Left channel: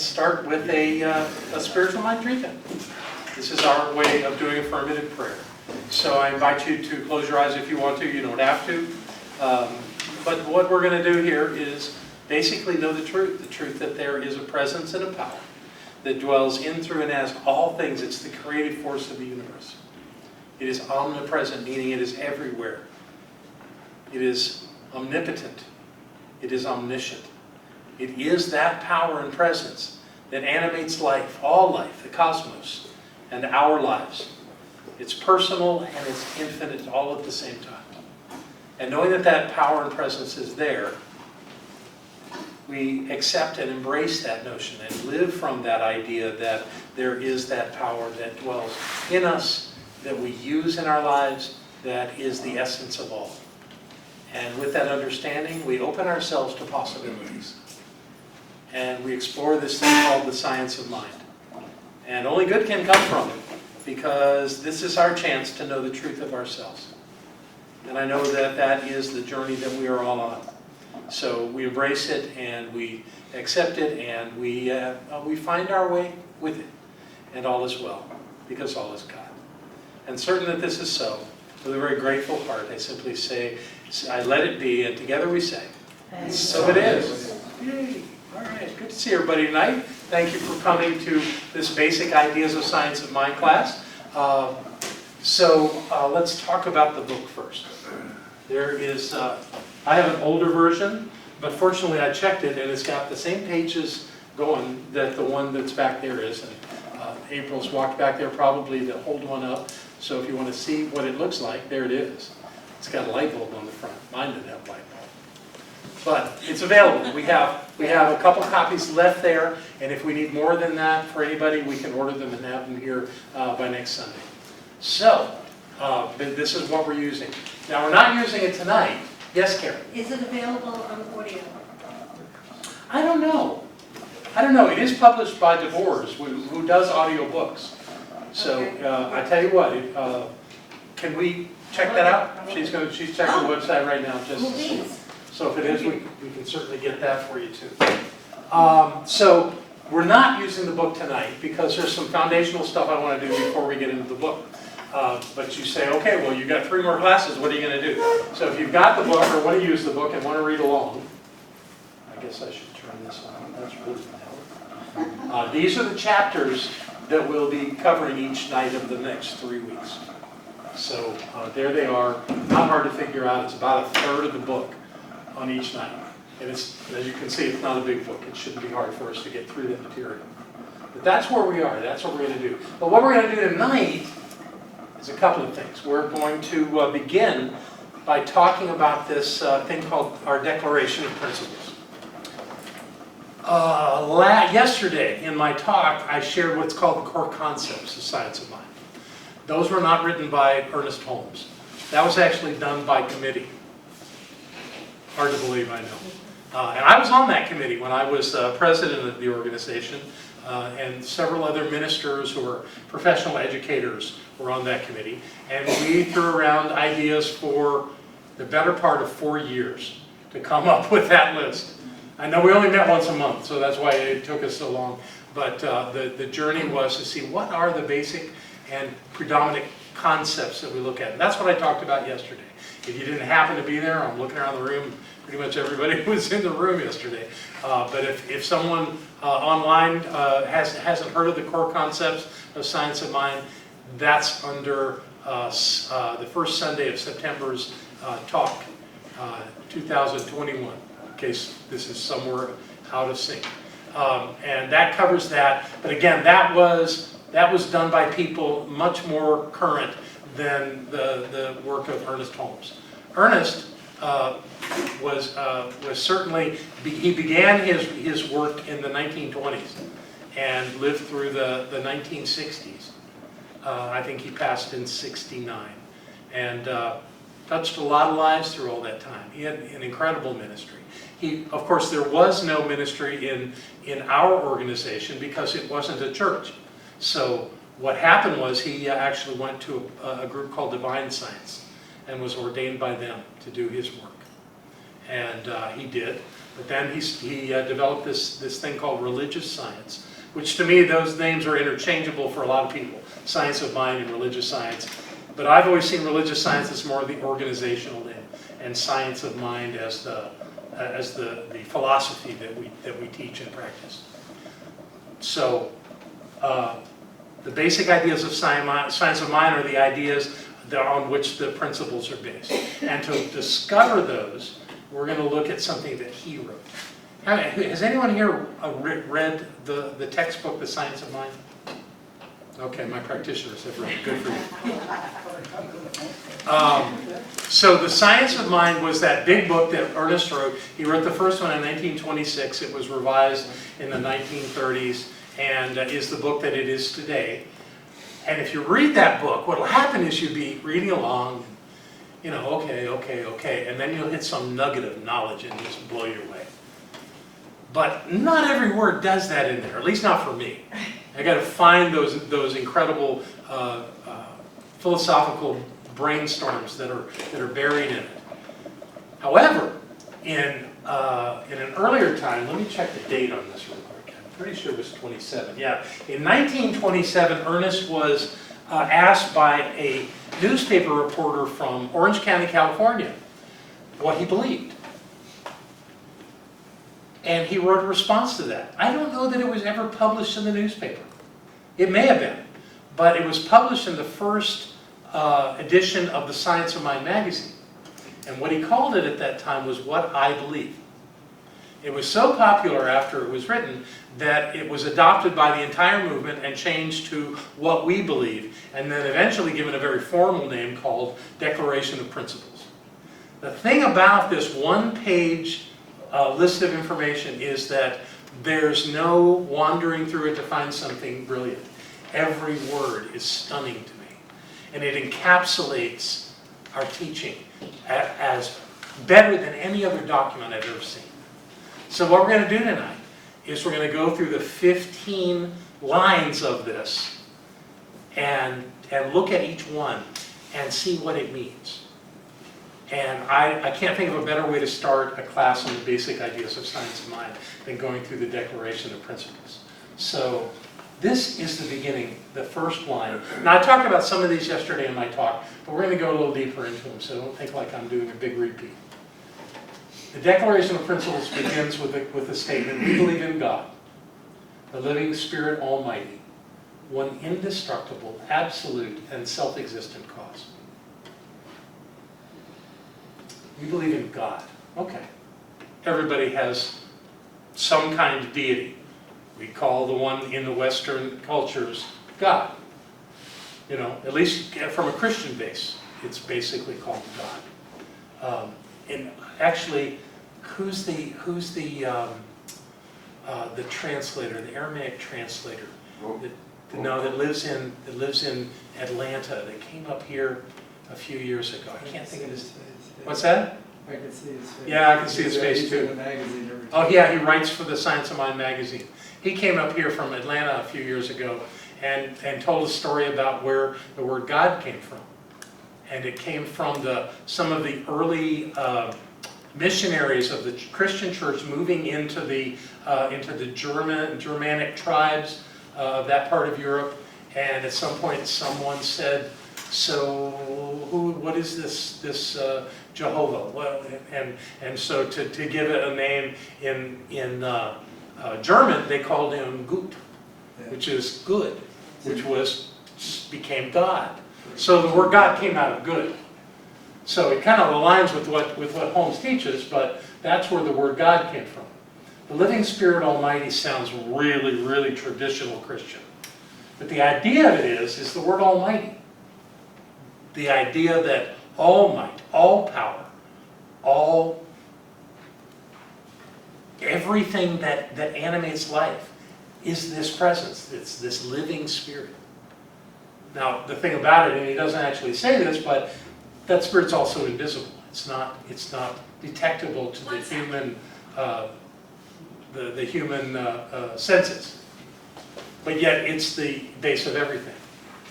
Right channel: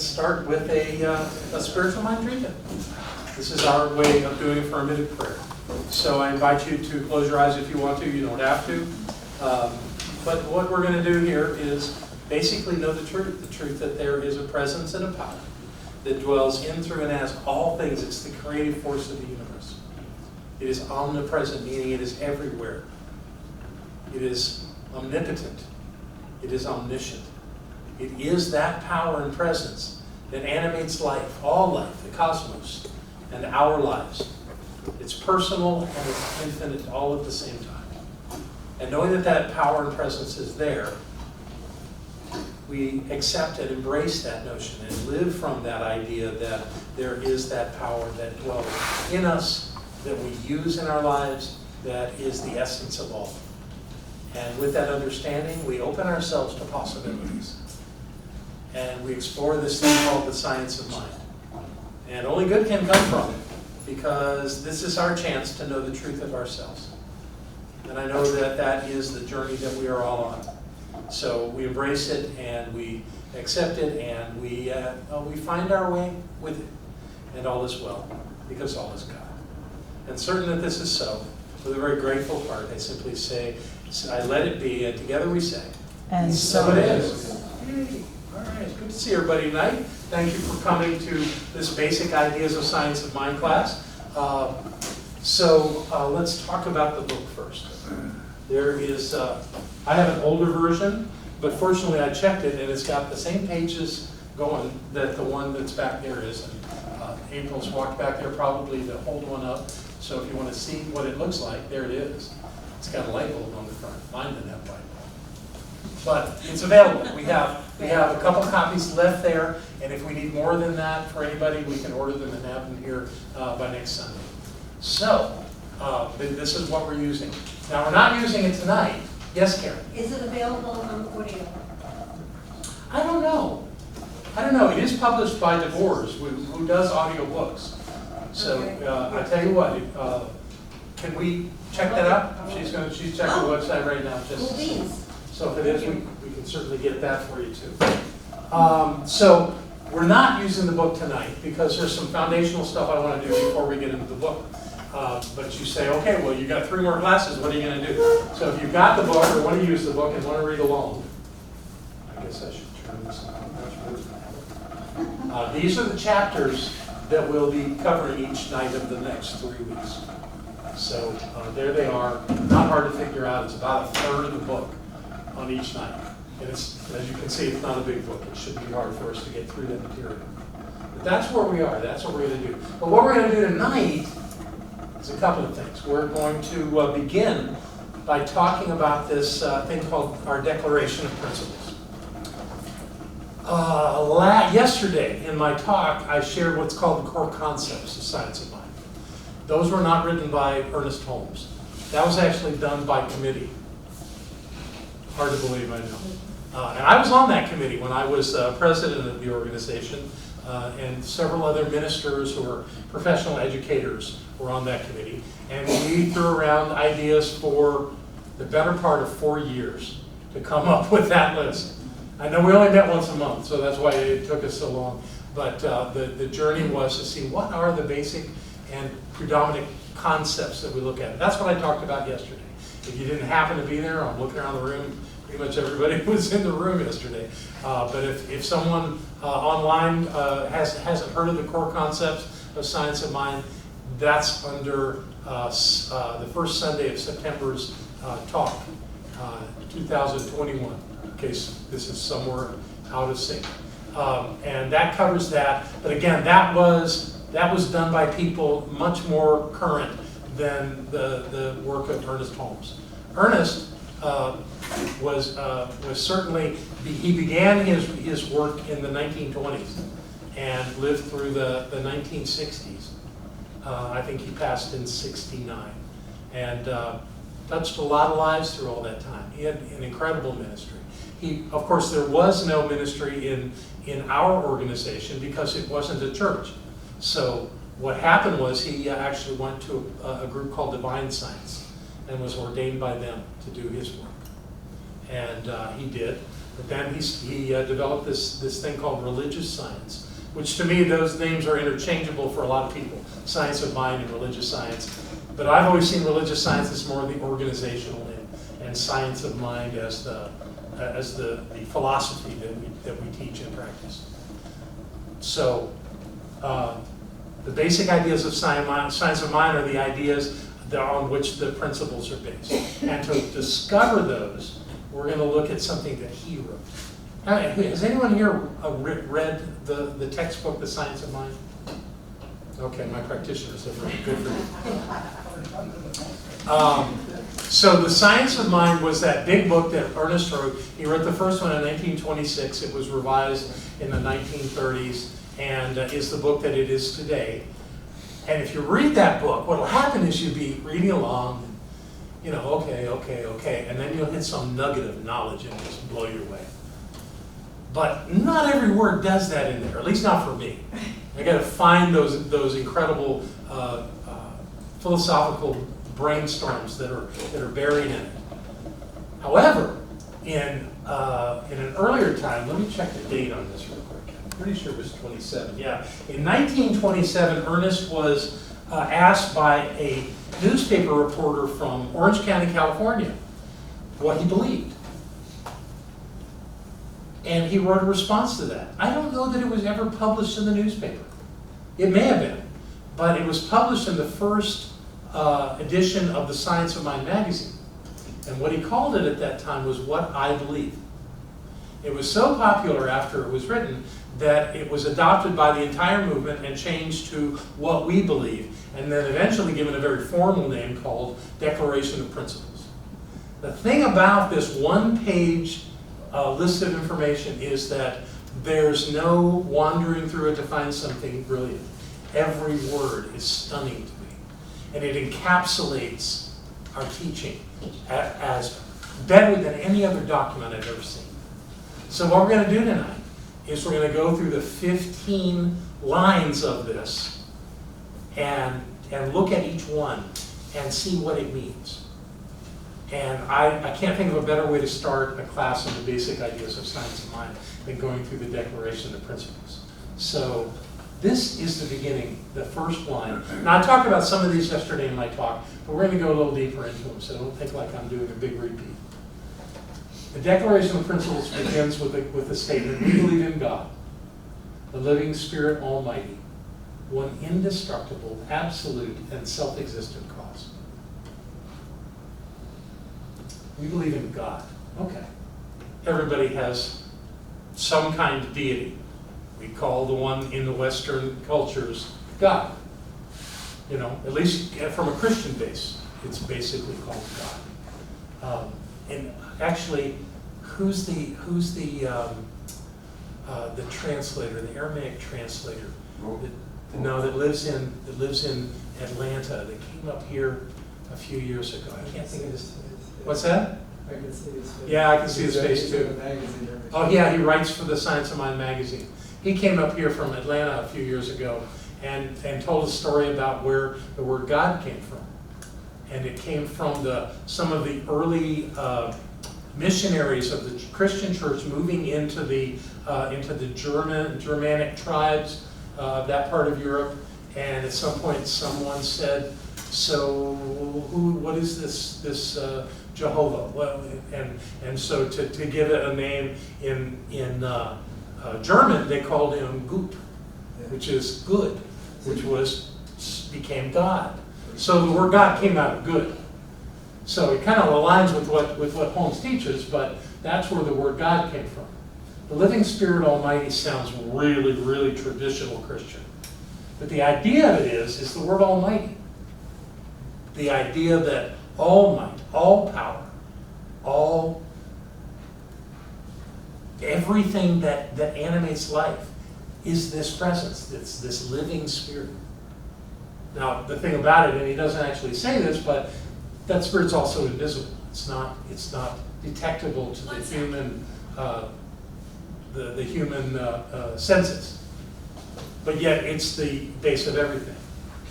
let's start with a spiritual mind treatment. This is our way of doing affirmative prayer. So I invite you to close your eyes if you want to. You don't have to. But what we're going to do here is basically know the truth that there is a presence and a power that dwells in, through, and as all things. It's the creative force of the universe. It is omnipresent, meaning it is everywhere. It is omnipotent. It is omniscient. It is that power and presence that animates life, all life, the cosmos, and our lives. It's personal and it's infinite all at the same time. And knowing that that power and presence is there, we accept and embrace that notion and live from that idea that there is that power that dwells in us, that we use in our lives, that is the essence of all. And with that understanding, we open ourselves to possibilities. And we explore this thing called the science of mind. And only good can come from it, because this is our chance to know the truth of ourselves. And I know that that is the journey that we are all on. So we embrace it and we accept it and we find our way with it. And all is well, because all is God. And certain that this is so, with a very grateful heart, I simply say, I let it be, and together we say, and so it is. Yay. All right, good to see everybody tonight. Thank you for coming to this Basic Ideas of Science of Mind class. So let's talk about the book first. There is, I have an older version, but fortunately I checked it and it's got the same pages going that the one that's back there is. And April's walked back there probably to hold one up. So if you want to see what it looks like, there it is. It's got a light bulb on the front. Mine didn't have a light bulb. But it's available. We have a couple copies left there, and if we need more than that for anybody, we can order them and have them here by next Sunday. So, this is what we're using. Now, we're not using it tonight. Yes, Karen? Is it available on audio? I don't know. It is published by DeVores, who does audiobooks. So, Okay. I tell you what, can we check that out? She's checking the website right now. Please. So if it is, we can certainly get that for you too. So we're not using the book tonight because there's some foundational stuff I want to do before we get into the book. But you say, okay, well, you've got 3 more classes. What are you going to do? So if you've got the book or want to use the book and want to read along, I guess I should turn this on. That's really loud. These are the chapters that we'll be covering each night of the next 3 weeks. So there they are. Not hard to figure out. It's about a third of the book on each night. And it's, as you can see, it's not a big book. It shouldn't be hard for us to get through that material. But that's where we are. That's what we're going to do. But what we're going to do tonight is a couple of things. We're going to begin by talking about this thing called our Declaration of Principles. Yesterday in my talk, I shared what's called the core concepts of science of mind. Those were not written by Ernest Holmes. That was actually done by committee. Hard to believe, I know. And I was on that committee when I was president of the organization, and several other ministers who were professional educators were on that committee. And we threw around ideas for the better part of 4 years to come up with that list. I know we only met once a month, so that's why it took us so long. But the journey was to see what are the basic and predominant concepts that we look at. And that's what I talked about yesterday. If you didn't happen to be there, I'm looking around the room, pretty much everybody was in the room yesterday. But if someone online hasn't heard of the core concepts of science of mind, that's under the first Sunday of September's talk, 2021, in case this is somewhere out of sync. And that covers that. But again, that was done by people much more current than the work of Ernest Holmes. Ernest was certainly, he began his work in the 1920s and lived through the 1960s. I think he passed in '69 and touched a lot of lives through all that time. He had an incredible ministry. Of course, there was no ministry in our organization because it wasn't a church. So what happened was he actually went to a group called Divine Science and was ordained by them to do his work. And he did. But then he developed this thing called religious science, which to me, those names are interchangeable for a lot of people. Science of mind and religious science. But I've always seen religious science as more of the organizational name, and science of mind as the philosophy that we teach and practice. So the basic ideas of science of mind are the ideas on which the principles are based. And to discover those, we're going to look at something that he wrote. Has anyone here read the textbook, The Science of Mind? Okay, my practitioners have read it. Good for you. So The Science of Mind was that big book that Ernest wrote. He wrote the first one in 1926. It was revised in the 1930s and is the book that it is today. And if you read that book, what will happen is you'll be reading along, okay, and then you'll hit some nugget of knowledge and just blow your way. But not every word does that in there, at least not for me. I got to find those incredible philosophical brainstorms that are buried in it. However, in an earlier time, let me check the date on this real quick. I'm pretty sure it was 27. Yeah, in 1927, Ernest was asked by a newspaper reporter from Orange County, California, what he believed. And he wrote a response to that. I don't know that it was ever published in the newspaper. It may have been, but it was published in the first edition of the Science of Mind magazine. And what he called it at that time was What I Believe. It was so popular after it was written that it was adopted by the entire movement and changed to What We Believe, and then eventually given a very formal name called Declaration of Principles. The thing about this one-page list of information is that there's no wandering through it to find something brilliant. Every word is stunning to me. And it encapsulates our teaching as better than any other document I've ever seen. So what we're going to do tonight is we're going to go through the 15 lines of this and look at each one and see what it means. And I can't think of a better way to start a class on the basic ideas of science of mind than going through the Declaration of Principles. So this is the beginning, the first line. Now, I talked about some of these yesterday in my talk, but we're going to go a little deeper into them, so don't think like I'm doing a big repeat. The Declaration of Principles begins with the statement, we believe in God, the living Spirit Almighty, one indestructible, absolute, and self-existent cause. We believe in God. Okay. Everybody has some kind of deity. We call the one in the Western cultures God. At least from a Christian base, it's basically called God. And actually, who's the translator, the Aramaic translator? That lives in Atlanta. They came up here a few years ago. I can't think of his. What's that? I can see his face. Yeah, I can see his face too. In the magazine every Oh time. yeah, he writes for the Science of Mind magazine. He came up here from Atlanta a few years ago and told a story about where the word God came from. And it came from some of the early missionaries of the Christian church moving into the Germanic tribes of that part of Europe. And at some point someone said, so what is this Jehovah? Well, and so to give it a name in German, they called him Gut, which is good, which became God. So the word God came out of good. So it kind of aligns with what Holmes teaches, but that's where the word God came from. The living Spirit Almighty sounds really, really traditional Christian. But the idea of it is the word Almighty. The idea that all might, all power, everything that animates life is this presence. It's this living spirit. Now, the thing about it, and he doesn't actually say this, but that spirit's also invisible. It's not detectable to the human senses. But yet, it's the base of everything.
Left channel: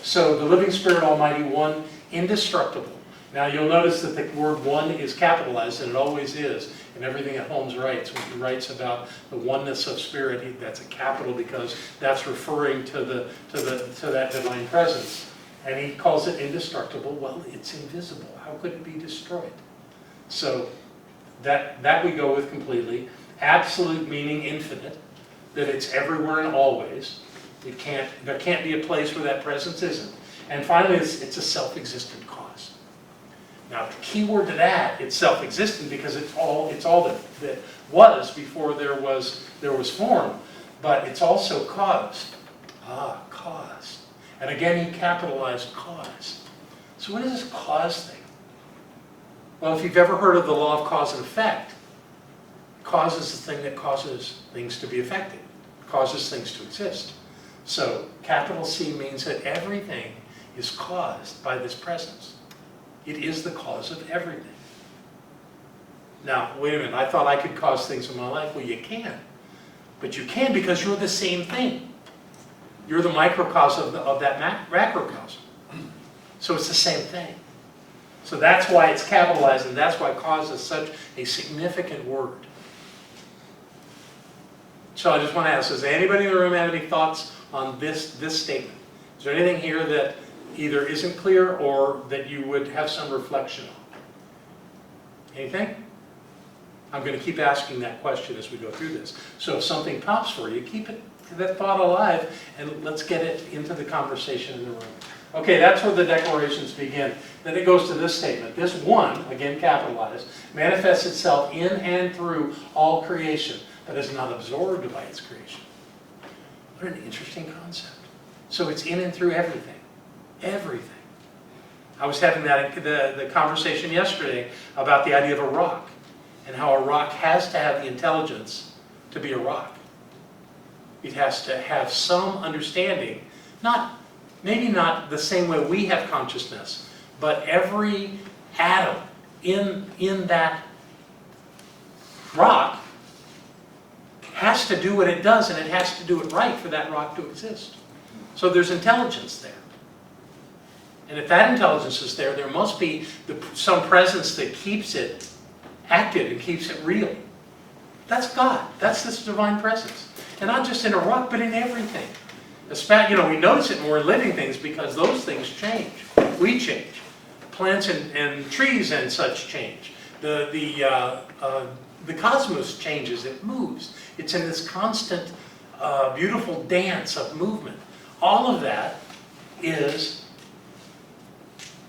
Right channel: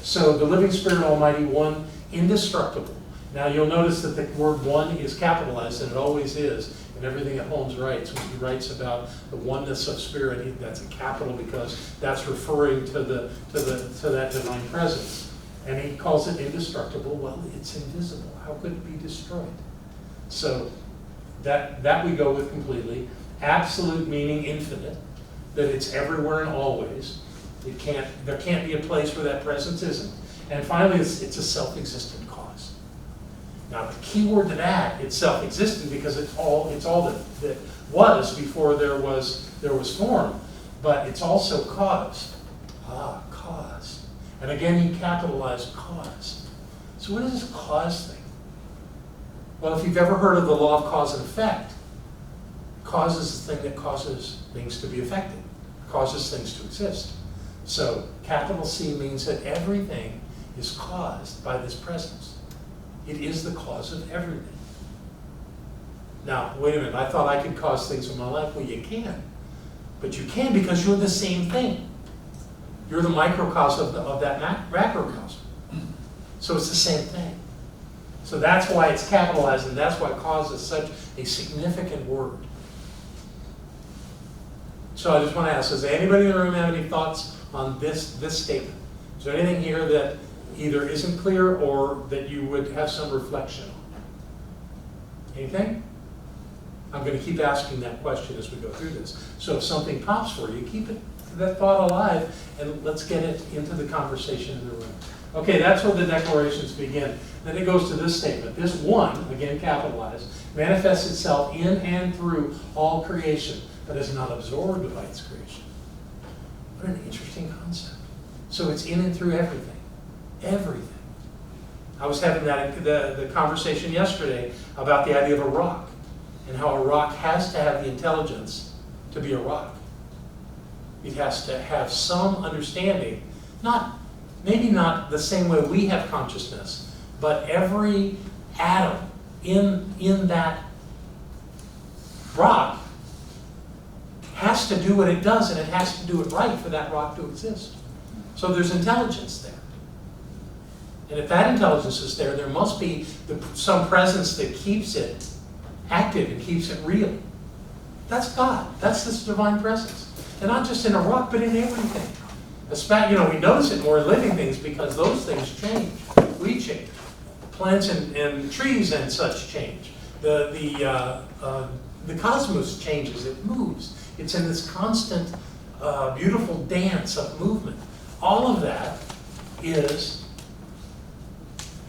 So the living Spirit Almighty, one indestructible. Now you'll notice that the word one is capitalized, and it always is, in everything that Holmes writes. When he writes about the oneness of spirit, that's a capital because that's referring to that divine presence. And he calls it indestructible. Well, it's invisible. How could it be destroyed? So that we go with completely. Absolute meaning infinite, that it's everywhere and always. There can't be a place where that presence isn't. And finally, it's a self-existent cause. Now, the key word to that, it's self-existent because it's all that was before there was form, but it's also caused. Cause. And again, he capitalized cause. So what is this cause thing? Well, if you've ever heard of the law of cause and effect, cause is the thing that causes things to be affected, causes things to exist. So capital C means that everything is caused by this presence. It is the cause of everything. Now, wait a minute, I thought I could cause things in my life. Well, you can. But you can because you're the same thing. You're the microcosm of that macrocosm. So it's the same thing. So that's why it's capitalized, and that's why cause is such a significant word. So I just want to ask, does anybody in the room have any thoughts on this statement? Is there anything here that either isn't clear or that you would have some reflection on? Anything? I'm going to keep asking that question as we go through this. So if something pops for you, keep that thought alive, and let's get it into the conversation in the room. Okay, that's where the declarations begin. Then it goes to this statement. This one, again capitalized, manifests itself in and through all creation, but is not absorbed by its creation. What an interesting concept. So it's in and through everything. Everything. I was having the conversation yesterday about the idea of a rock, and how a rock has to have the intelligence to be a rock. It has to have some understanding, maybe not the same way we have consciousness, but every atom in that rock has to do what it does, and it has to do it right for that rock to exist. So there's intelligence there. And if that intelligence is there, there must be some presence that keeps it active, it keeps it real. That's God. That's this divine presence. And not just in a rock, but in everything. We notice it more in living things because those things change. We change. Plants and trees and such change. The cosmos changes. It moves. It's in this constant, beautiful dance of movement. All of that is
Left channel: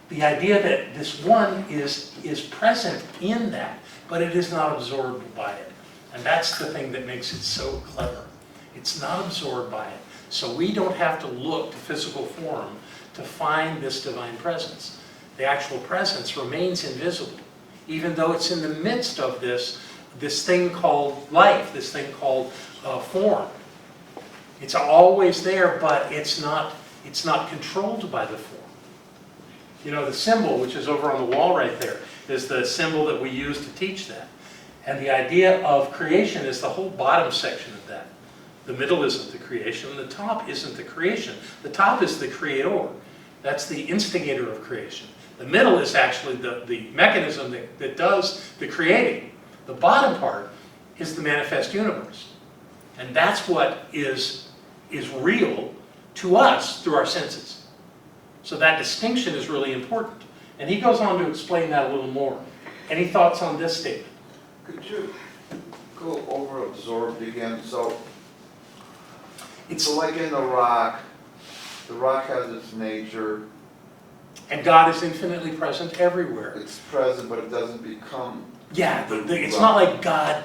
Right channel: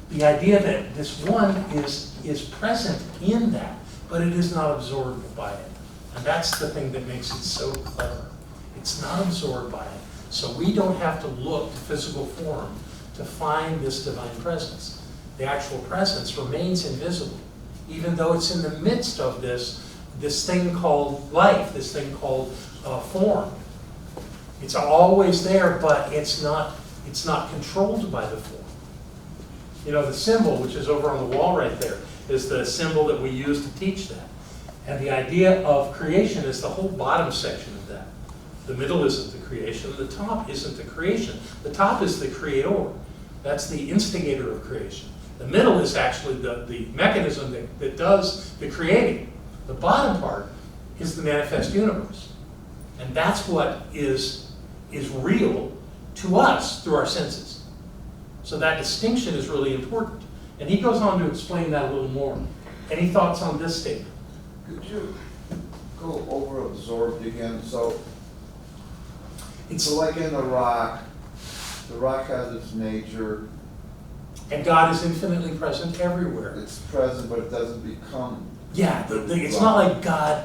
the idea that this one is present in that, but it is not absorbed by it. And that's the thing that makes it so clever. It's not absorbed by it. So we don't have to look to physical form to find this divine presence. The actual presence remains invisible, even though it's in the midst of this thing called life, this thing called form. It's always there, but it's not controlled by the form. The symbol, which is over on the wall right there, is the symbol that we use to teach that. And the idea of creation is the whole bottom section of that. The middle isn't the creation, the top isn't the creation. The top is the creator. That's the instigator of creation. The middle is actually the mechanism that does the creating. The bottom part is the manifest universe. And that's what is real to us through our senses. So that distinction is really important. And he goes on to explain that a little more. Any thoughts on this statement? Could you go over absorbed again? So like in the rock has its nature. And God is infinitely present everywhere. It's present, but it doesn't become. Yeah, it's not like God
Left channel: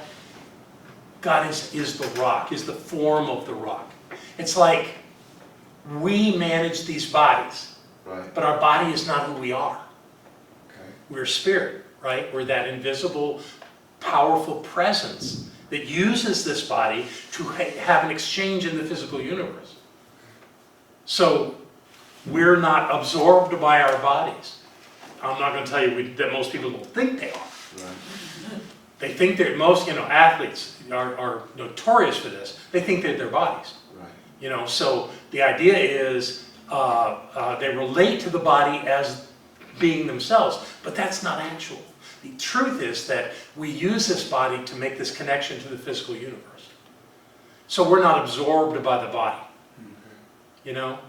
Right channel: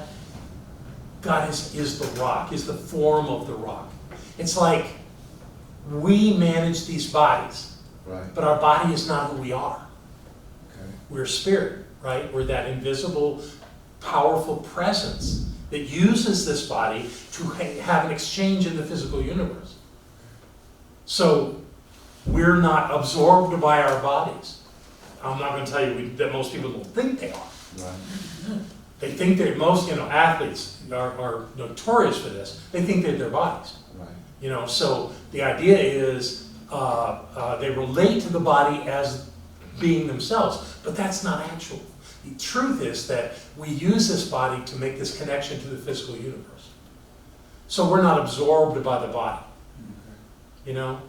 is the rock, is the form of the rock. It's like we manage these bodies, Right. but our body is not who we are. Okay. We're spirit, right? We're that invisible, powerful presence that uses this body to have an exchange in the physical universe. So we're not absorbed by our bodies. I'm not going to tell you that most people don't think they are. Right. They think that most, athletes are notorious for this. They think they're their bodies. Right. So the idea is they relate to the body as being themselves, but that's not actual. The truth is that we use this body to make this connection to the physical universe. So we're not absorbed by the body. You know?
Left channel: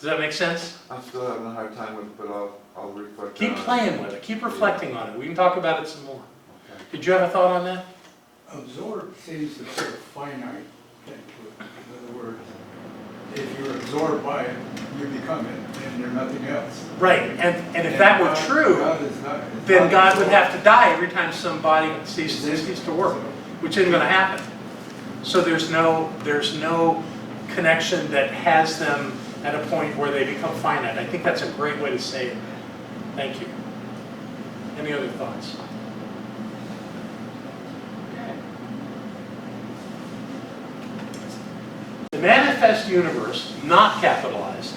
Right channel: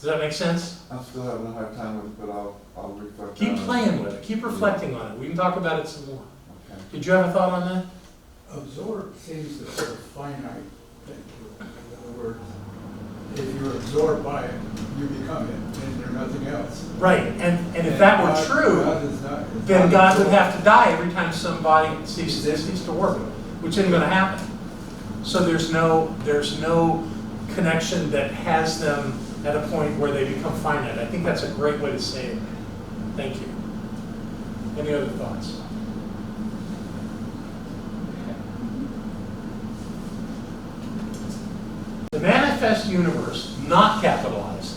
Does that make sense? I'm still having a hard time with it, but I'll reflect Keep on it. playing with it. Keep reflecting on it. We can talk about it some more. Okay. Did you have a thought on that? Absorb seems to sort of finite thing, with the words. If you're absorbed by it, you become it, and you're nothing else. Right. And if that were true, God is not, then God would have to die every time somebody ceases to work, which isn't going to happen. So there's no connection that has them at a point where they become finite. I think that's a great way to say it. Thank you. Any other thoughts? The manifest universe, not capitalized,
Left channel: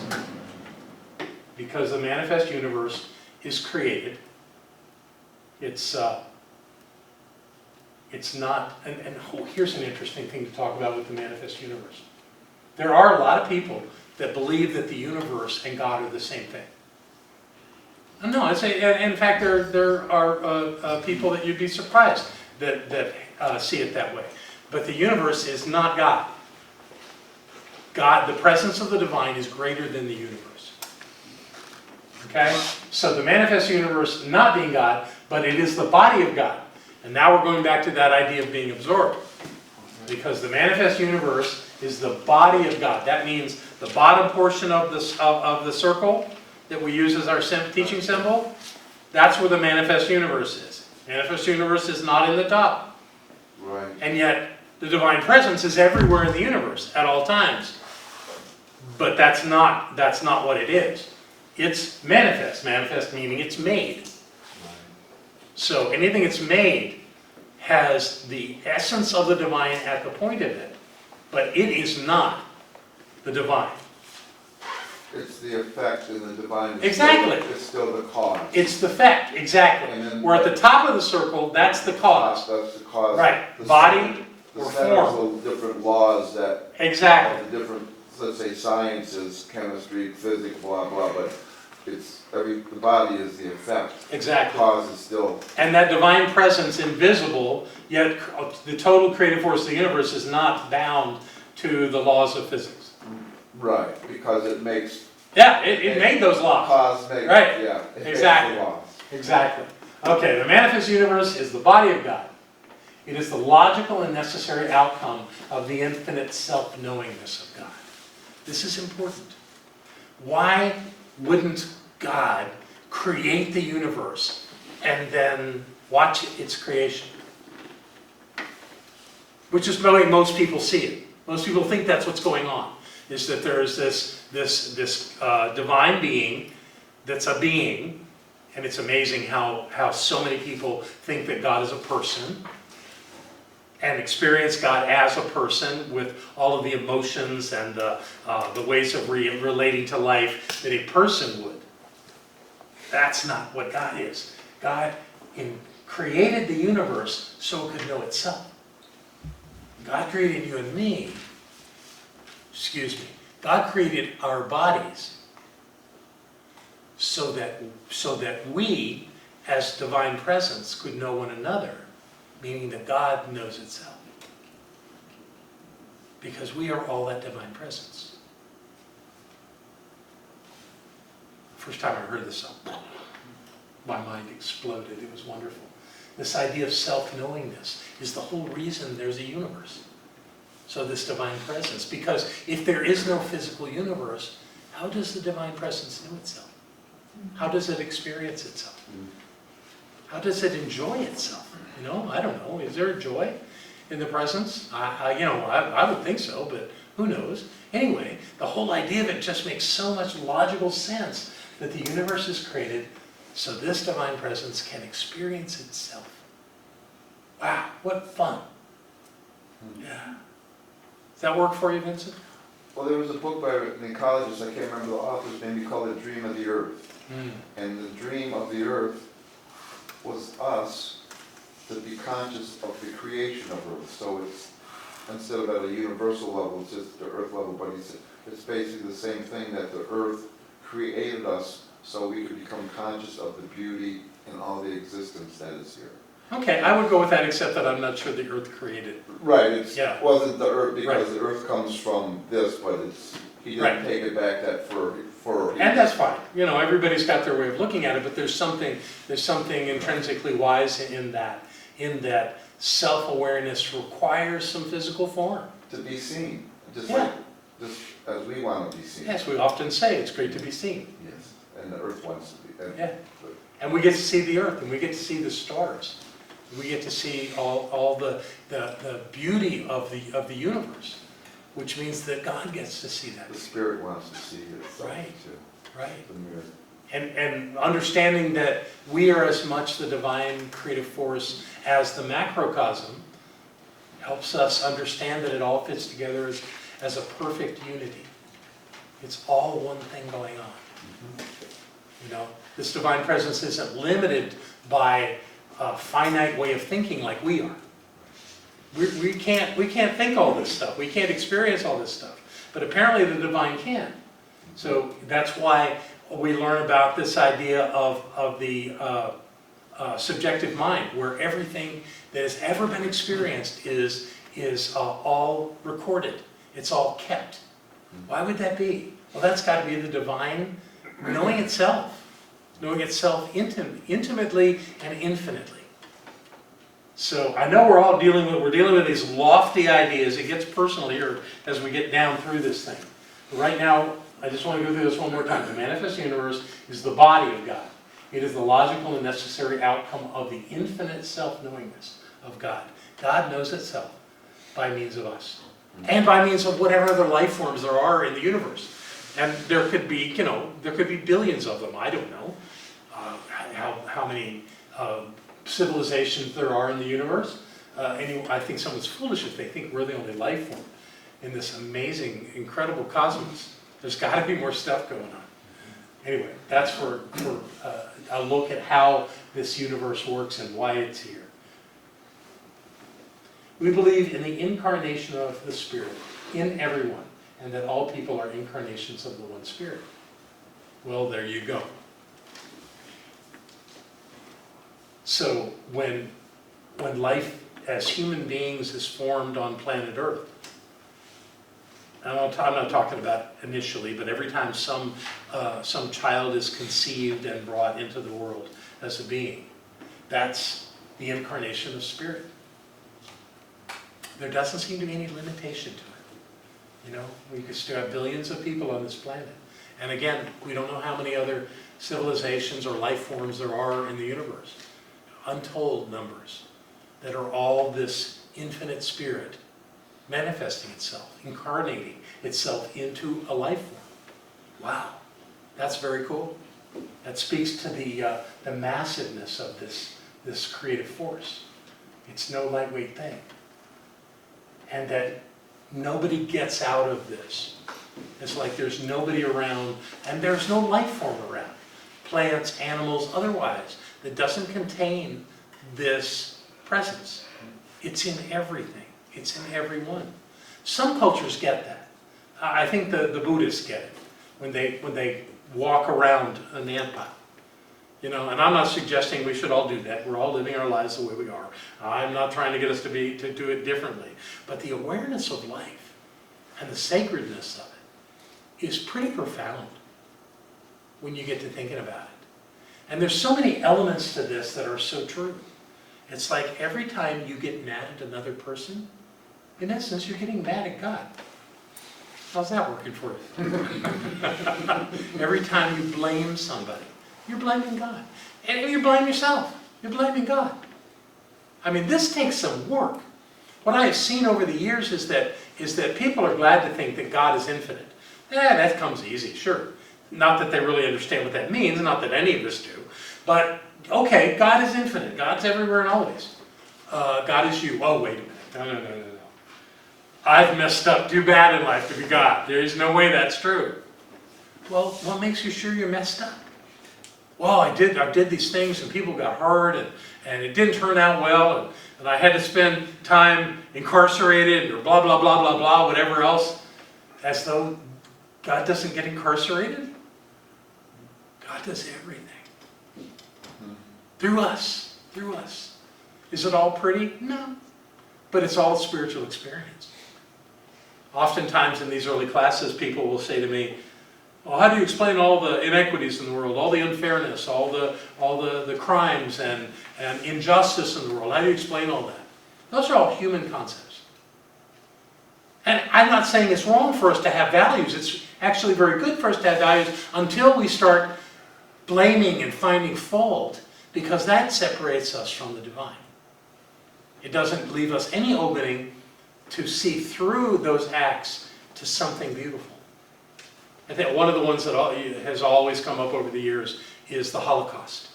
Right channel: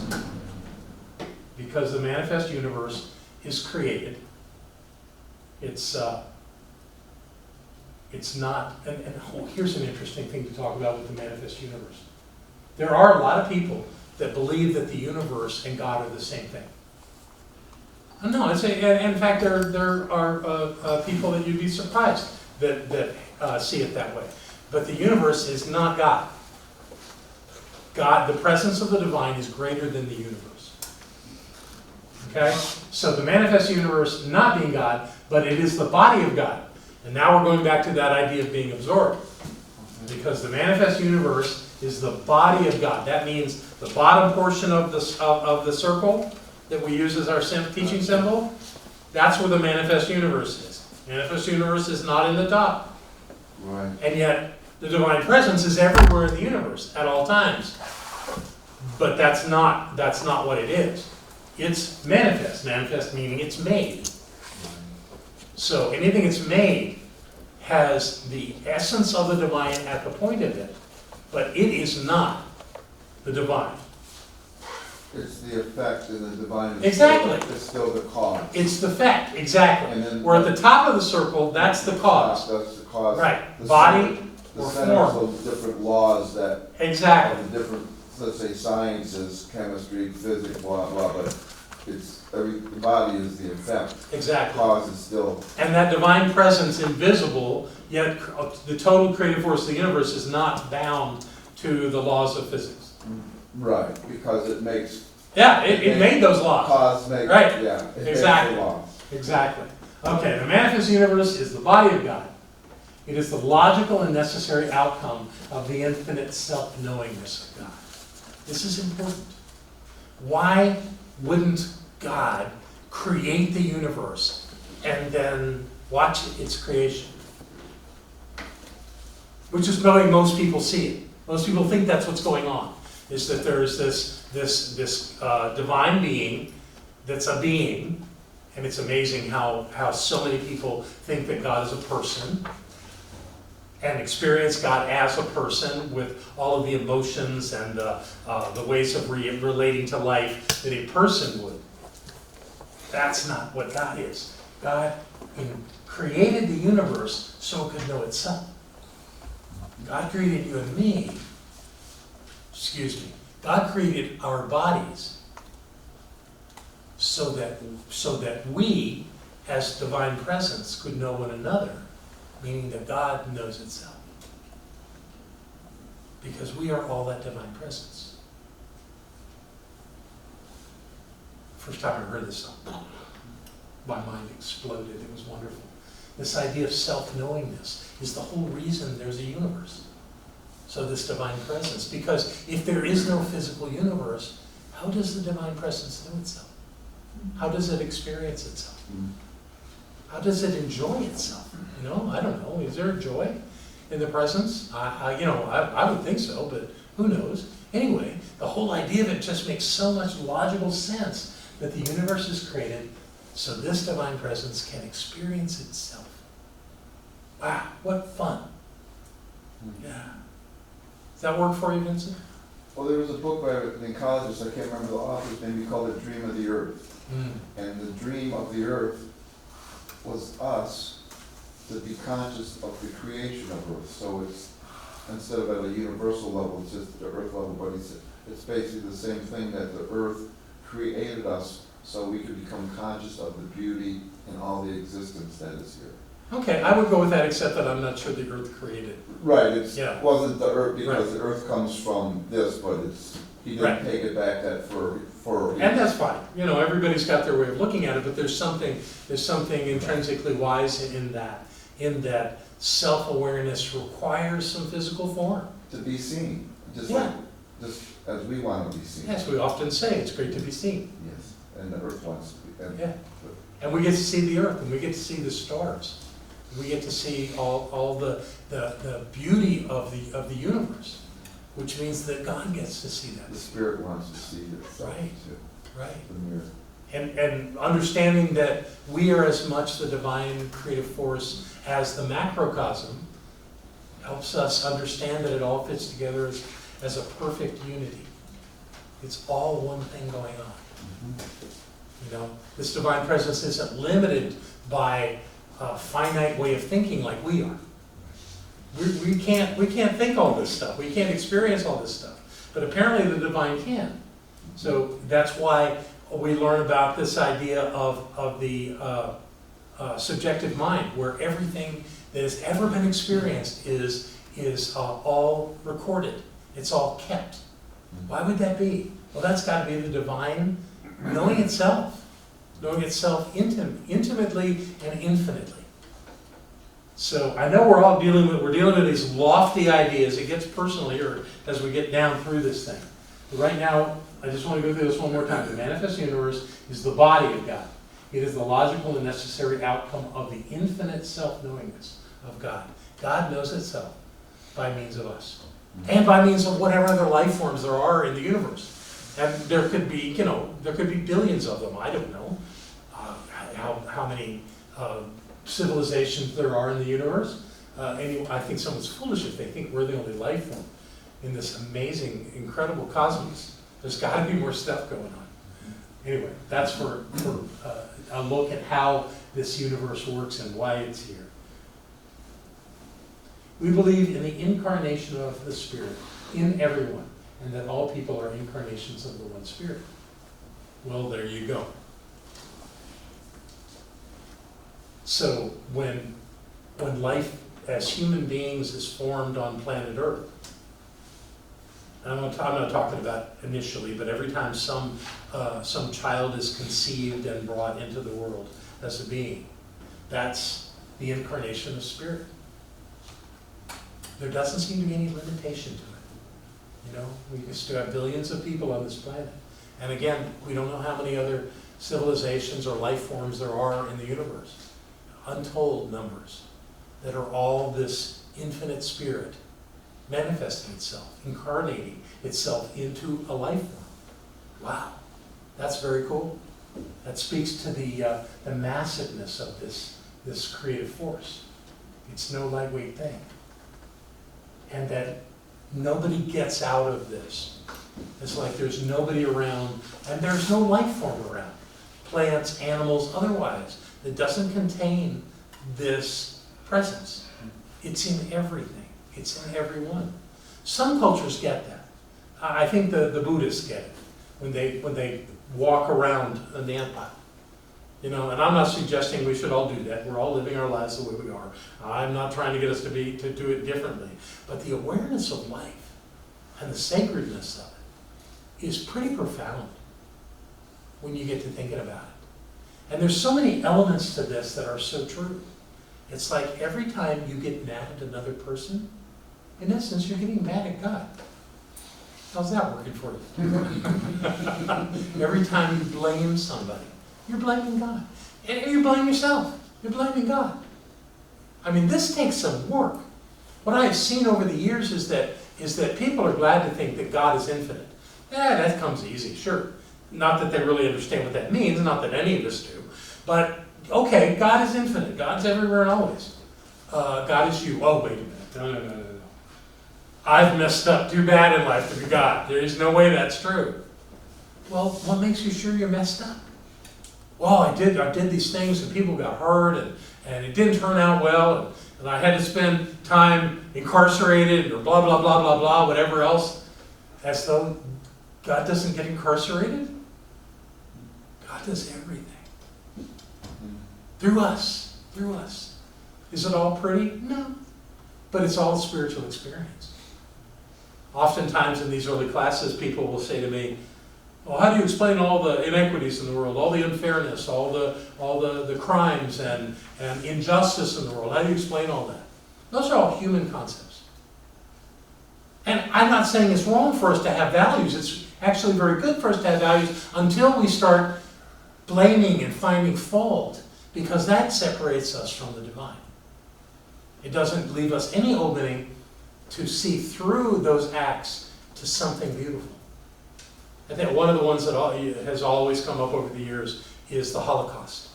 because the manifest universe is created. It's not, and here's an interesting thing to talk about with the manifest universe. There are a lot of people that believe that the universe and God are the same thing. No, I'd say, and in fact, there are people that you'd be surprised that see it that way. But the universe is not God. God, the presence of the divine is greater than the universe. Okay? So the manifest universe not being God, but it is the body of God. And now we're going back to that idea of being absorbed. Because the manifest universe is the body of God. That means the bottom portion of the circle that we use as our teaching symbol, that's where the manifest universe is. Manifest universe is not in the top. Right. And yet, the divine presence is everywhere in the universe at all times. But that's not what it is. It's manifest. Manifest meaning it's made. So anything that's made has the essence of the divine at the point of it, but it is not the divine. It's the effect, and the divine is Exactly. still the cause. It's the fact, exactly. And then- We're at the top of the circle, that's the cause. That's the cause. Right. The Body center- or The center of form. those different laws that, Exactly. of the different, let's say, sciences, chemistry, physics, blah, blah, but the body is the effect. Exactly. The cause is still, And that divine presence, invisible, yet the total creative force of the universe is not bound to the laws of physics. right, because it makes, Yeah, it made those laws. cause makes, Right. yeah. It makes Exactly. the laws. Exactly. Okay, the manifest universe is the body of God. It is the logical and necessary outcome of the infinite self-knowingness of God. This is important. Why wouldn't God create the universe and then watch its creation? Which is the way most people see it. Most people think that's what's going on, is that there's this divine being that's a being, and it's amazing how so many people think that God is a person and experience God as a person with all of the emotions and the ways of relating to life that a person would. That's not what God is. God created the universe so it could know itself. God created you and me. God created our bodies so that we, as divine presence, could know one another, meaning that God knows itself. Because we are all that divine presence. First time I heard this song, my mind exploded. It was wonderful. This idea of self-knowingness is the whole reason there's a universe. So this divine presence, because if there is no physical universe, how does the divine presence know itself? How does it experience itself? How does it enjoy itself? I don't know. Is there joy in the presence? I would think so, but who knows? Anyway, the whole idea of it just makes so much logical sense that the universe is created so this divine presence can experience itself. Wow, what fun. Yeah. Does that work for you, Vincent? Well, there was a book by an ecologist, I can't remember the author's name, he called it Dream of the Earth. And the dream of the earth was us to be conscious of the creation of Earth. So it's, instead of at a universal level, it's just the earth level, but it's basically the same thing, that the earth created us so we can become conscious of the beauty and all the existence that is here. Okay, I would go with that, except that I'm not sure the earth created. Right, it Yeah. wasn't the earth, because Right. the earth comes from this, but he didn't Right. take it back that for. And that's fine. You know, everybody's got their way of looking at it, but there's something intrinsically wise in that self-awareness requires some physical form. To be seen, just Yeah. just as we want to be seen. Yes, we often say it's great to be seen. Yes, and the earth wants to be. Yeah. And we get to see the earth, and we get to see the stars. We get to see all the beauty of the universe, which means that God gets to see that. The spirit wants to see itself Right. too. Right. The mirror. And understanding that we are as much the divine creative force as the macrocosm helps us understand that it all fits together as a perfect unity. It's all one thing going on. You know, this divine presence isn't limited by a finite way of thinking like we are. We can't think all this stuff. We can't experience all this stuff. But apparently the divine can. So that's why we learn about this idea of the subjective mind, where everything that has ever been experienced is all recorded. It's all kept. Why would that be? Well, that's got to be the divine knowing itself intimately and infinitely. So I know we're dealing with these lofty ideas. It gets personal here as we get down through this thing. But right now, I just want to go through this one more time. The manifest universe is the body of God. It is the logical and necessary outcome of the infinite self-knowingness of God. God knows itself by means of us, and by means of whatever other life forms there are in the universe. And there could be, billions of them. I don't know how many civilizations there are in the universe. I think someone's foolish if they think we're the only life form in this amazing, incredible cosmos. There's got to be more stuff going on. Anyway, that's for a look at how this universe works and why it's here. We believe in the incarnation of the Spirit in everyone, and that all people are incarnations of the one Spirit. Well, there you go. So when life as human beings is formed on planet Earth, I'm not talking about initially, but every time some child is conceived and brought into the world as a being, that's the incarnation of Spirit. There doesn't seem to be any limitation to it. You know, we could still have billions of people on this planet. And again, we don't know how many other civilizations or life forms there are in the universe. Untold numbers that are all this infinite spirit manifesting itself, incarnating itself into a life form. Wow, that's very cool. That speaks to the massiveness of this creative force. It's no lightweight thing. And that nobody gets out of this. It's like there's nobody around, and there's no life form around. Plants, animals, otherwise, that doesn't contain this presence. It's in everything. It's in everyone. Some cultures get that. I think the Buddhists get it when they walk around an ant pile. You know, and I'm not suggesting we should all do that. We're all living our lives the way we are. I'm not trying to get us to do it differently. But the awareness of life and the sacredness of it is pretty profound when you get to thinking about it. And there's so many elements to this that are so true. It's like every time you get mad at another person, in essence, you're getting mad at God. How's that working for you? Every time you blame somebody, you're blaming God. And if you blame yourself, you're blaming God. I mean, this takes some work. What I have seen over the years is that people are glad to think that God is infinite. That comes easy, sure. Not that they really understand what that means, not that any of us do. But, okay, God is infinite. God's everywhere and always. God is you. Oh, wait a minute. No. I've messed up too bad in life to be God. There is no way that's true. Well, what makes you sure you're messed up? Well, I did these things and people got hurt and it didn't turn out well and I had to spend time incarcerated or blah, blah, blah, blah, blah, whatever else. As though God doesn't get incarcerated? God does everything. Mm. Through us. Through us. Is it all pretty? No. But it's all a spiritual experience. Oftentimes in these early classes, people will say to me, well, how do you explain all the inequities in the world, all the unfairness, all the crimes and injustice in the world? How do you explain all that? Those are all human concepts. And I'm not saying it's wrong for us to have values. It's actually very good for us to have values until we start blaming and finding fault, because that separates us from the divine. It doesn't leave us any opening to see through those acts to something beautiful. I think one of the ones that has always come up over the years is the Holocaust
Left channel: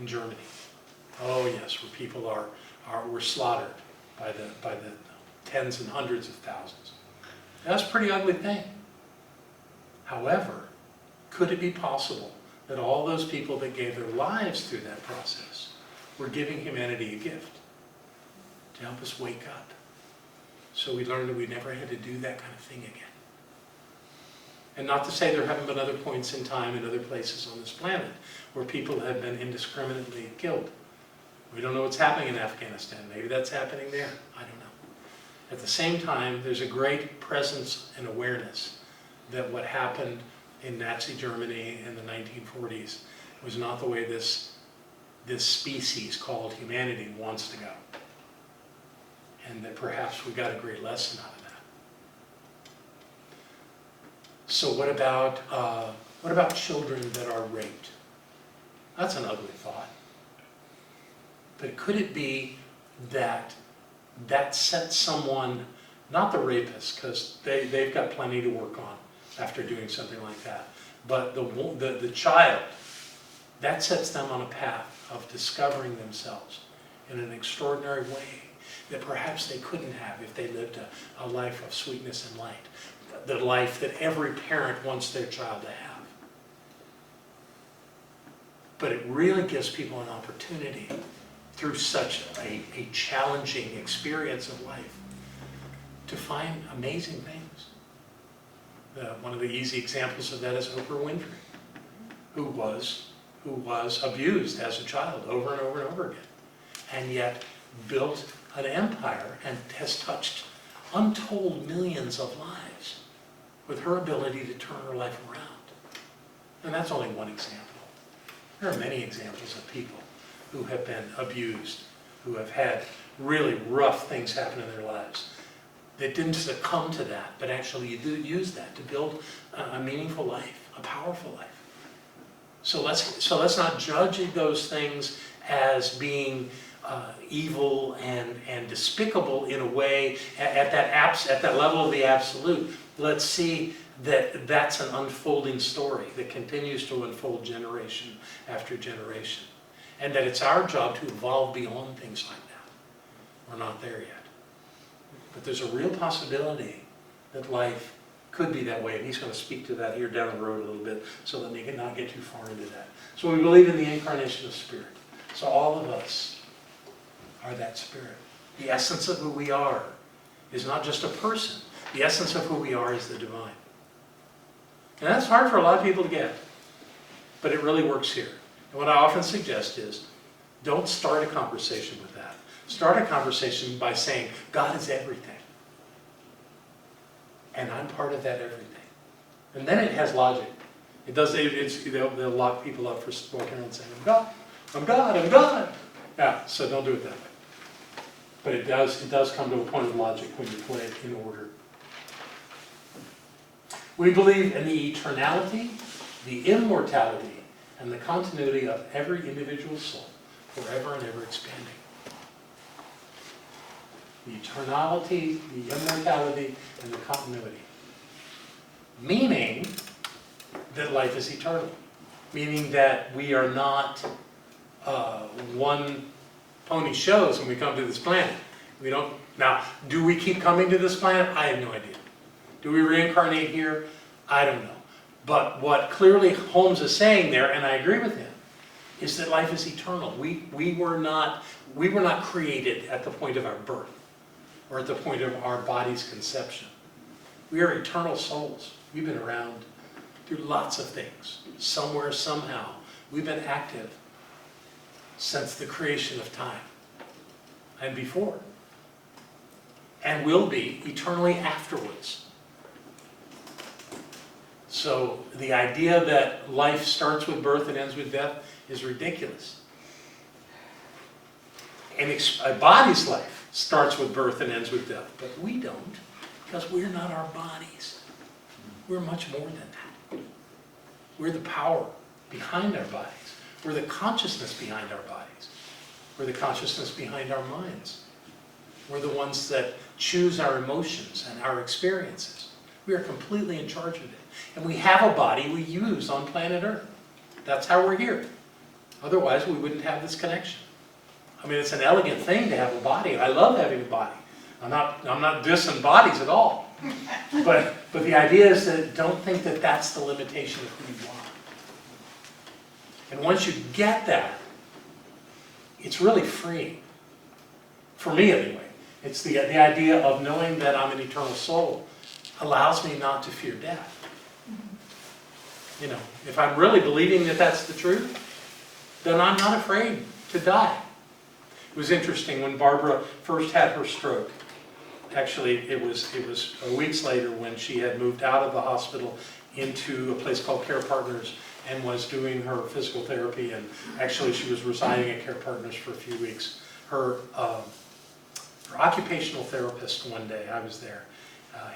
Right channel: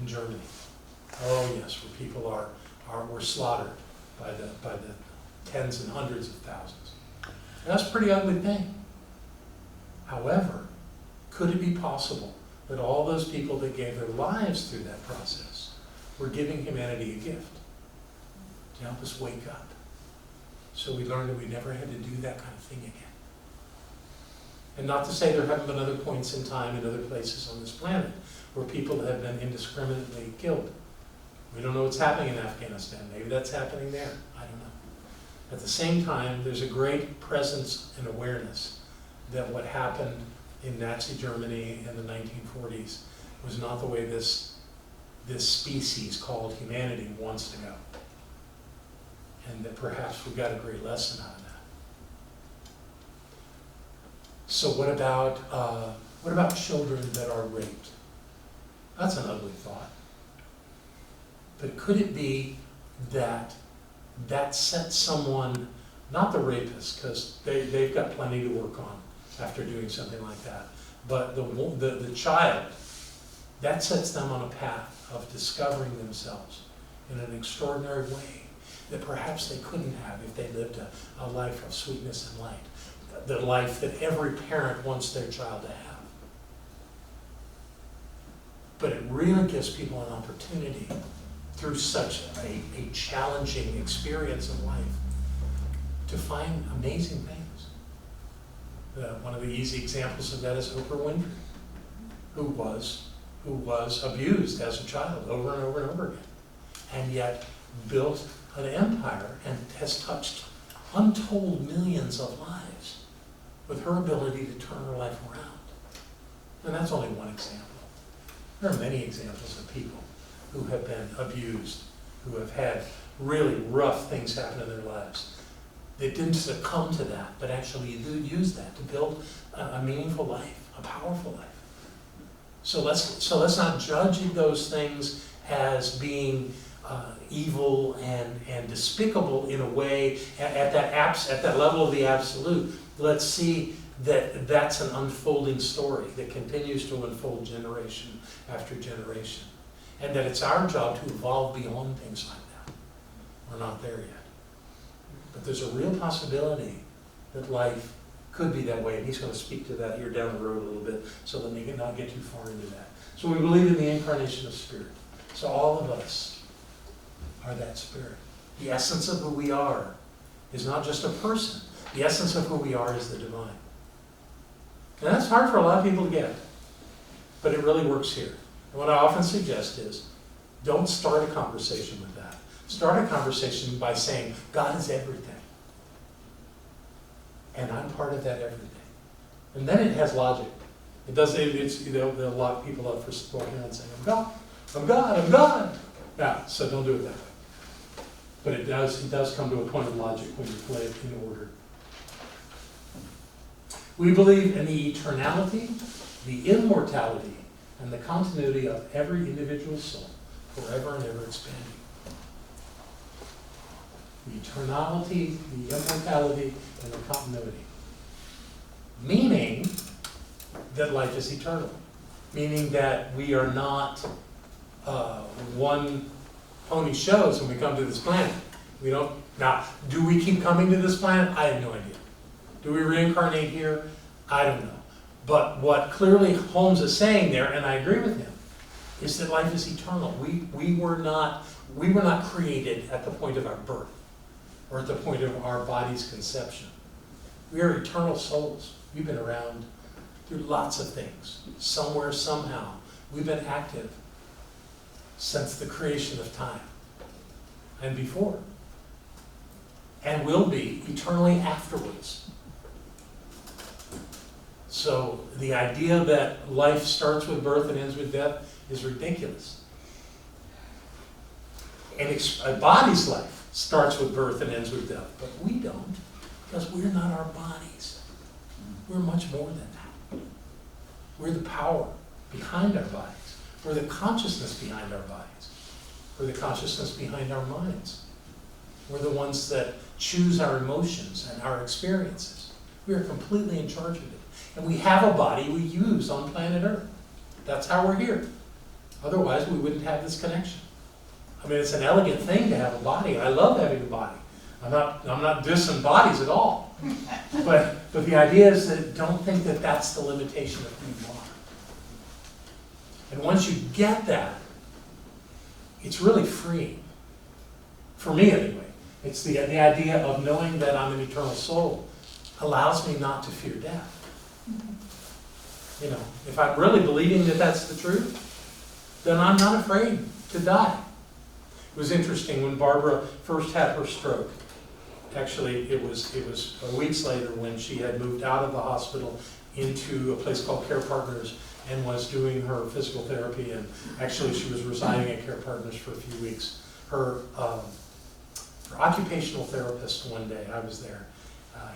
in Germany. Oh yes, where people were slaughtered by the tens and hundreds of thousands. That's a pretty ugly thing. However, could it be possible that all those people that gave their lives through that process were giving humanity a gift to help us wake up? So we learned that we never had to do that kind of thing again. And not to say there haven't been other points in time in other places on this planet where people have been indiscriminately killed. We don't know what's happening in Afghanistan. Maybe that's happening there. I don't know. At the same time, there's a great presence and awareness that what happened in Nazi Germany in the 1940s was not the way this species called humanity wants to go. And that perhaps we got a great lesson out of that. So what about children that are raped? That's an ugly thought. But could it be that sets someone, not the rapist, because they've got plenty to work on after doing something like that, but the child, that sets them on a path of discovering themselves in an extraordinary way that perhaps they couldn't have if they lived a life of sweetness and light, the life that every parent wants their child to have. But it really gives people an opportunity through such a challenging experience of life to find amazing things. One of the easy examples of that is Oprah Winfrey, who was abused as a child over and over and over again, and yet built an empire and has touched untold millions of lives with her ability to turn her life around. And that's only one example. There are many examples of people who have been abused, who have had really rough things happen in their lives. They didn't succumb to that, but actually use that to build a meaningful life, a powerful life. So let's not judge those things as being evil and despicable in a way at that level of the absolute. Let's see that that's an unfolding story that continues to unfold generation after generation, and that it's our job to evolve beyond things like that. We're not there yet. But there's a real possibility that life could be that way, and he's going to speak to that here down the road a little bit, so that we can not get too far into that. So we believe in the incarnation of Spirit. So all of us are that Spirit. The essence of who we are is not just a person. The essence of who we are is the divine. And that's hard for a lot of people to get, but it really works here. And what I often suggest is, don't start a conversation with that. Start a conversation by saying, God is everything. And I'm part of that everything. And then it has logic. It does, they'll lock people up for walking around saying, I'm God, I'm God, I'm God. Yeah, so don't do it that way. But it does come to a point of logic when you play it in order. We believe in the eternality, the immortality, and the continuity of every individual soul, forever and ever expanding. The eternality, the immortality, and the continuity. Meaning that life is eternal. Meaning that we are not one pony shows when we come to this planet. We don't. Now, do we keep coming to this planet? I have no idea. Do we reincarnate here? I don't know. But what clearly Holmes is saying there, and I agree with him, is that life is eternal. We were not created at the point of our birth or at the point of our body's conception. We are eternal souls. We've been around through lots of things. Somewhere, somehow, we've been active since the creation of time and before, and will be eternally afterwards. So the idea that life starts with birth and ends with death is ridiculous. And a body's life starts with birth and ends with death, but we don't, because we're not our bodies. We're much more than that. We're the power behind our bodies. We're the consciousness behind our bodies. We're the consciousness behind our minds. We're the ones that choose our emotions and our experiences. We are completely in charge of it. And we have a body we use on planet Earth. That's how we're here. Otherwise, we wouldn't have this connection. I mean, it's an elegant thing to have a body. I love having a body. I'm not dissing bodies at all. But the idea is that don't think that that's the limitation of who you are. And once you get that, it's really freeing. For me, anyway. It's the idea of knowing that I'm an eternal soul allows me not to fear death. You know, if I'm really believing that that's the truth, then I'm not afraid to die. It was interesting when Barbara first had her stroke. Actually, it was weeks later when she had moved out of the hospital into a place called Care Partners and was doing her physical therapy, and actually she was residing at Care Partners for a few weeks. Her occupational therapist one day, I was there,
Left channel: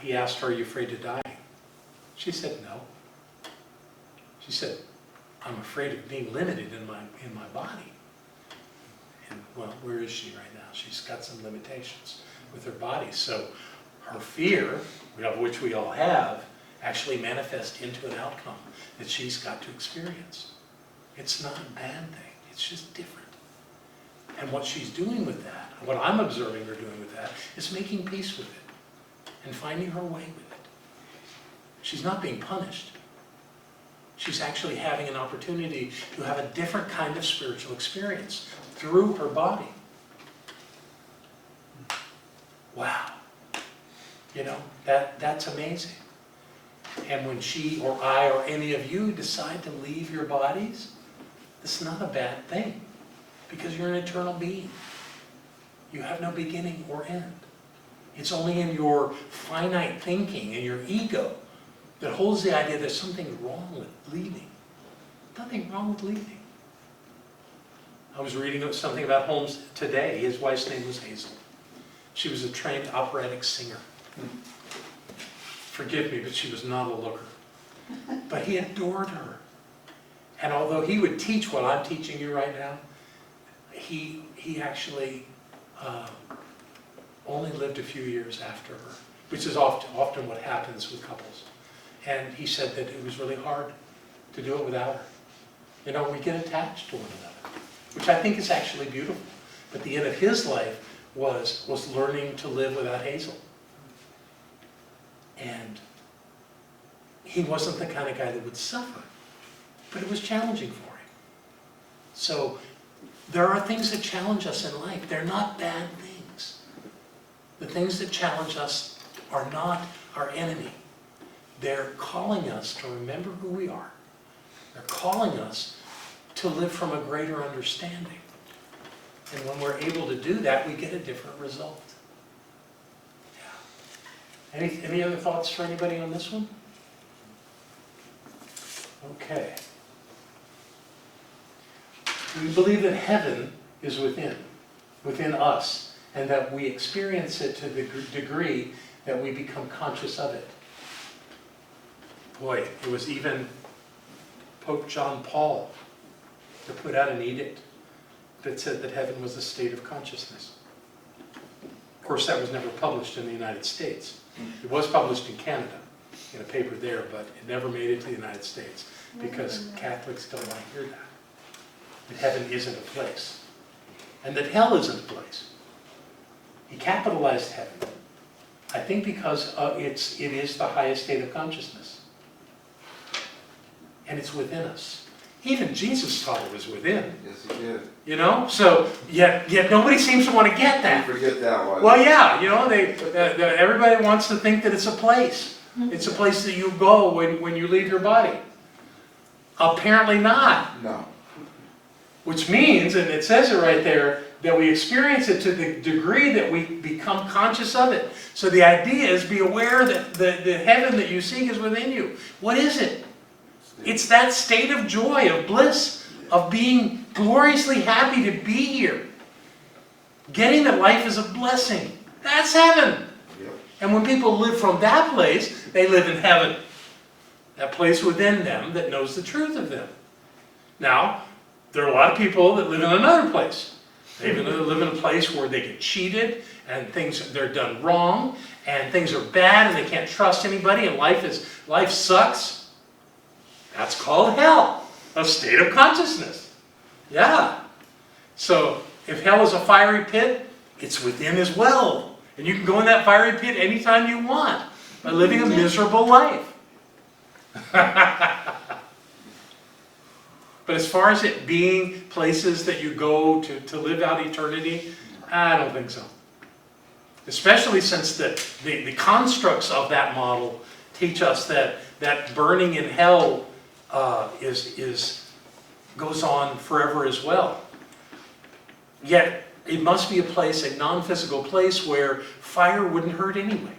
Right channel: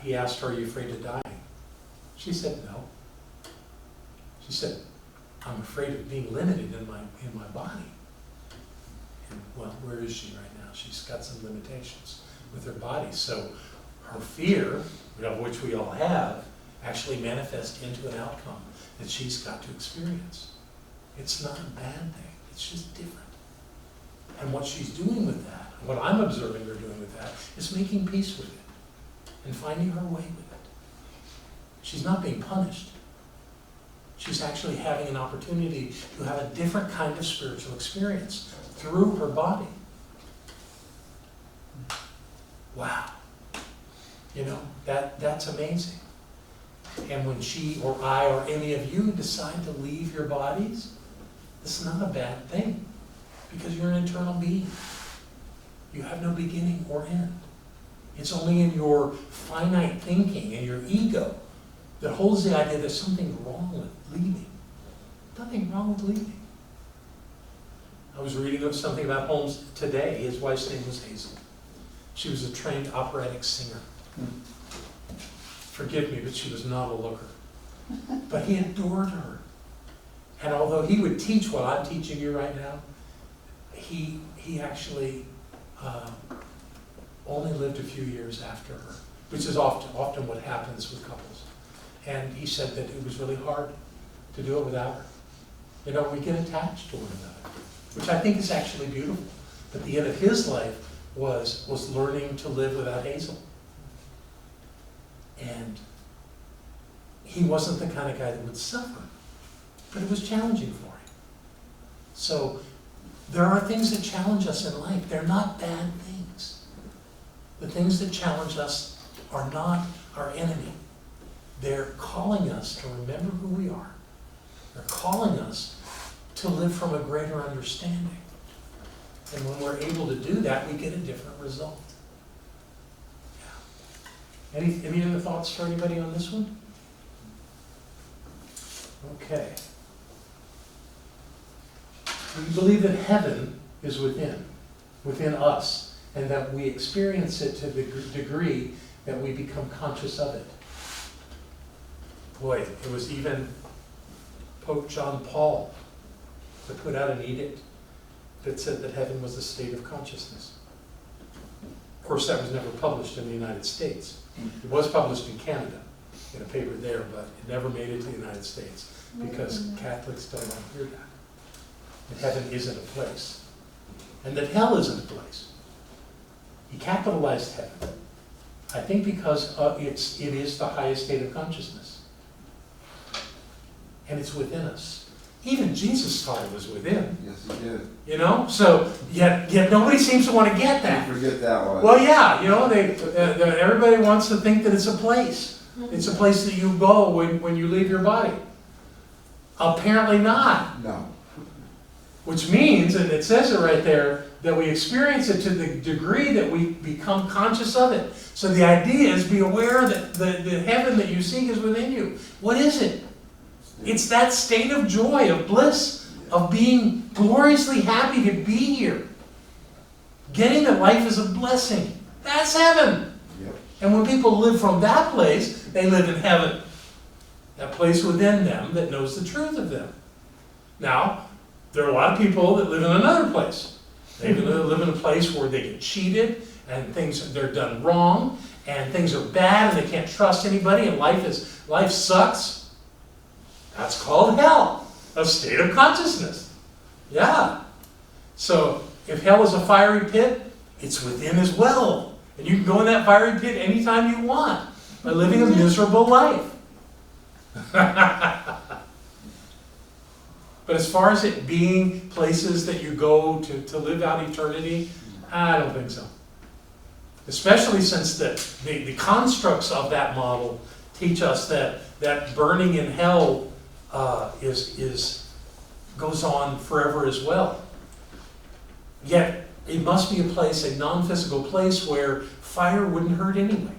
he asked her, "Are you afraid of dying?" She said, "No." She said, "I'm afraid of being limited in my body." And well, where is she right now? She's got some limitations with her body. So her fear, of which we all have, actually manifests into an outcome that she's got to experience. It's not a bad thing. It's just different. And what she's doing with that, what I'm observing her doing with that, is making peace with it and finding her way with it. She's not being punished. She's actually having an opportunity to have a different kind of spiritual experience through her body. Wow. You know, that's amazing. And when she or I or any of you decide to leave your bodies, this is not a bad thing, because you're an eternal being. You have no beginning or end. It's only in your finite thinking and your ego that holds the idea there's something wrong with leaving. Nothing wrong with leaving. I was reading something about Holmes today. His wife's name was Hazel. She was a trained operatic singer. Forgive me, but she was not a looker. But he adored her. And although he would teach what I'm teaching you right now, he actually only lived a few years after her, which is often what happens with couples. And he said that it was really hard to do it without her. You know, we get attached to one another, which I think is actually beautiful. But the end of his life was learning to live without Hazel. And he wasn't the kind of guy that would suffer, but it was challenging for him. So there are things that challenge us in life. They're not bad things. The things that challenge us are not our enemy. They're calling us to remember who we are. They're calling us to live from a greater understanding. And when we're able to do that, we get a different result. Yeah. Any other thoughts for anybody on this one? Okay. We believe that heaven is within us, and that we experience it to the degree that we become conscious of it. Boy, it was even Pope John Paul that put out an edict that said that heaven was a state of consciousness. Of course, that was never published in the United States. It was published in Canada, in a paper there, but it never made it to the United States because Catholics don't want to hear that. That heaven isn't a place, and that hell isn't a place. He capitalized heaven, I think because it is the highest state of consciousness. And it's within us. Even Jesus taught it was within. Yes, he did. You know? So, yet nobody seems to want to get that. You forget that one. Well, yeah, you know, everybody wants to think that it's a place. It's a place that you go when you leave your body. Apparently not. No. Which means, and it says it right there, that we experience it to the degree that we become conscious of it. So the idea is be aware that the heaven that you seek is within you. What is it? It's that state of joy, of bliss, of being gloriously happy to be here. Getting that life is a blessing. That's heaven. Yep. And when people live from that place, they live in heaven. That place within them that knows the truth of them. Now, there are a lot of people that live in another place. They live in a place where they get cheated and they're done wrong and things are bad and they can't trust anybody and life sucks. That's called hell, a state of consciousness. Yeah. So if hell is a fiery pit, it's within as well. And you can go in that fiery pit anytime you want by living a miserable life. But as far as it being places that you go to live out eternity, I don't think so. Especially since the constructs of that model teach us that burning in hell goes on forever as well. Yet it must be a non-physical place where fire wouldn't hurt anyway.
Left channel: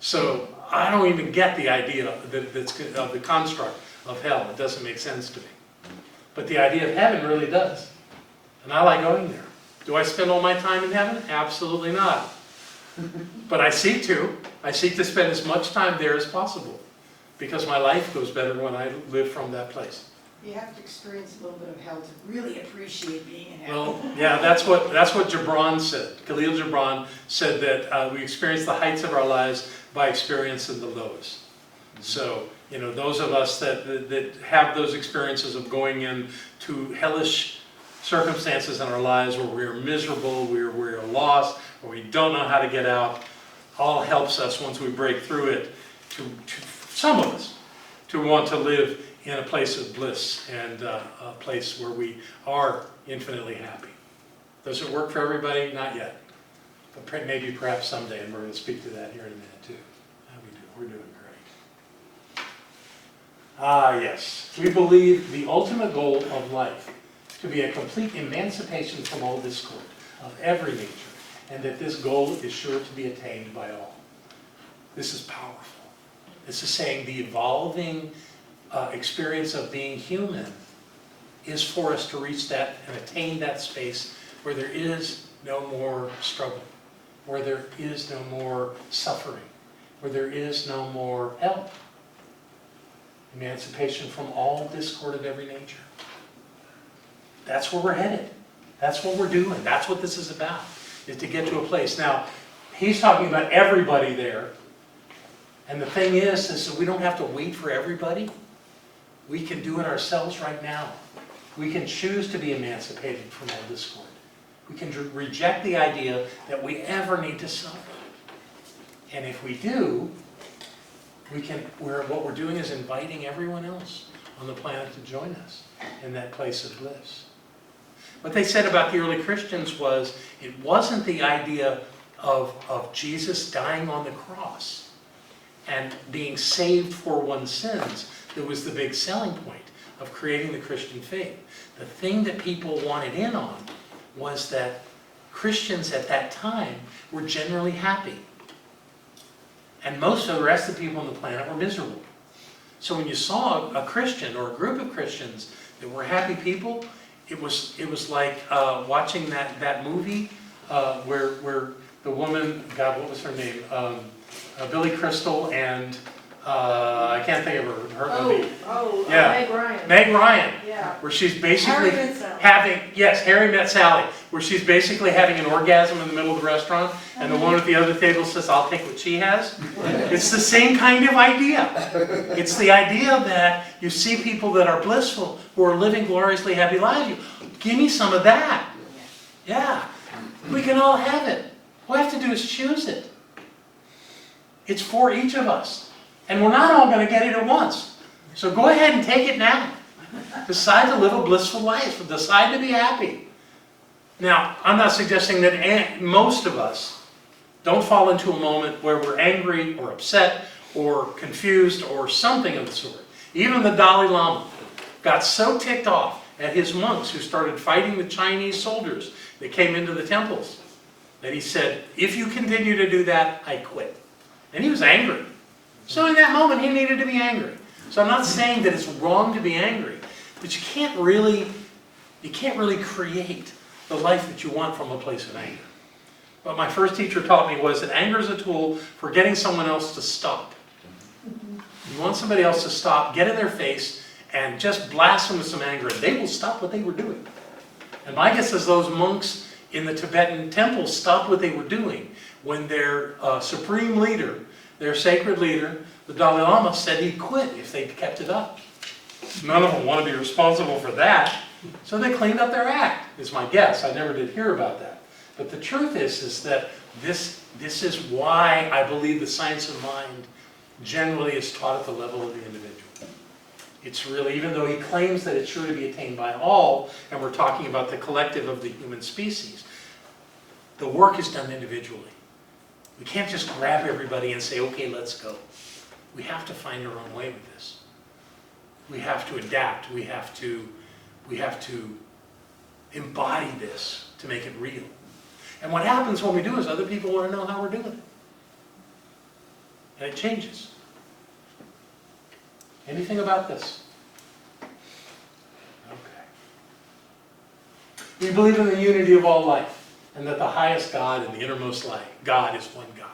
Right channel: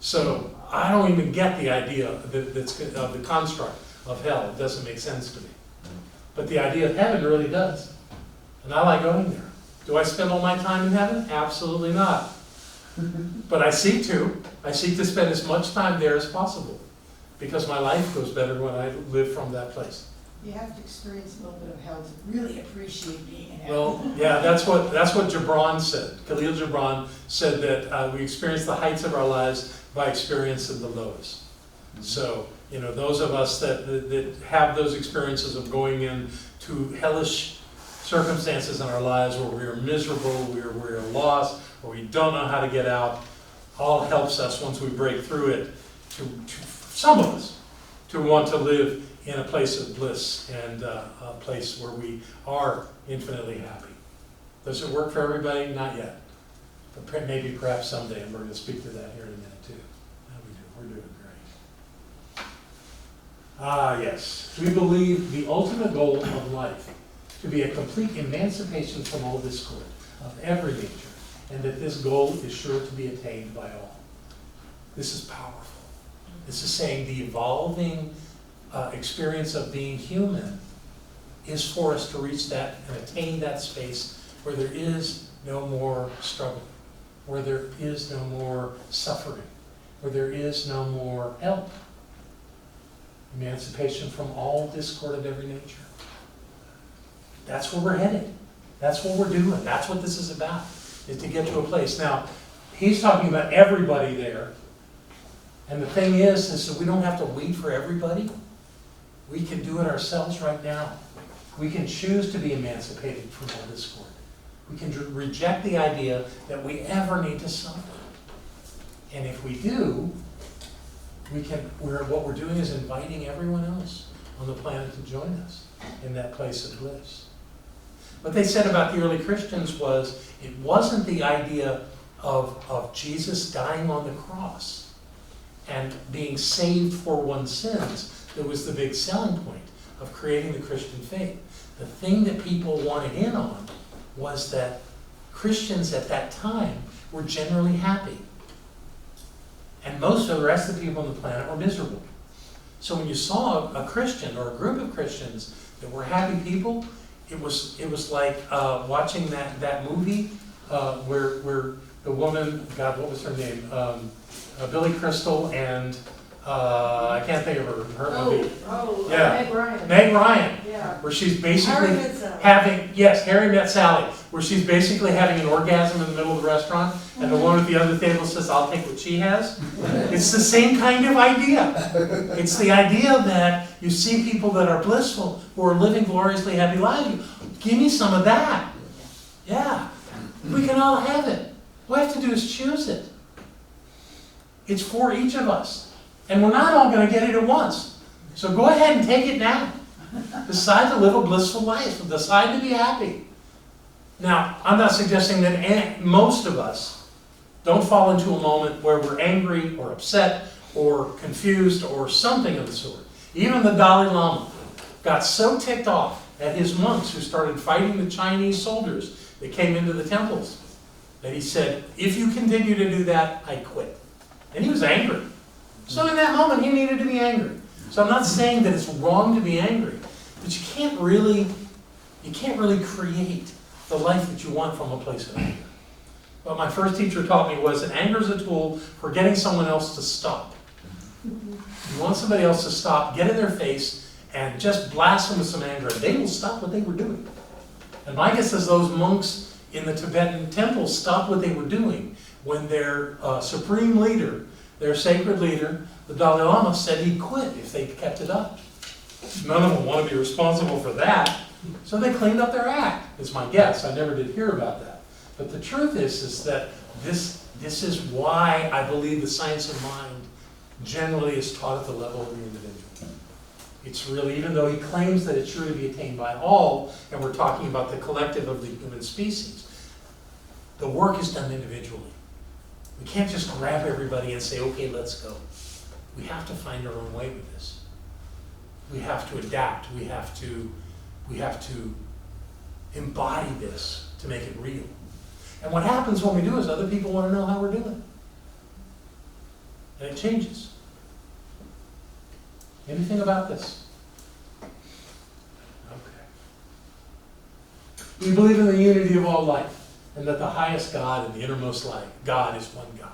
So I don't even get the idea of the construct of hell. It doesn't make sense to me. But the idea of heaven really does. And I like going there. Do I spend all my time in heaven? Absolutely not. But I seek to. I seek to spend as much time there as possible. Because my life goes better when I live from that place. You have to experience a little bit of hell to really appreciate being in heaven. Well, yeah, that's what Gibran said. Khalil Gibran said that we experience the heights of our lives by experiencing the lows. So, those of us that have those experiences of going into hellish circumstances in our lives where we're miserable, we're lost, or we don't know how to get out, all helps us once we break through it, to some of us, to want to live in a place of bliss and a place where we are infinitely happy. Does it work for everybody? Not yet. But maybe perhaps someday, and we're going to speak to that here in a minute too. How we do? We're doing great. Yes. We believe the ultimate goal of life to be a complete emancipation from all discord of every nature, and that this goal is sure to be attained by all. This is powerful. This is saying the evolving experience of being human is for us to reach that and attain that space where there is no more struggle, where there is no more suffering, where there is no more help. Emancipation from all discord of every nature. That's where we're headed. That's what we're doing. That's what this is about, is to get to a place. Now, he's talking about everybody there. And the thing is that we don't have to wait for everybody. We can do it ourselves right now. We can choose to be emancipated from all discord. We can reject the idea that we ever need to suffer. And if we do, what we're doing is inviting everyone else on the planet to join us in that place of bliss. What they said about the early Christians was, it wasn't the idea of Jesus dying on the cross and being saved for one's sins that was the big selling point of creating the Christian faith. The thing that people wanted in on was that Christians at that time were generally happy. And most of the rest of the people on the planet were miserable. So when you saw a Christian or a group of Christians that were happy people, it was like watching that movie where the woman, God, what was her name? Billy Crystal and I can't think of her movie. Yeah. Meg Ryan. Meg Ryan. Yeah. Where she's basically Harry Met Sally. Harry Met Sally, where she's basically having an orgasm in the middle of the restaurant, and the one at the other table says, "I'll take what she has." It's the same kind of idea. It's the idea that you see people that are blissful, who are living gloriously happy lives. Give me some of that. Yeah. We can all have it. All we have to do is choose it. It's for each of us. And we're not all going to get it at once. So go ahead and take it now. Decide to live a blissful life. Decide to be happy. Now, I'm not suggesting that most of us don't fall into a moment where we're angry or upset or confused or something of the sort. Even the Dalai Lama got so ticked off at his monks who started fighting the Chinese soldiers that came into the temples that he said, if you continue to do that, I quit. And he was angry. So in that moment, he needed to be angry. So I'm not saying that it's wrong to be angry, but you can't really create the life that you want from a place of anger. What my first teacher taught me was that anger is a tool for getting someone else to stop. You want somebody else to stop, get in their face, and just blast them with some anger, and they will stop what they were doing. And my guess is those monks in the Tibetan temples stopped what they were doing when their supreme leader, their sacred leader, the Dalai Lama, said he'd quit if they kept it up. None of them want to be responsible for that, so they cleaned up their act, is my guess. I never did hear about that. But the truth is that this is why I believe the science of mind generally is taught at the level of the individual. It's really, even though he claims that it's sure to be attained by all, and we're talking about the collective of the human species, the work is done individually. We can't just grab everybody and say, okay, let's go. We have to find our own way with this. We have to adapt. We have to embody this to make it real. And what happens when we do is other people want to know how we're doing it. And it changes. Anything about this? Okay. We believe in the unity of all life, and that the highest God and the innermost life, God is one God.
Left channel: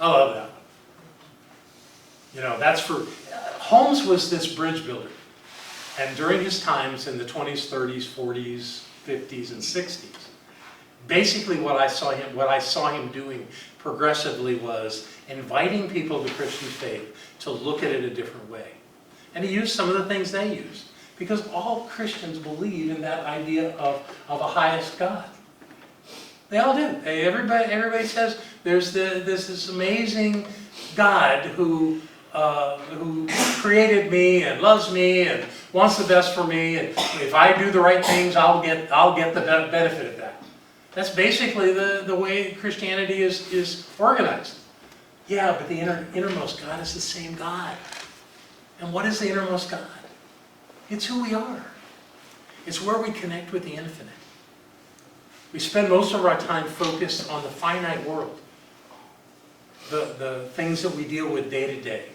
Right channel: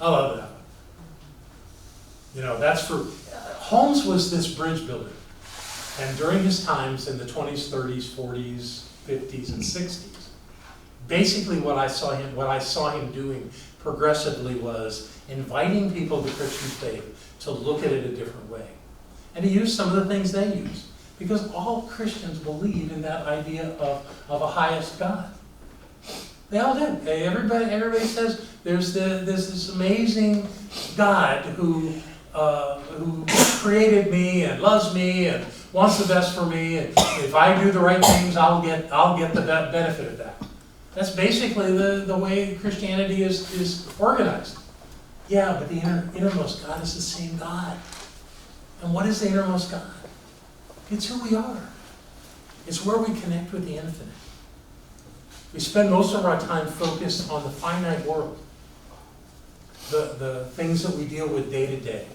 I love that one. You know, that's for, Holmes was this bridge builder. And during his times in the 20s, 30s, 40s, 50s, and 60s, basically what I saw him doing progressively was inviting people to Christian faith to look at it a different way. And he used some of the things they used, because all Christians believe in that idea of a highest God. They all do. Everybody says there's this amazing God who created me and loves me and wants the best for me, and if I do the right things, I'll get the benefit of that. That's basically the way Christianity is organized. Yeah, but the innermost God is the same God. And what is the innermost God? It's who we are. It's where we connect with the infinite. We spend most of our time focused on the finite world. The things that we deal with day to day.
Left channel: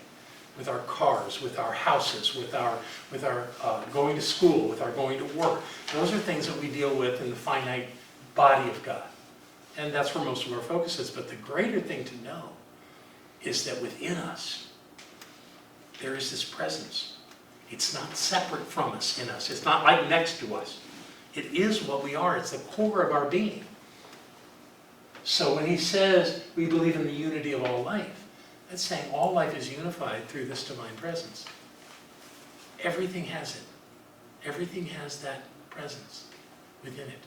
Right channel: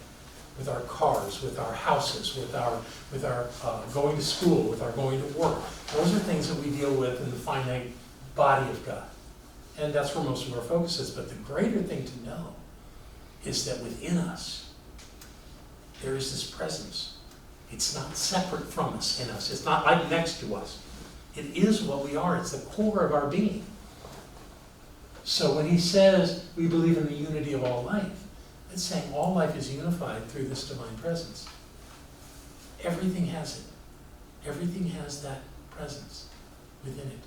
With our cars, with our houses, with our going to school, with our going to work. Those are things that we deal with in the finite body of God. And that's where most of our focus is. But the greater thing to know is that within us, there is this presence. It's not separate from us, in us. It's not like next to us. It is what we are. It's the core of our being. So when he says we believe in the unity of all life, it's saying all life is unified through this divine presence. Everything has it. Everything has that presence within it.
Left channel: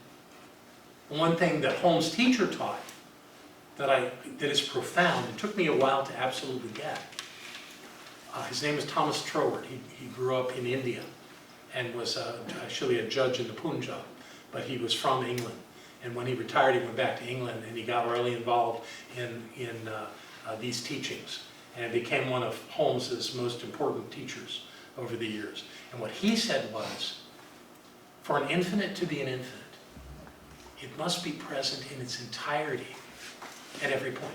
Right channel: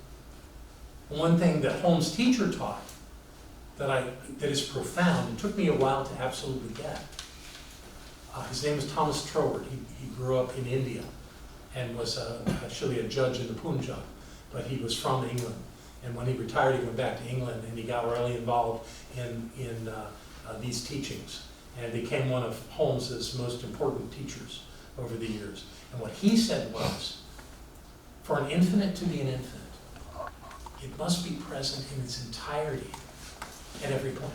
One thing that Holmes' teacher taught that is profound, and took me a while to absolutely get. His name is Thomas Trower. He grew up in India and was actually a judge in the Punjab, but he was from England. And when he retired, he went back to England, and he got really involved in these teachings, and became one of Holmes's most important teachers over the years. And what he said was, for an infinite to be an infinite, it must be present in its entirety at every point.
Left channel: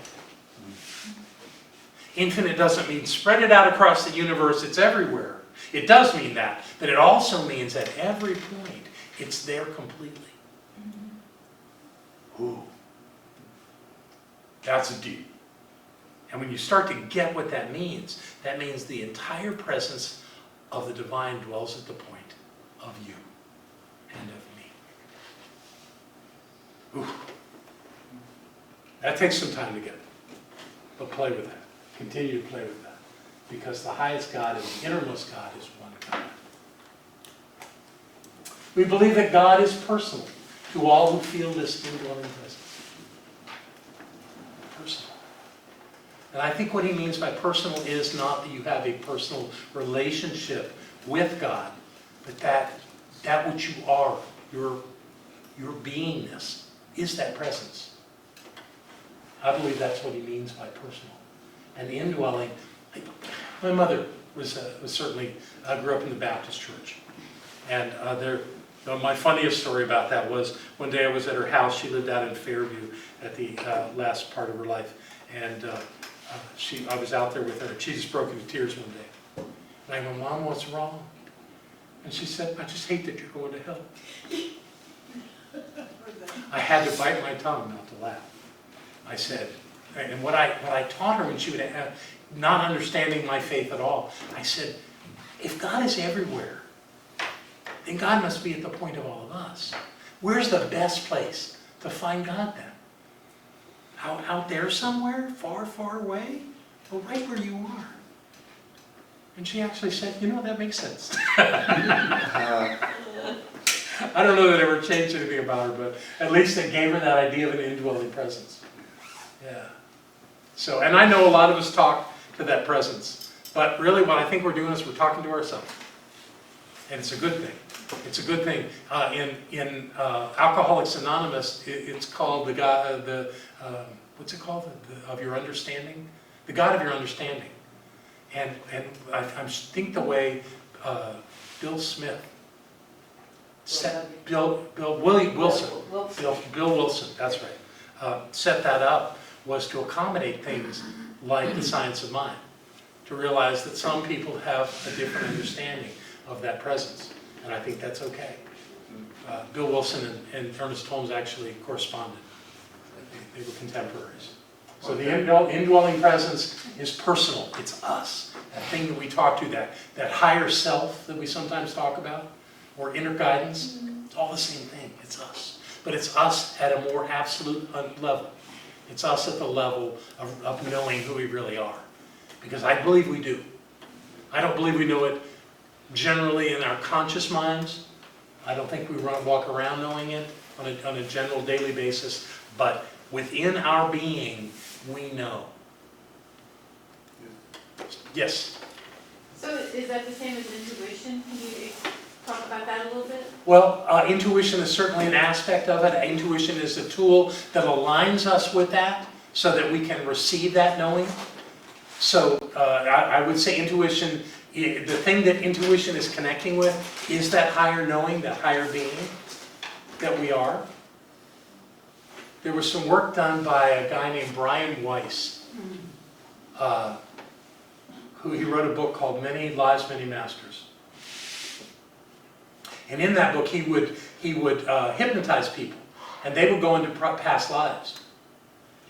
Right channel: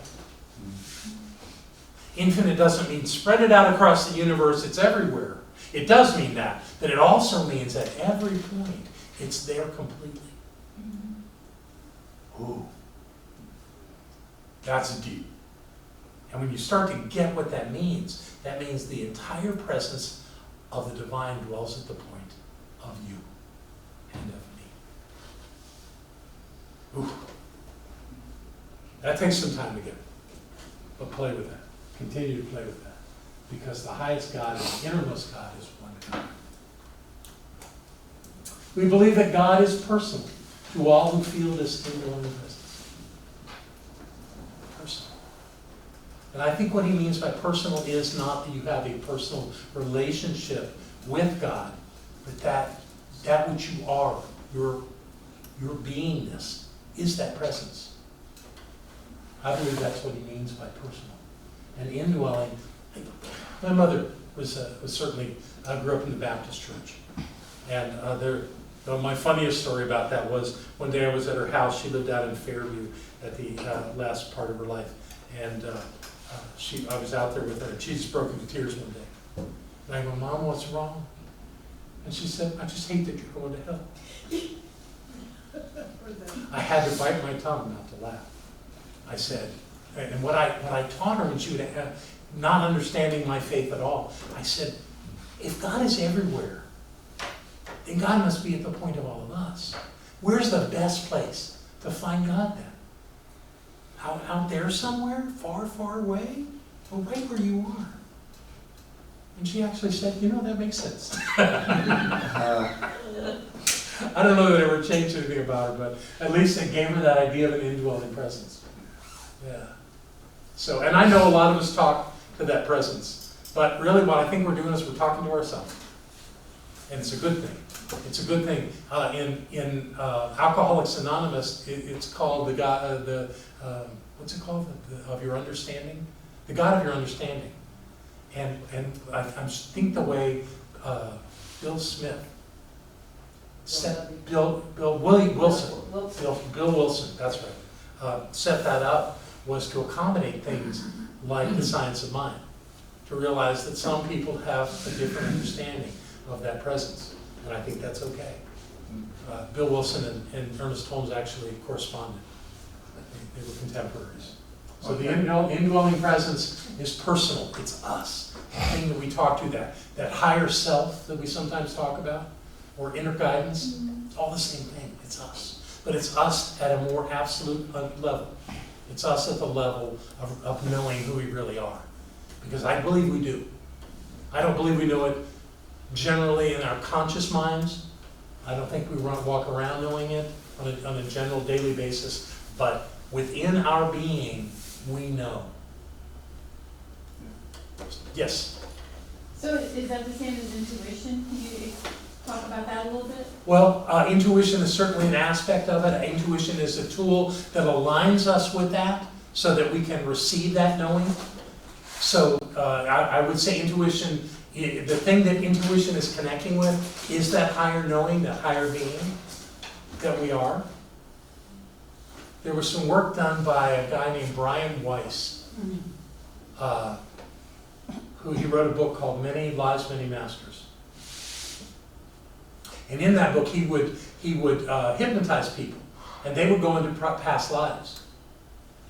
Infinite doesn't mean spread it out across the universe, it's everywhere. It does mean that, but it also means at every point, it's there completely. Ooh. That's deep. And when you start to get what that means the entire presence of the divine dwells at the point of you and of me. Ooh. That takes some time to get, but play with that. Continue to play with that. Because the highest God and the innermost God is one God. We believe that God is personal to all who feel this indwelling presence. Personal. And I think what he means by personal is not that you have a personal relationship with God, but that which you are, your beingness, is that presence. I believe that's what he means by personal. And indwelling, my mother was certainly, grew up in the Baptist church. And my funniest story about that was one day I was at her house. She lived out in Fairview at the last part of her life. And I was out there with her, and she just broke into tears one day. And I went, Mom, what's wrong? And she said, I just hate that you're going to hell. I had to bite my tongue not to laugh. I said, and what I taught her when she would have, not understanding my faith at all, I said, if God is everywhere, then God must be at the point of all of us. Where's the best place to find God then? Out there somewhere? Far, far away? Well, right where you are. And she actually said, that makes sense. I don't know that it ever changed anything about her, but at least it gave her that idea of an indwelling presence. Yeah. So, and I know a lot of us talk to that presence, but really what I think we're doing is we're talking to ourselves. And it's a good thing. It's a good thing. In Alcoholics Anonymous, it's called the God, what's it called? Of your understanding? The God of your understanding. And I think the way Bill Smith, Bill Wilson, that's right, set that up was to accommodate things like the science of mind, to realize that some people have a different understanding of that presence, and I think that's okay. Bill Wilson and Ernest Holmes actually corresponded. They were contemporaries. So the indwelling presence is personal. It's us. The thing that we talk to, that higher self that we sometimes talk about, or inner guidance, it's all the same thing. It's us. But it's us at a more absolute level. It's us at the level of knowing who we really are. Because I believe we do. I don't believe we know it generally in our conscious minds. I don't think we walk around knowing it on a general daily basis. But within our being, we know. Yes? So is that the same as intuition? Can you talk about that a little bit? Well, intuition is certainly an aspect of it. Intuition is a tool that aligns us with that so that we can receive that knowing. So I would say intuition, the thing that intuition is connecting with is that higher knowing, that higher being that we are. There was some work done by a guy named Brian Weiss, who he wrote a book called Many Lives, Many Masters. And in that book, he would hypnotize people, and they would go into past lives.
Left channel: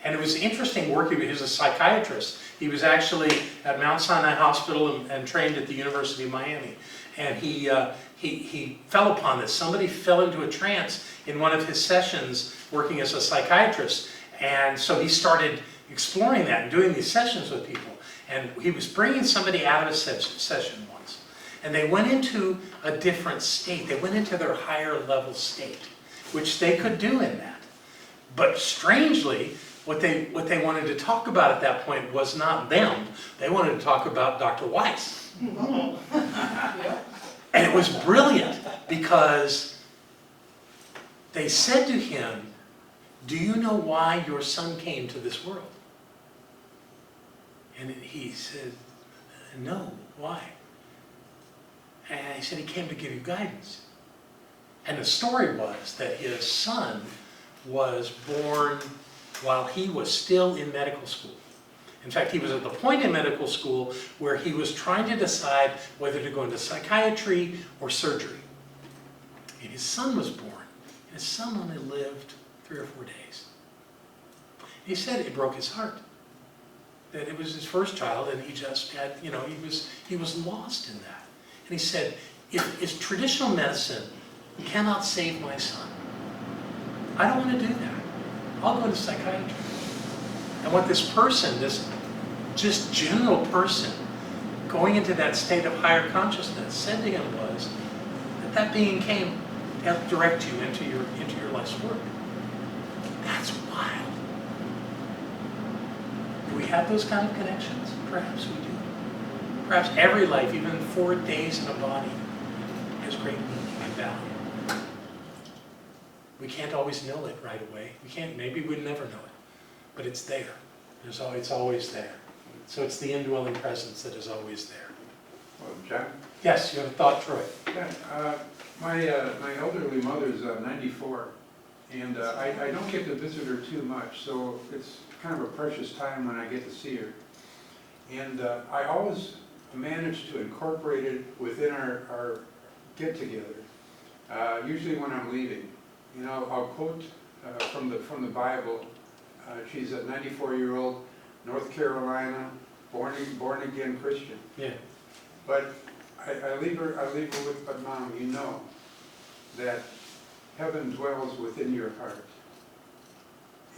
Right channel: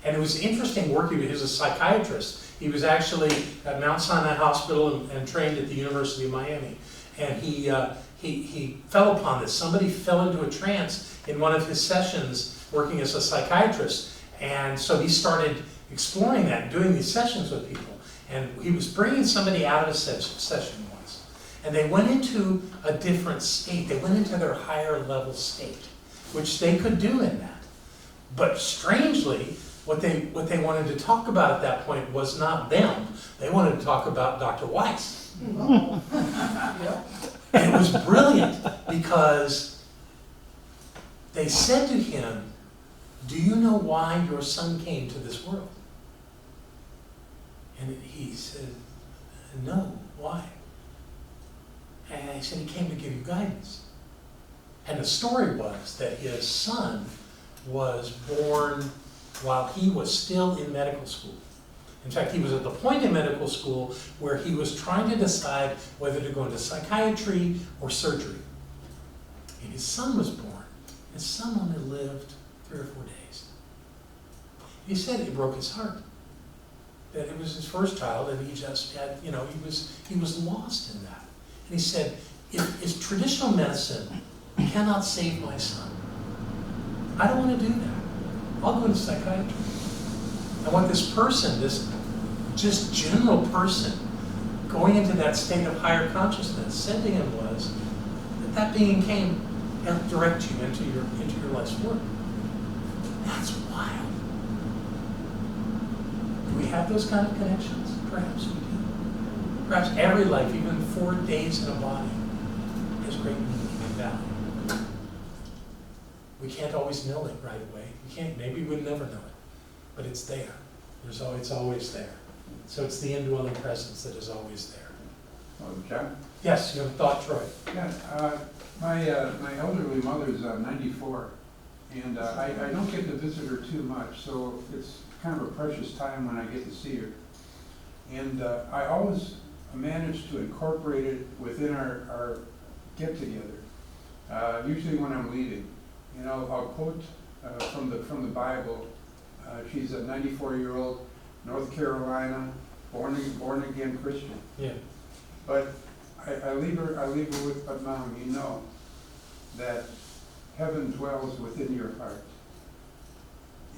And it was interesting work. He was a psychiatrist. He was actually at Mount Sinai Hospital and trained at the University of Miami. And he fell upon this. Somebody fell into a trance in one of his sessions working as a psychiatrist. And so he started exploring that and doing these sessions with people. And he was bringing somebody out of a session once. And they went into a different state. They went into their higher level state, which they could do in that. But strangely, what they wanted to talk about at that point was not them. They wanted to talk about Dr. Weiss. And it was brilliant because they said to him, "Do you know why your son came to this world?" And he said, "No, why?" And he said, "He came to give you guidance." And the story was that his son was born while he was still in medical school. In fact, he was at the point in medical school where he was trying to decide whether to go into psychiatry or surgery. And his son was born. His son only lived 3 or 4 days. He said it broke his heart. That it was his first child, and he just had, he was lost in that. And he said, if traditional medicine cannot save my son, I don't want to do that. I'll go to psychiatry. And what this person, this just general person, going into that state of higher consciousness, said to him was that being came to help direct you into your life's work. That's wild. Do we have those kind of connections? Perhaps we do. Perhaps every life, even 4 days in a body, has great meaning and value. We can't always know it right away. Maybe we'll never know it, but it's there. It's always there. So it's the indwelling presence that is always there. John? Yes, you have a thought, Troy. Yeah, my elderly mother's 94, and I don't get to visit her too much, so it's kind of a precious time when I get to see her. And I always manage to incorporate it within our get-together, usually when I'm leaving. You know, I'll quote from the Bible. She's a 94-year-old North Carolina born again Christian. Yeah. But I leave her with, but Mom, you know that heaven dwells within your heart.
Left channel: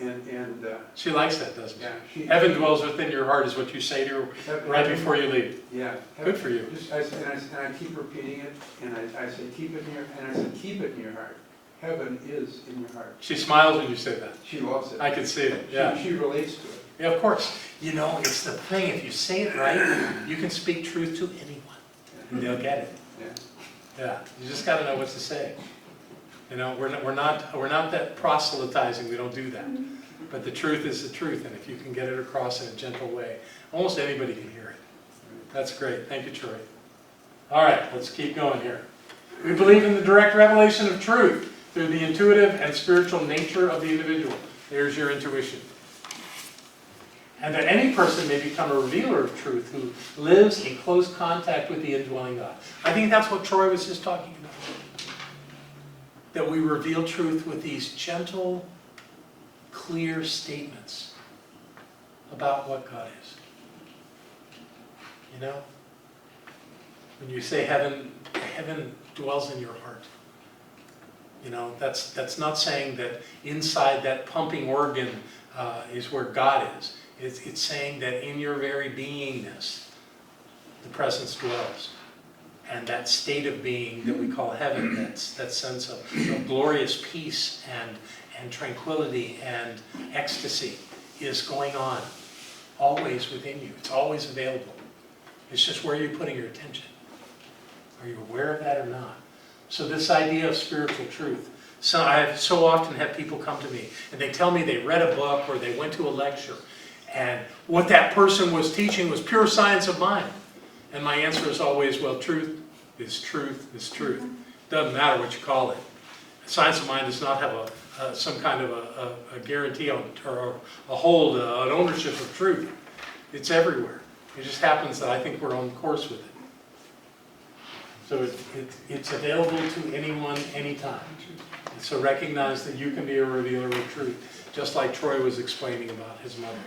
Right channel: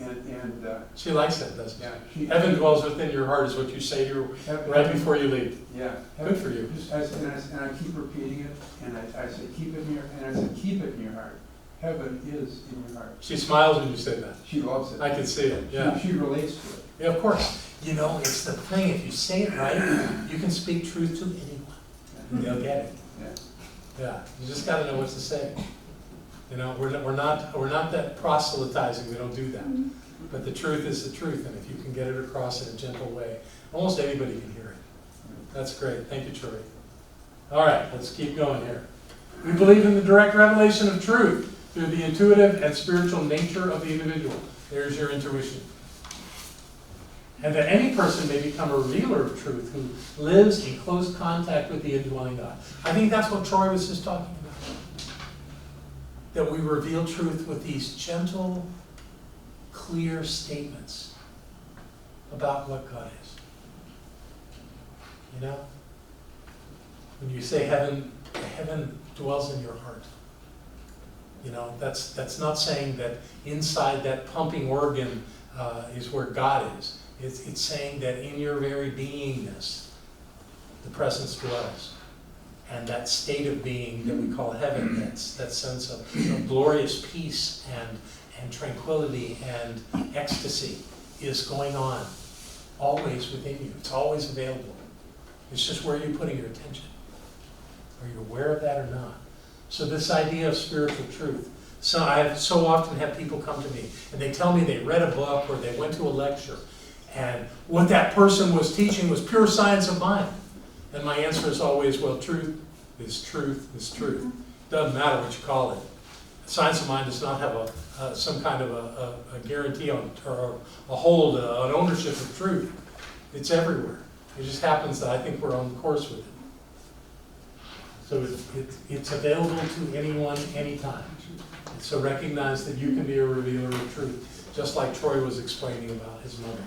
And She likes that, doesn't yeah, she? Heaven dwells within your heart is what you say to her right before you leave. Yeah. Good for you. And I keep repeating it, and I say keep it in your, and I say keep it in your heart. Heaven is in your heart. She smiles when you say that. She loves it. I can see it, yeah. She relates to it. Yeah, of course. You know, it's the thing, if you say it right, you can speak truth to anyone, and they'll get it. Yeah. Yeah, you just got to know what to say. You know, we're not that proselytizing. We don't do that. But the truth is the truth, and if you can get it across in a gentle way, almost anybody can hear it. That's great. Thank you, Troy. All right, let's keep going here. We believe in the direct revelation of truth through the intuitive and spiritual nature of the individual. There's your intuition. And that any person may become a revealer of truth who lives in close contact with the indwelling God. I think that's what Troy was just talking about. That we reveal truth with these gentle, clear statements about what God is. You know? When you say heaven dwells in your heart. You know, that's not saying that inside that pumping organ is where God is. It's saying that in your very beingness, the presence dwells. And that state of being that we call heaven, that sense of glorious peace and tranquility and ecstasy is going on always within you. It's always available. It's just where you're putting your attention. Are you aware of that or not? So this idea of spiritual truth. So I've so often had people come to me and they tell me they read a book or they went to a lecture and what that person was teaching was pure science of mind. And my answer is always, well, truth is truth is truth. Doesn't matter what you call it. Science of mind does not have some kind of a guarantee on, or a hold, an ownership of truth. It's everywhere. It just happens that I think we're on course with it. So it's available to anyone, anytime. So recognize that you can be a revealer of truth, just like Troy was explaining about his mother.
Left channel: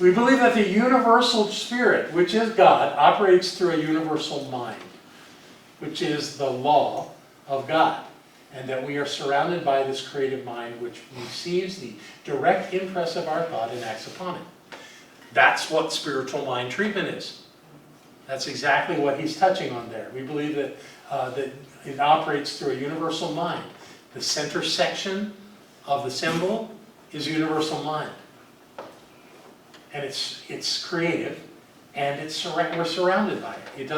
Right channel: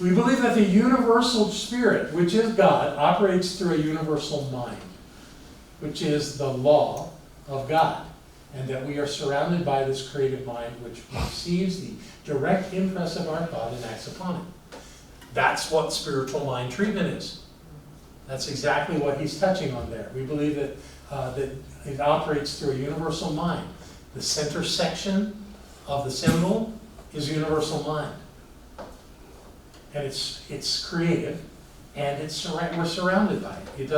We believe that the universal spirit, which is God, operates through a universal mind, which is the law of God, and that we are surrounded by this creative mind which receives the direct impress of our thought and acts upon it. That's what spiritual mind treatment is. That's exactly what he's touching on there. We believe that it operates through a universal mind. The center section of the symbol is universal mind. And it's creative, and we're surrounded by it.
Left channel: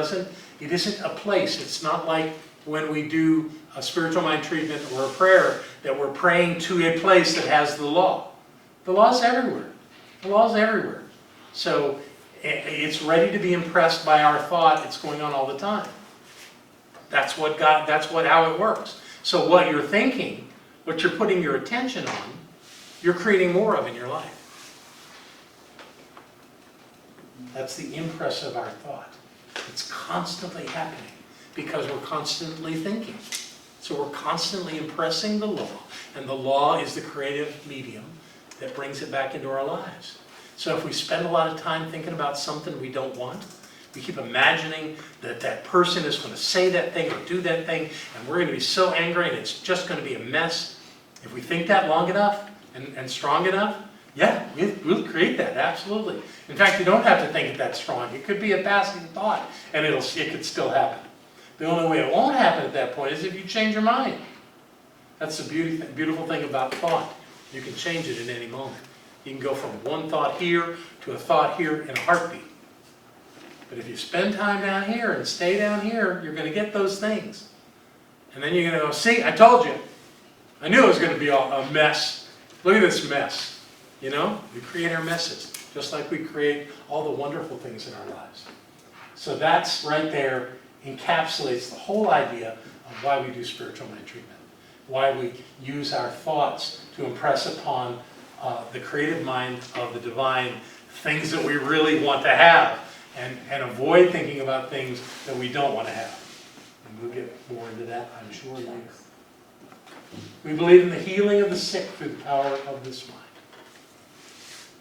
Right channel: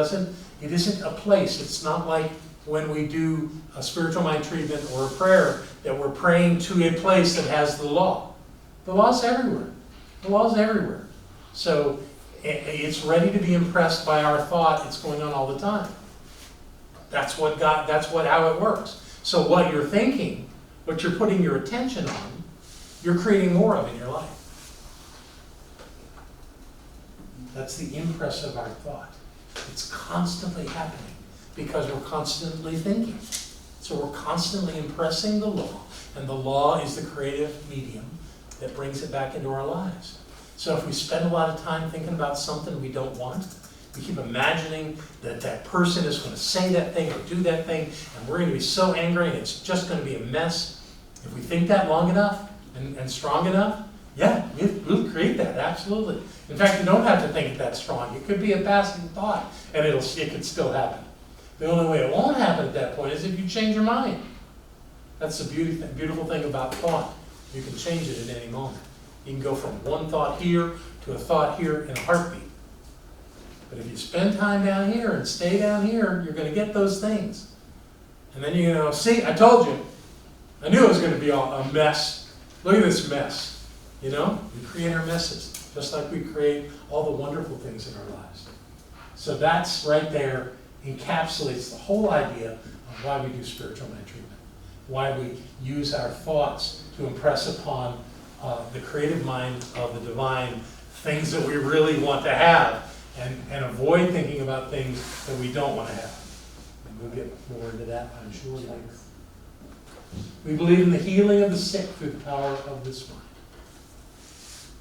It isn't a place. It's not like when we do a spiritual mind treatment or a prayer that we're praying to a place that has the law. The law's everywhere. The law's everywhere. So it's ready to be impressed by our thought. It's going on all the time. That's how it works. So what you're thinking, what you're putting your attention on, you're creating more of in your life. That's the impress of our thought. It's constantly happening because we're constantly thinking. So we're constantly impressing the law, and the law is the creative medium that brings it back into our lives. So if we spend a lot of time thinking about something we don't want, we keep imagining that that person is going to say that thing or do that thing, and we're going to be so angry and it's just going to be a mess. If we think that long enough and strong enough, yeah, we'll create that, absolutely. In fact, you don't have to think it that strong. It could be a passing thought, and it could still happen. The only way it won't happen at that point is if you change your mind. That's the beautiful thing about thought. You can change it at any moment. You can go from one thought here to a thought here in a heartbeat. But if you spend time down here and stay down here, you're going to get those things. And then you're going to go, see, I told you. I knew it was going to be a mess. Look at this mess. You know, we create our messes, just like we create all the wonderful things in our lives. So that's right there encapsulates the whole idea of why we do spiritual mind treatment, why we use our thoughts to impress upon the creative mind of the divine things that we really want to have, and avoid thinking about things that we don't want to have. And we'll get more into that, I'm sure, later. We believe in the healing of the sick through the power of this mind.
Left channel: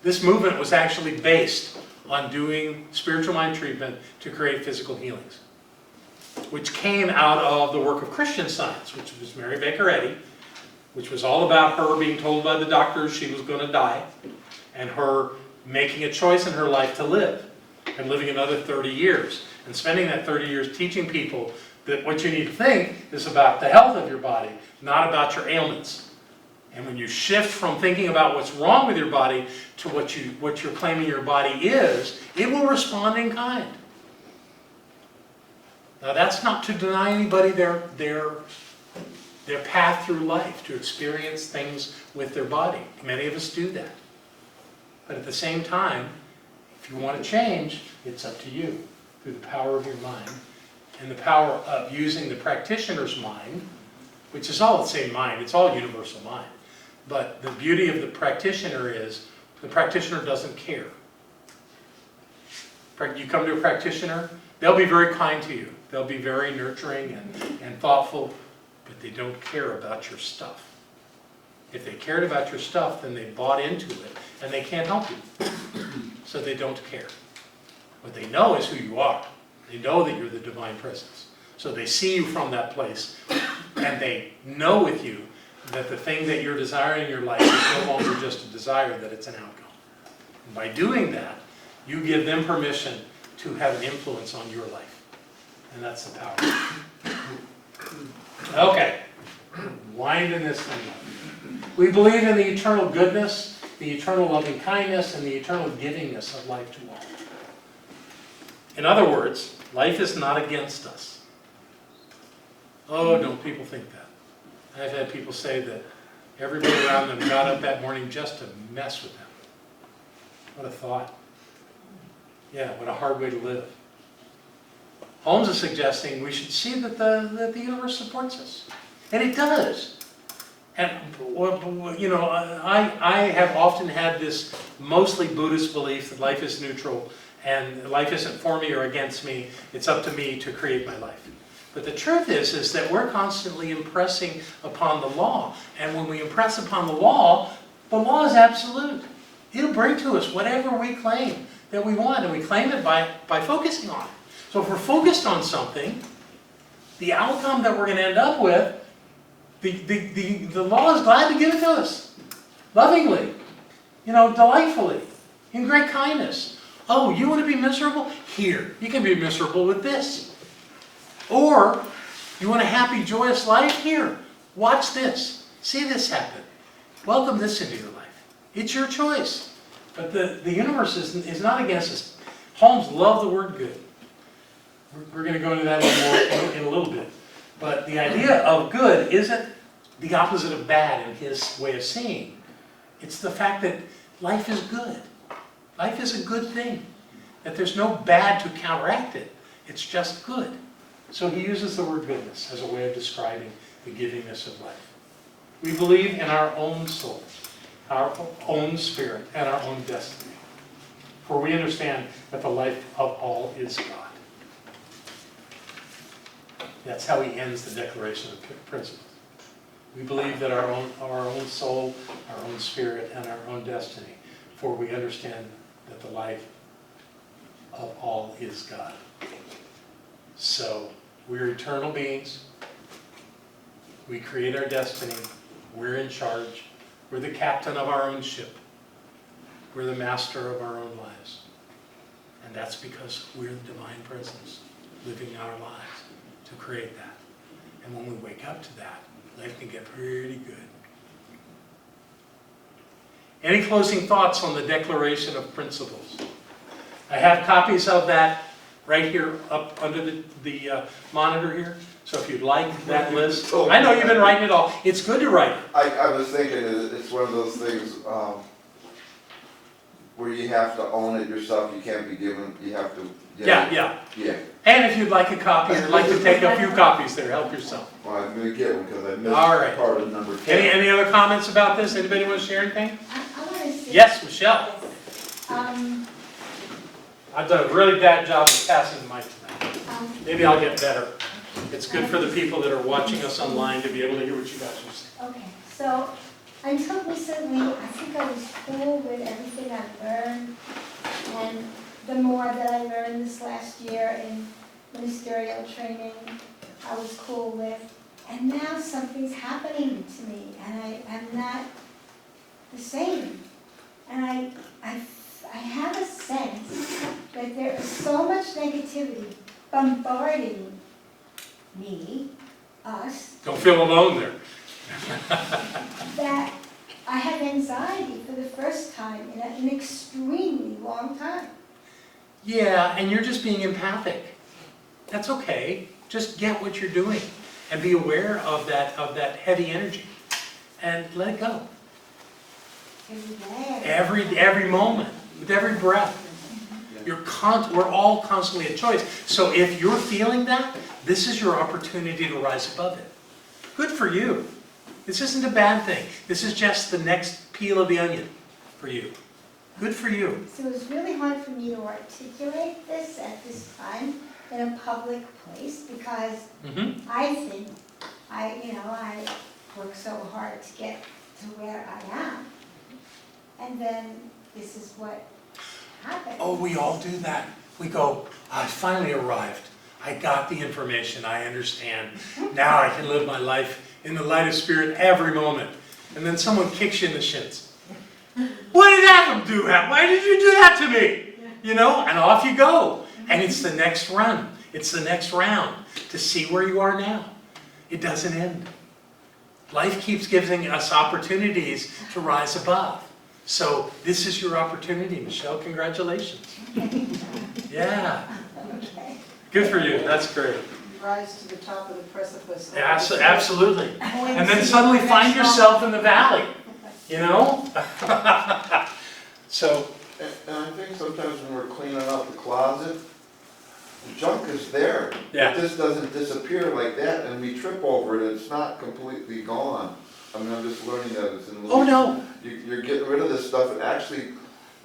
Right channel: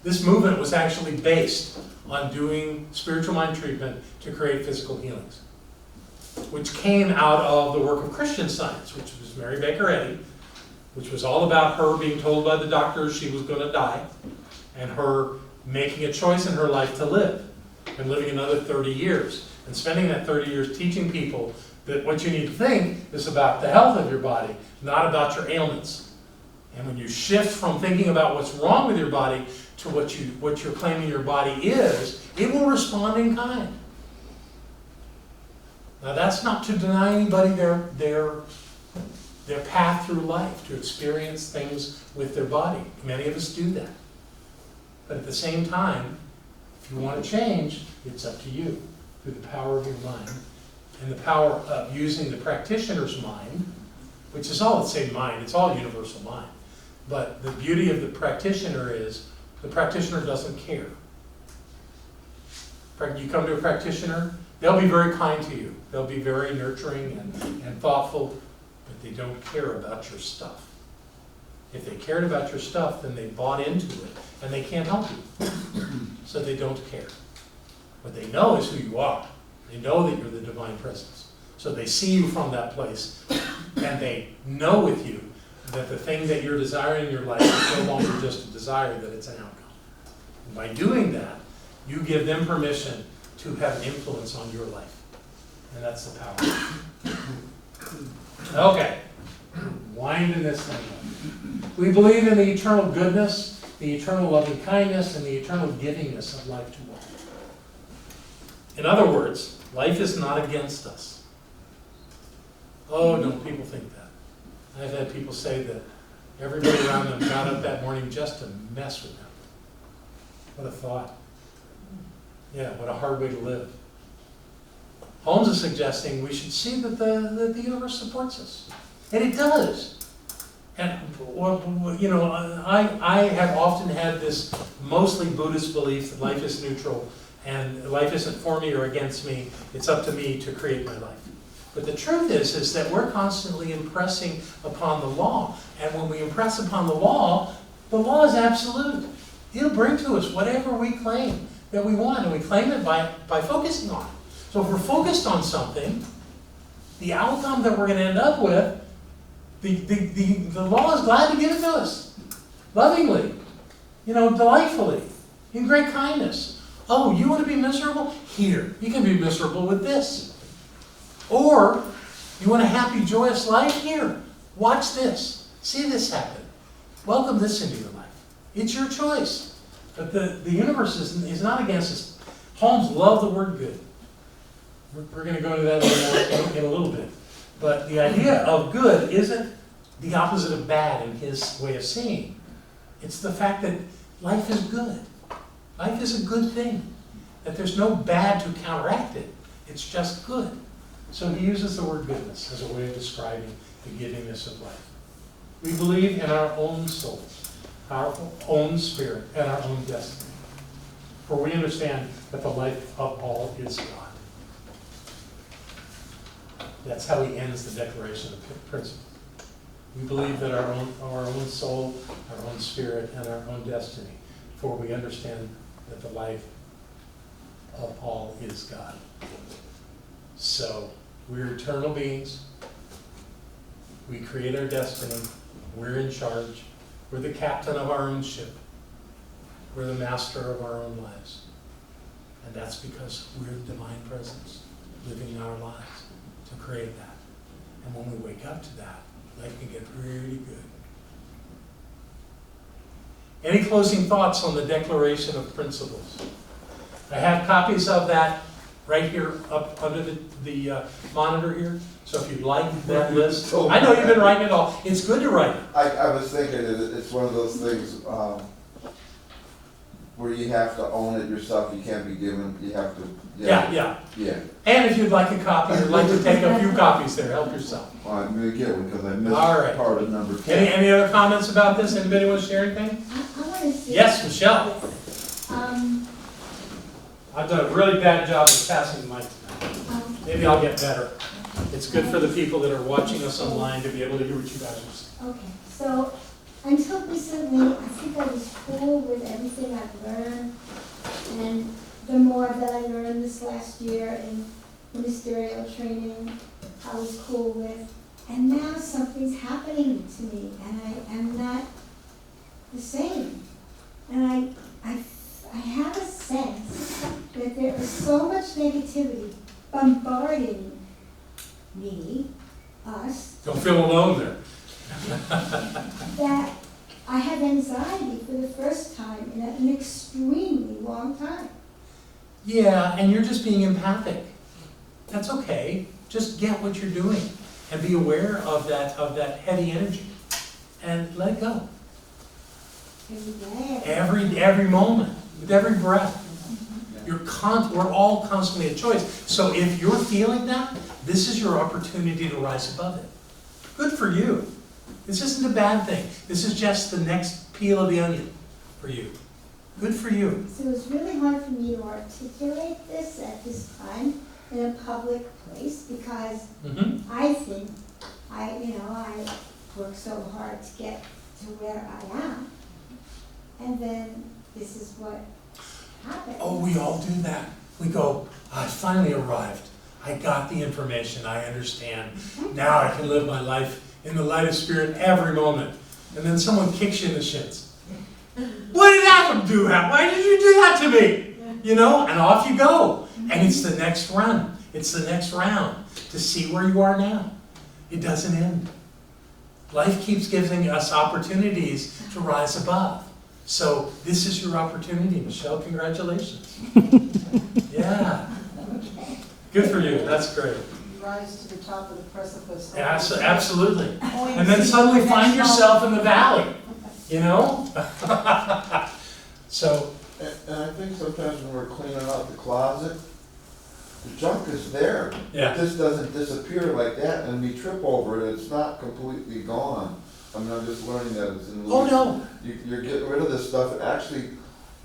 This movement was actually based on doing spiritual mind treatment to create physical healings, which came out of the work of Christian Science, which was Mary Baker Eddy, which was all about her being told by the doctors she was going to die, and her making a choice in her life to live, and living another 30 years, and spending that 30 years teaching people that what you need to think is about the health of your body, not about your ailments. And when you shift from thinking about what's wrong with your body to what you're claiming your body is, it will respond in kind. Now that's not to deny anybody their path through life, to experience things with their body. Many of us do that. But at the same time, if you want to change, it's up to you through the power of your mind and the power of using the practitioner's mind, which is all the same mind, it's all universal mind. But the beauty of the practitioner is the practitioner doesn't care. You come to a practitioner, they'll be very kind to you. They'll be very nurturing and thoughtful, but they don't care about your stuff. If they cared about your stuff, then they bought into it, and they can't help you. So they don't care. What they know is who you are. They know that you're the divine presence. So they see you from that place, and they know with you that the thing that you're desiring in your life is no longer just a desire, that it's an outcome. And by doing that, you give them permission to have an influence on your life. And that's the power. Okay. Winding this thing up. We believe in the eternal goodness, the eternal loving kindness, and the eternal givingness of life to all. In other words, life is not against us. Oh, don't people think that? I've had people say that everybody around them got up that morning just to mess with them. What a thought. Yeah, what a hard way to live. Holmes is suggesting we should see that the universe supports us. And it does. And, you know, I have often had this mostly Buddhist belief that life is neutral and life isn't for me or against me. It's up to me to create my life. But the truth is that we're constantly impressing upon the law. And when we impress upon the law is absolute. It'll bring to us whatever we claim that we want, and we claim it by focusing on it. So if we're focused on something, the outcome that we're going to end up with, the law is glad to give it to us. Lovingly. You know, delightfully. In great kindness. Oh, you want to be miserable? Here. You can be miserable with this. Or, you want a happy, joyous life? Here. Watch this. See this happen. Welcome this into your life. It's your choice. But the universe is not against us. Holmes loved the word good. We're going to go into that more in a little bit. But the idea of good isn't the opposite of bad in his way of seeing. It's the fact that life is good. Life is a good thing. That there's no bad to counteract it. It's just good. So he uses the word goodness as a way of describing the givingness of life. We believe in our own soul, our own spirit, and our own destiny. For we understand that the life of all is God. That's how he ends the Declaration of Principles. We believe that our own soul, our own spirit, and our own destiny. For we understand that the life of all is God. So, we're eternal beings. We create our destiny. We're in charge. We're the captain of our own ship. We're the master of our own lives. And that's because we're the divine presence, living our lives to create that. And when we wake up to that, life can get pretty good. Any closing thoughts on the Declaration of Principles? I have copies of that right here up under the monitor here. So if you'd like that list. I know you've been writing it all. It's good to write it. I was thinking it's one of those things where you have to own it yourself. You can't be given, you have to Yeah. Yeah. And if you'd like a copy, or like to take a few copies there, help yourself. Well, I'm gonna get one because I missed All right. part of number 10. Any other comments about this? Anybody want to share anything? I want to say. Yes, Michelle. I've done a really bad job of passing the mic tonight. Maybe I'll get better. It's good for the people that are watching us online to be able to hear what you guys are saying. Okay, so until recently, I think I was cool with everything I've learned. And the more that I learned this last year in ministerial training, I was cool with. And now something's happening to me, and I am not the same. And I have a sense that there is so much negativity bombarding me, us, Don't feel alone there. that I have anxiety for the first time in an extremely long time. Yeah, and you're just being empathic. That's okay. Just get what you're doing and be aware of that heavy energy and let it go. Every moment, with every breath. We're all constantly at choice. So if you're feeling that, this is your opportunity to rise above it. Good for you. This isn't a bad thing. This is just the next peel of the onion for you. Good for you. So it's really hard for me to articulate this at this time in a public place because I think I work so hard to get to where I am, and then this is what happens. Oh, we all do that. We go, I finally arrived. I got the information. I understand. Now I can live my life in the light of spirit every moment. And then someone kicks you in the shins. What did Adam do? Why did you do that to me? You know, and off you go. And it's the next run. It's the next round to see where you are now. It doesn't end. Life keeps giving us opportunities to rise above. So this is your opportunity, Michelle. Congratulations. Yeah. Good for you. That's great. Rise to the top of the precipice. Yeah, absolutely. And then suddenly find yourself in the valley, you know? So. And I think sometimes when we're cleaning out the closet, the junk is there. Yeah. It just doesn't disappear like that, and we trip over it, and it's not completely gone. I mean, I'm just learning that it's in. Oh no. You're getting rid of this stuff, and actually,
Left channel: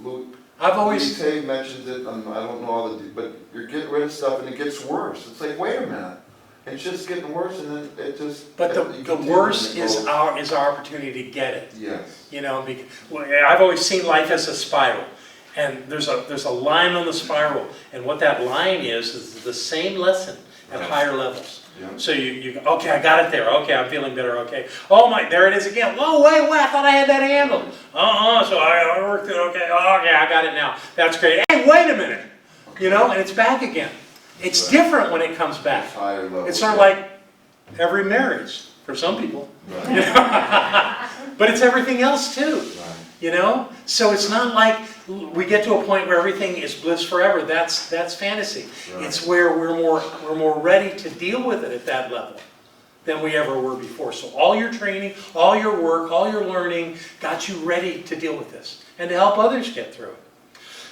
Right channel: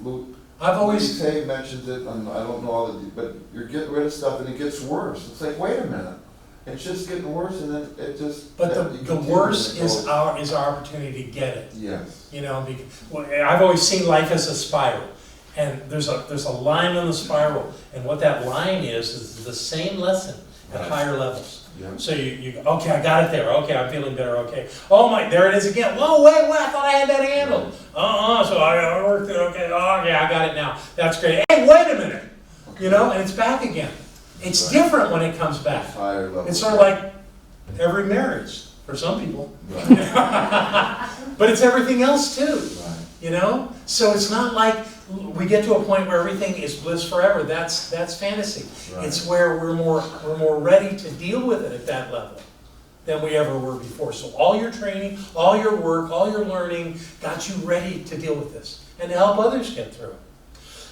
Luke. I've always. Tay mentions it. I don't know all the, but you're getting rid of stuff, and it gets worse. It's like, wait a minute, it's just getting worse, and then it just. But the worse is our opportunity to get it. Yes. You know, because, well, I've always seen life as a spiral, and there's a line on the spiral, and what that line is the same lesson at higher levels. Yeah. So you okay, I got it there. Okay, I'm feeling better. Okay. Oh my, there it is again. Whoa, wait, I thought I had that handle. So I worked it. Okay, okay, I got it now. That's great. Hey, wait a minute. Okay. You know, and it's back again. It's different when it comes back. Higher level. It's sort of like every marriage for some people. Right. But it's everything else too. Right. You know? So it's not like we get to a point where everything is bliss forever. That's fantasy. Right. It's where we're more ready to deal with it at that level than we ever were before. So all your training, all your work, all your learning got you ready to deal with this and to help others get through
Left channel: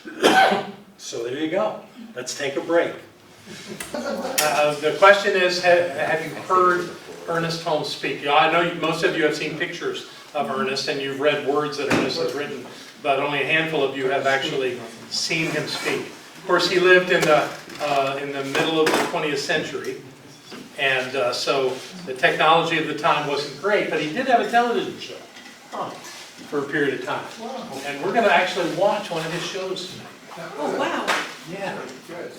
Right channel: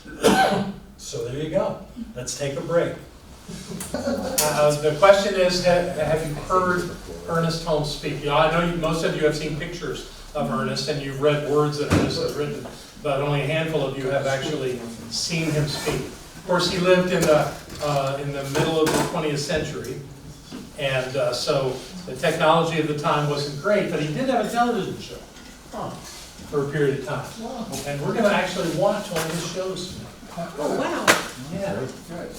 it. So there you go. Let's take a break. The question is, have you heard Ernest Holmes speak? I know most of you have seen pictures of Ernest and you've read words that Ernest has written, but only a handful of you have actually seen him speak. Of course, he lived in the middle of the 20th century, and so the technology of the time wasn't great, but he did have a television show for a period of time. And we're going to actually watch one of his shows tonight. Oh, wow. Yeah. Good.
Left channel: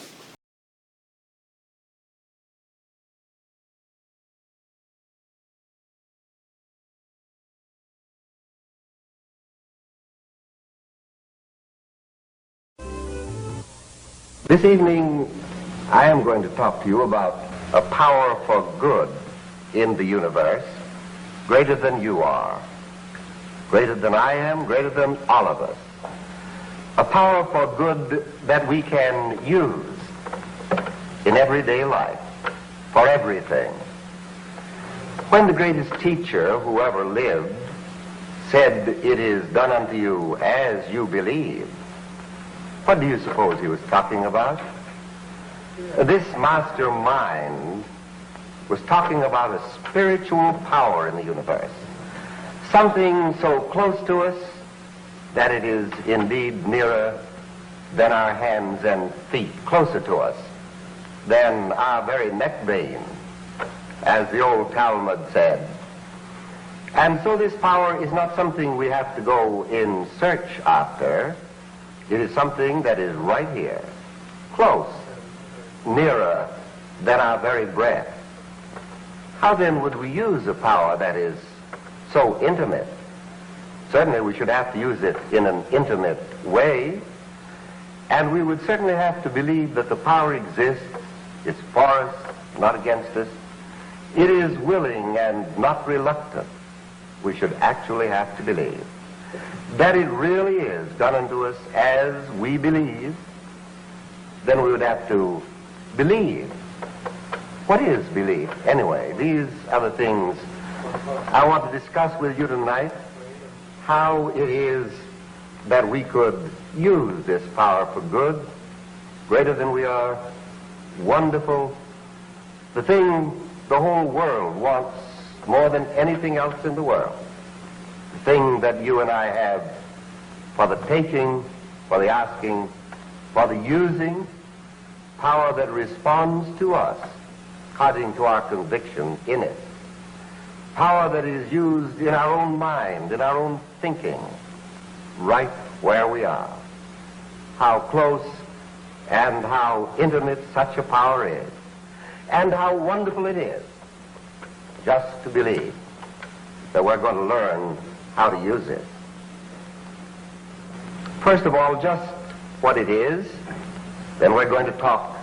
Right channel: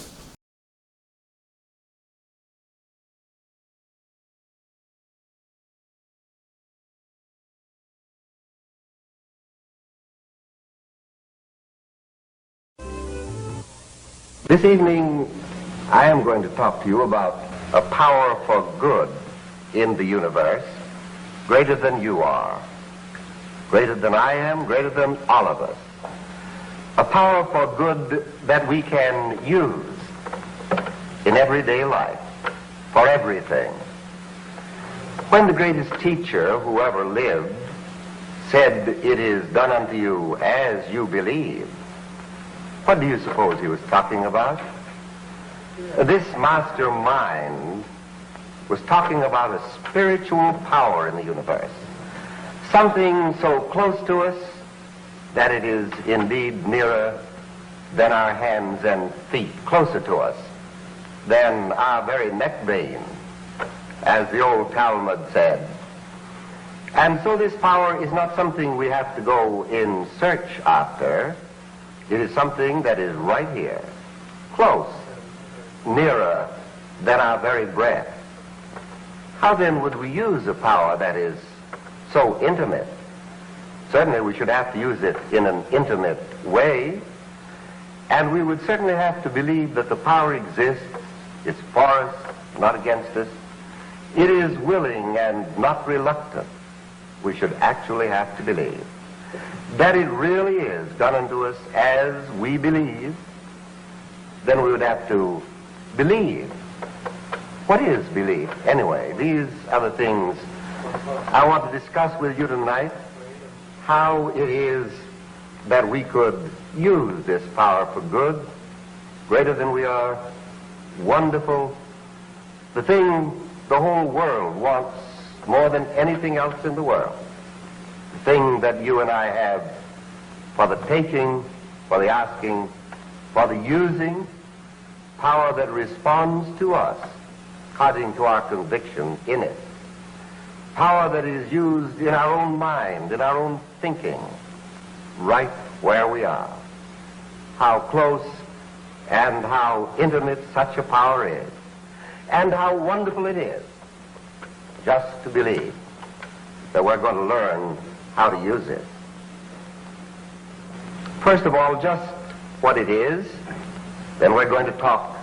This evening, I am going to talk to you about a power for good in the universe, greater than you are, greater than I am, greater than all of us. A power for good that we can use in everyday life, for everything. When the greatest teacher who ever lived said, "It is done unto you as you believe," what do you suppose he was talking about? This mastermind was talking about a spiritual power in the universe. Something so close to us that it is indeed nearer than our hands and feet, closer to us than our very neck vein, as the old Talmud said. And so this power is not something we have to go in search after. It is something that is right here, close, nearer than our very breath. How then would we use a power that is so intimate? Certainly we should have to use it in an intimate way, and we would certainly have to believe that the power exists. It's for us, not against us. It is willing and not reluctant. We should actually have to believe that it really is done unto us as we believe. Then we would have to believe. What is belief, anyway? These are the things I want to discuss with you tonight. How it is that we could use this power for good, greater than we are, wonderful, the thing the whole world wants more than anything else in the world, the thing that you and I have for the taking, for the asking, for the using, power that responds to us according to our conviction in it, power that is used in our own mind, in our own thinking, right where we are. How close and how intimate such a power is, and how wonderful it is just to believe that we're going to learn how to use it. First of all, just what it is, then we're going to talk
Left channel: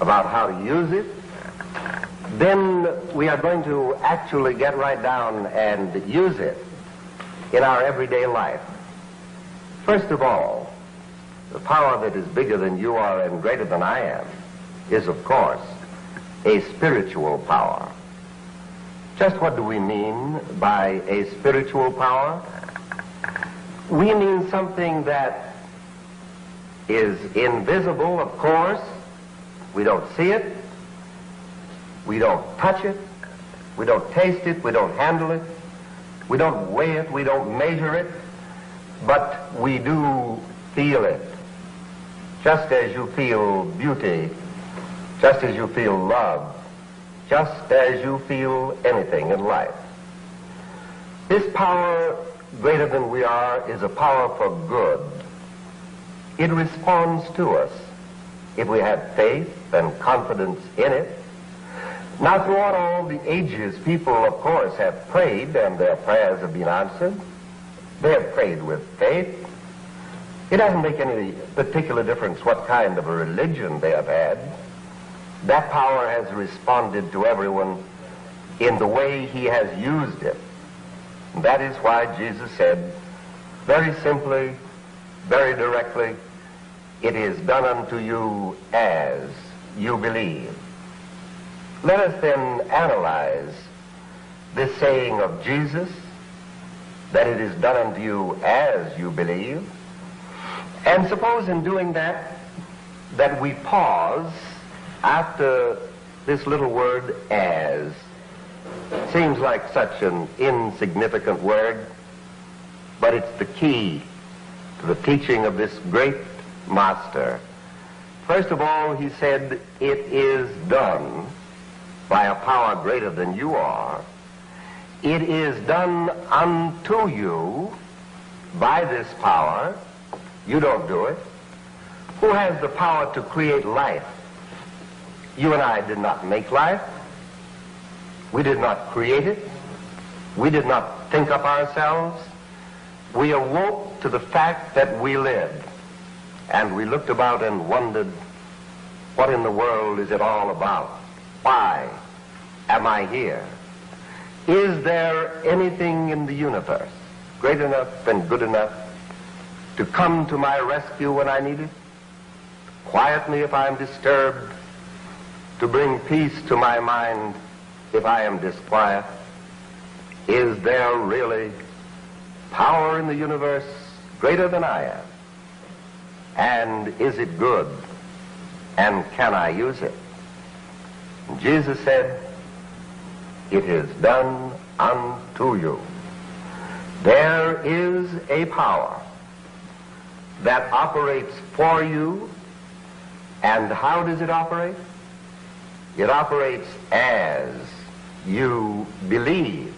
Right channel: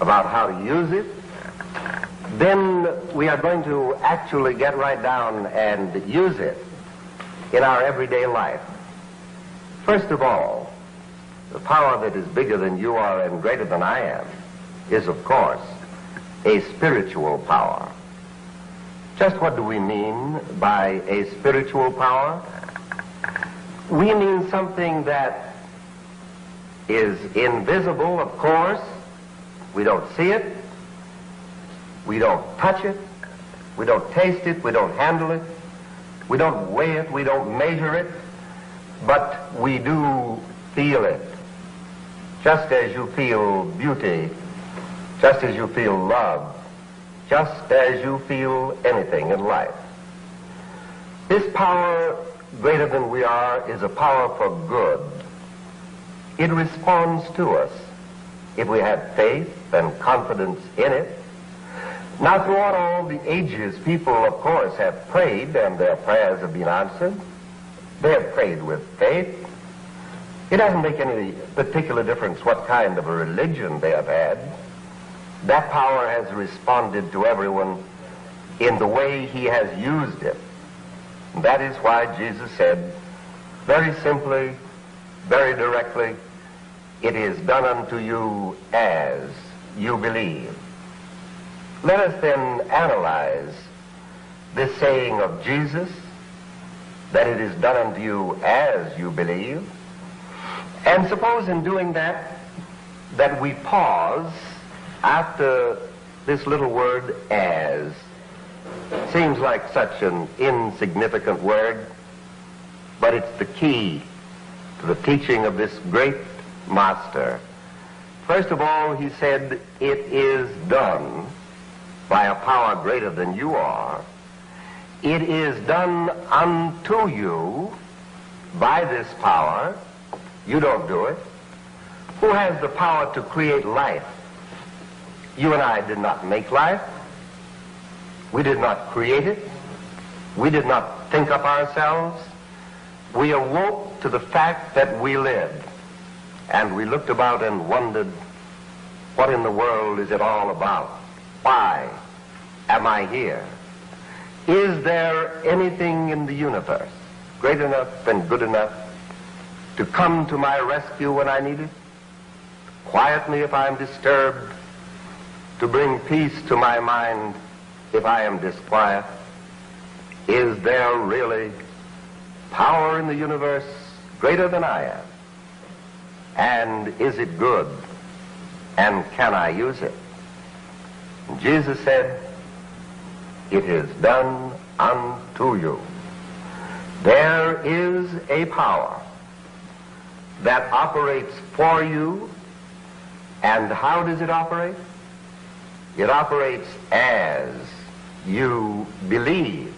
about how to use it. Then we are going to actually get right down and use it in our everyday life. First of all, the power that is bigger than you are and greater than I am is, of course, a spiritual power. Just what do we mean by a spiritual power? We mean something that is invisible, of course. We don't see it. We don't touch it. We don't taste it. We don't handle it. We don't weigh it. We don't measure it. But we do feel it. Just as you feel beauty, just as you feel love, just as you feel anything in life. This power, greater than we are, is a power for good. It responds to us if we have faith and confidence in it. Now, throughout all the ages, people, of course, have prayed, and their prayers have been answered. They have prayed with faith. It doesn't make any particular difference what kind of a religion they have had. That power has responded to everyone in the way he has used it. And that is why Jesus said, very simply, very directly, it is done unto you as you believe. Let us then analyze this saying of Jesus, that it is done unto you as you believe. And suppose in doing that, that we pause after this little word as. Seems like such an insignificant word, but it's the key to the teaching of this great master. First of all, he said, it is done by a power greater than you are. It is done unto you by this power. You don't do it. Who has the power to create life? You and I did not make life. We did not create it. We did not think up ourselves. We awoke to the fact that we lived. And we looked about and wondered, what in the world is it all about? Why am I here? Is there anything in the universe great enough and good enough to come to my rescue when I need it? Quiet me if I'm disturbed, to bring peace to my mind if I am disquiet? Is there really power in the universe greater than I am? And is it good? and can I use it? And Jesus said, it is done unto you. There is a power that operates for you. And how does it operate? It operates as you believe.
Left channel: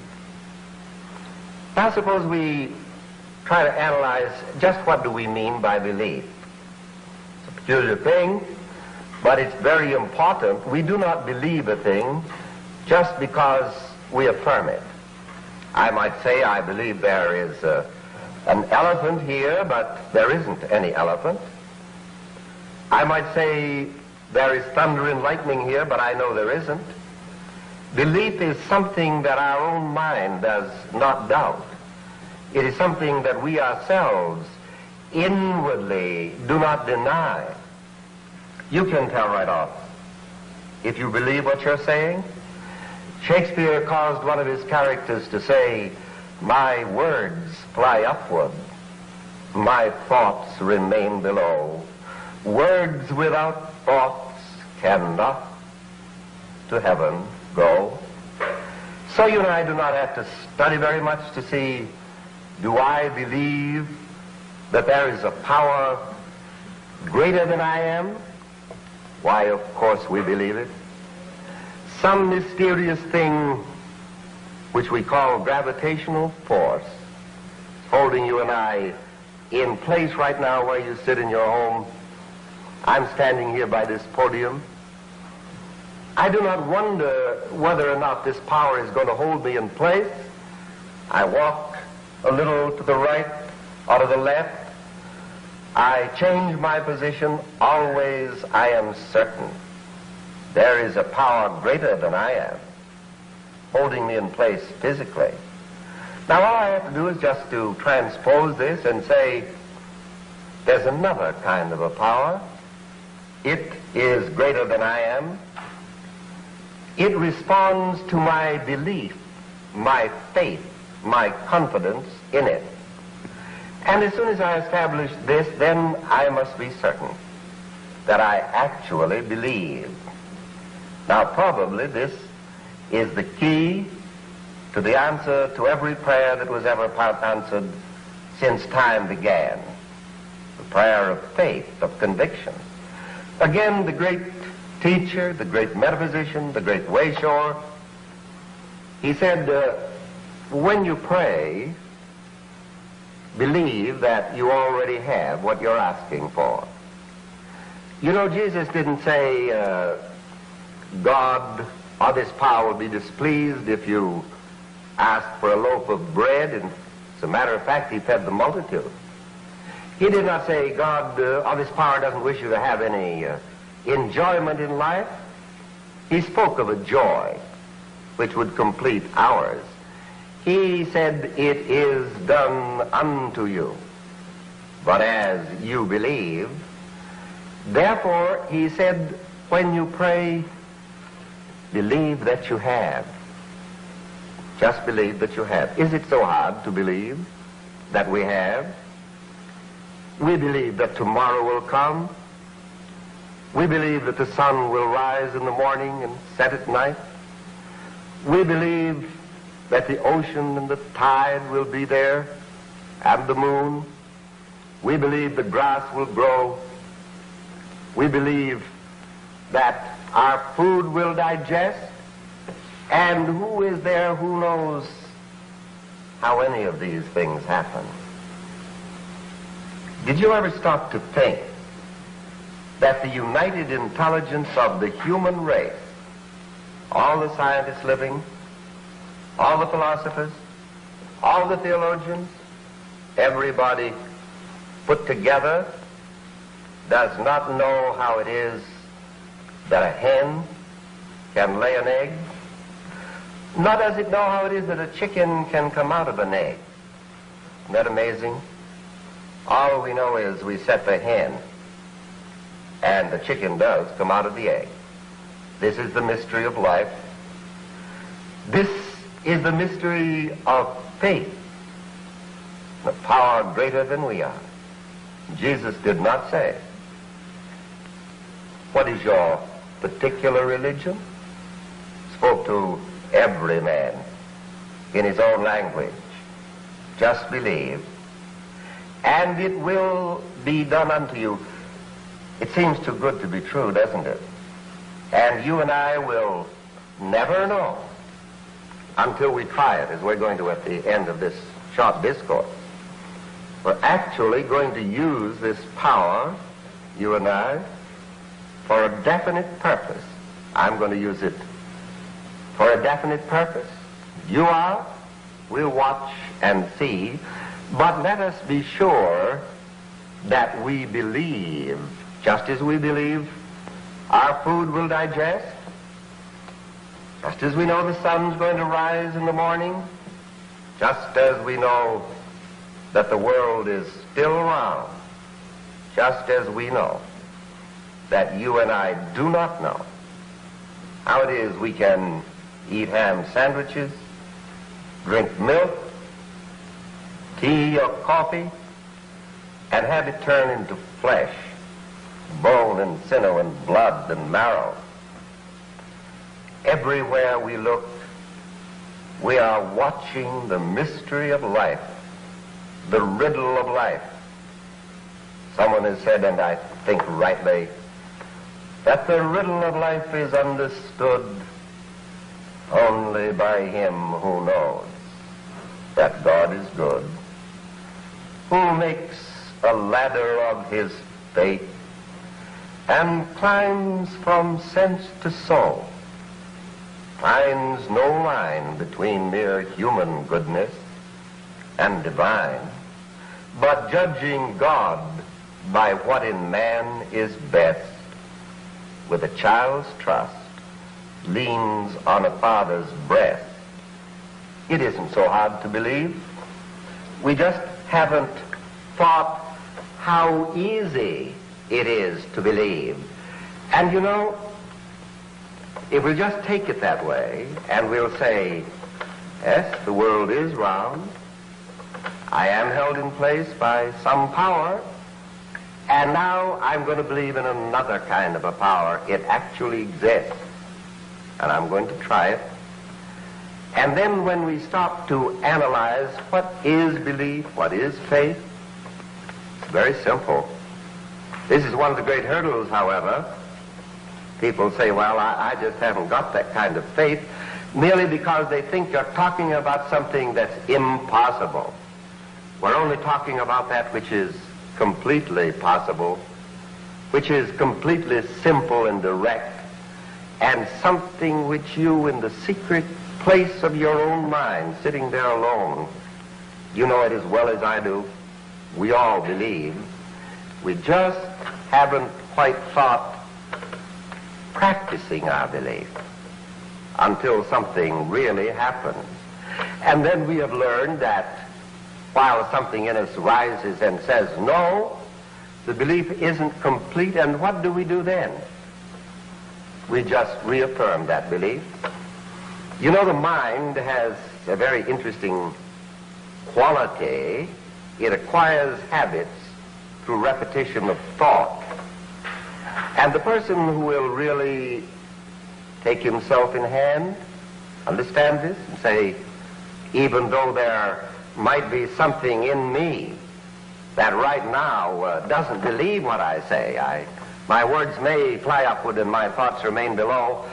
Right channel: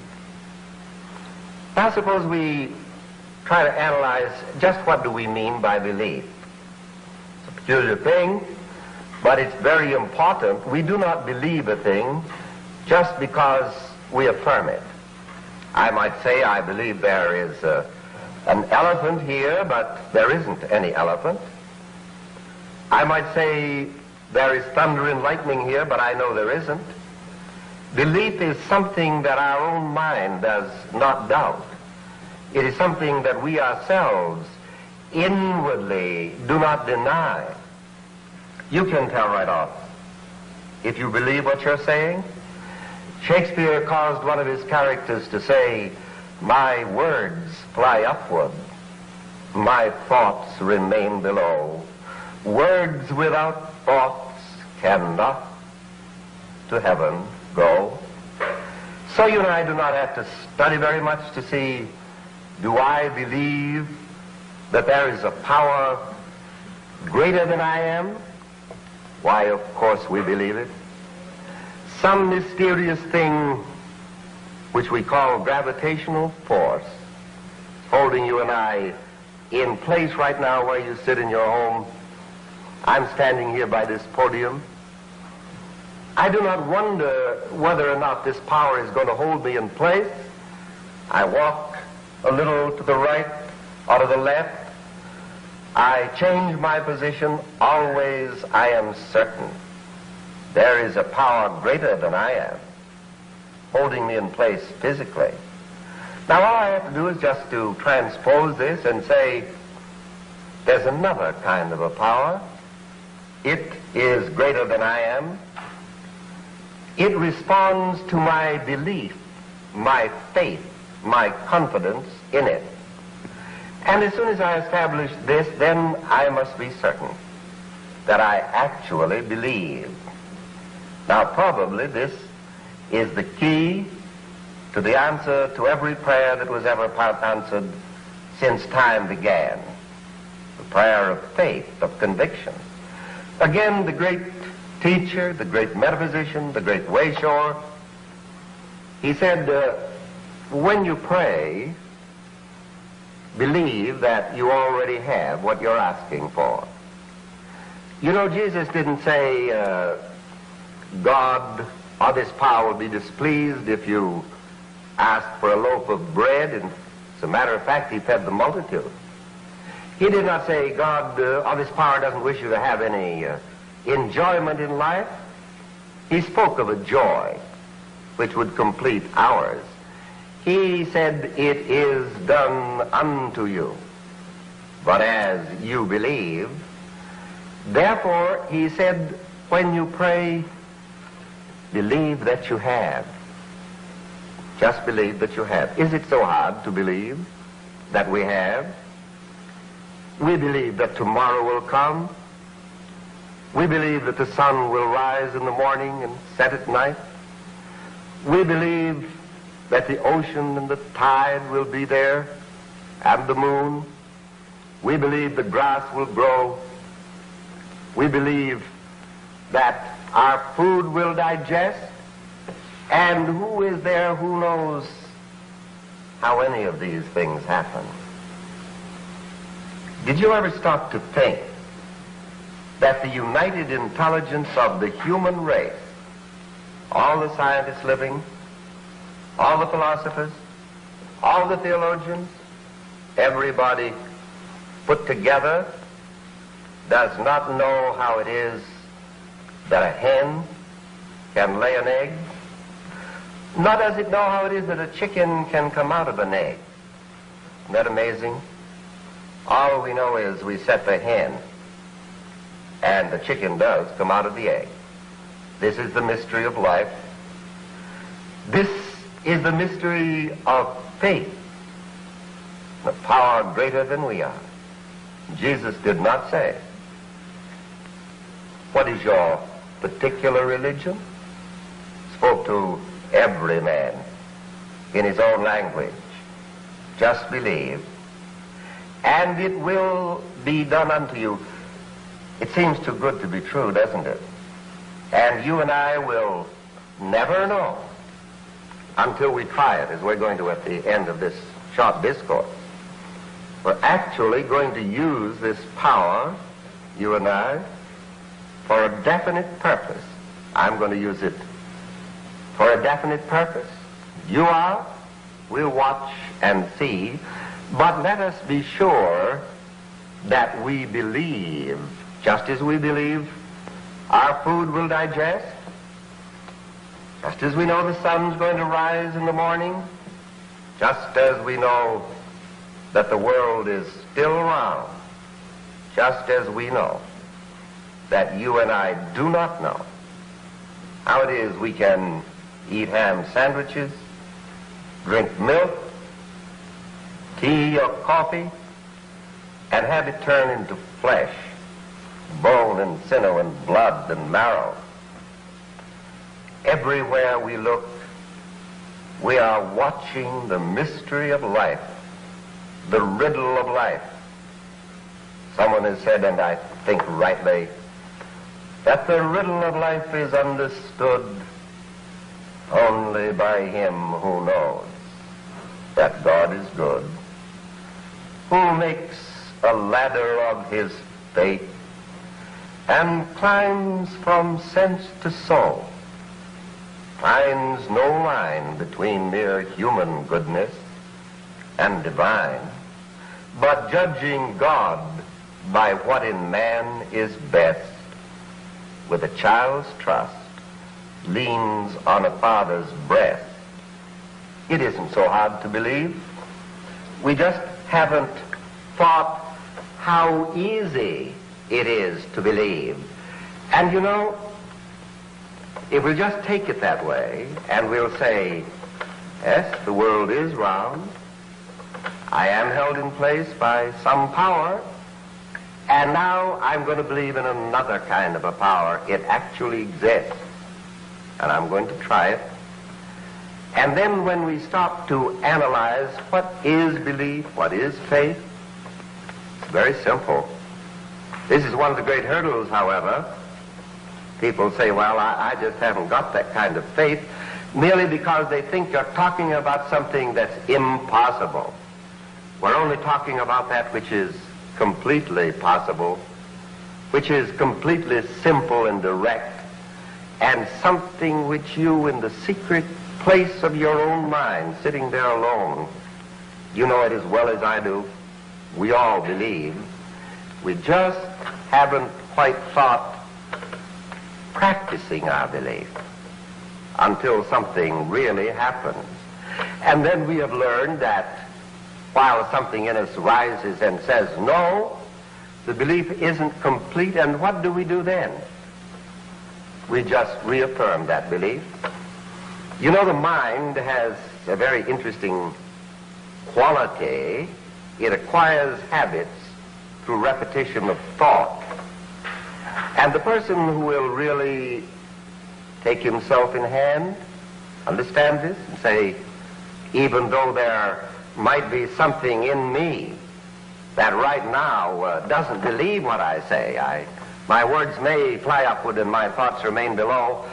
Now suppose we try to analyze just what do we mean by belief. It's a peculiar thing, but it's very important. We do not believe a thing just because we affirm it. I might say I believe there is an elephant here, but there isn't any elephant. I might say there is thunder and lightning here, but I know there isn't. Belief is something that our own mind does not doubt. It is something that we ourselves inwardly do not deny. You can tell right off if you believe what you're saying. Shakespeare caused one of his characters to say, my words fly upward, my thoughts remain below. Words without thoughts cannot to heaven go. So you and I do not have to study very much to see, do I believe that there is a power greater than I am? Why, of course we believe it. Some mysterious thing which we call gravitational force holding you and I in place right now where you sit in your home. I'm standing here by this podium. I do not wonder whether or not this power is going to hold me in place. I walk a little to the right or to the left. I change my position. Always I am certain there is a power greater than I am holding me in place physically. Now all I have to do is just to transpose this and say there's another kind of a power. It is greater than I am. It responds to my belief, my faith, my confidence in it. And as soon as I establish this, then I must be certain that I actually believe. Now probably this is the key to the answer to every prayer that was ever answered since time began. The prayer of faith, of conviction. Again, the great teacher, the great metaphysician, the great wayshower, he said, when you pray, believe that you already have what you're asking for. You know, Jesus didn't say, God or this power will be displeased if you ask for a loaf of bread, and as a matter of fact, he fed the multitude. He did not say, God or this power doesn't wish you to have any enjoyment in life. He spoke of a joy which would complete ours. He said, it is done unto you, but as you believe. Therefore, he said, when you pray, believe that you have. Just believe that you have. Is it so hard to believe that we have? We believe that tomorrow will come. We believe that the sun will rise in the morning and set at night. We believe that the ocean and the tide will be there, and the moon. We believe the grass will grow. We believe that our food will digest. And who is there who knows how any of these things happen? Did you ever stop to think that the united intelligence of the human race, all the scientists living, all the philosophers, all the theologians, everybody put together, does not know how it is that a hen can lay an egg? Nor does it know how it is that a chicken can come out of an egg. Isn't that amazing? All we know is we set the hen, and the chicken does come out of the egg. This is the mystery of life. This is the mystery of faith, the power greater than we are. Jesus did not say, what is your particular religion? Spoke to every man in his own language. Just believe, and it will be done unto you. It seems too good to be true, doesn't it? And you and I will never know until we try it, as we're going to at the end of this short discourse. We're actually going to use this power, you and I, for a definite purpose. I'm going to use it for a definite purpose. You are. We'll watch and see. But let us be sure that we believe, just as we believe our food will digest, just as we know the sun's going to rise in the morning, just as we know that the world is still round, just as we know that you and I do not know how it is we can eat ham sandwiches, drink milk, tea or coffee, and have it turn into flesh, bone and sinew and blood and marrow. Everywhere we look, we are watching the mystery of life, the riddle of life. Someone has said, and I think rightly, that the riddle of life is understood only by him who knows that God is good, who makes a ladder of his faith and climbs from sense to soul, finds no line between mere human goodness and divine, but judging God by what in man is best, with a child's trust, leans on a father's breast. It isn't so hard to believe. We just haven't thought how easy it is to believe. And you know, if we'll just take it that way, and we'll say, yes, the world is round, I am held in place by some power, and now I'm going to believe in another kind of a power. It actually exists, and I'm going to try it. And then when we stop to analyze what is belief, what is faith, it's very simple. This is one of the great hurdles, however. People say, well, I just haven't got that kind of faith, merely because they think you're talking about something that's impossible. We're only talking about that which is completely possible, which is completely simple and direct, and something which you, in the secret place of your own mind, sitting there alone, you know it as well as I do. We all believe. We just haven't quite thought practicing our belief until something really happens. And then we have learned that while something in us rises and says no, the belief isn't complete, and what do we do then? We just reaffirm that belief. You know, the mind has a very interesting quality. It acquires habits through repetition of thought. And the person who will really take himself in hand, understand this, and say, even though there might be something in me that right now doesn't believe what I say, my words may fly upward and my thoughts remain below,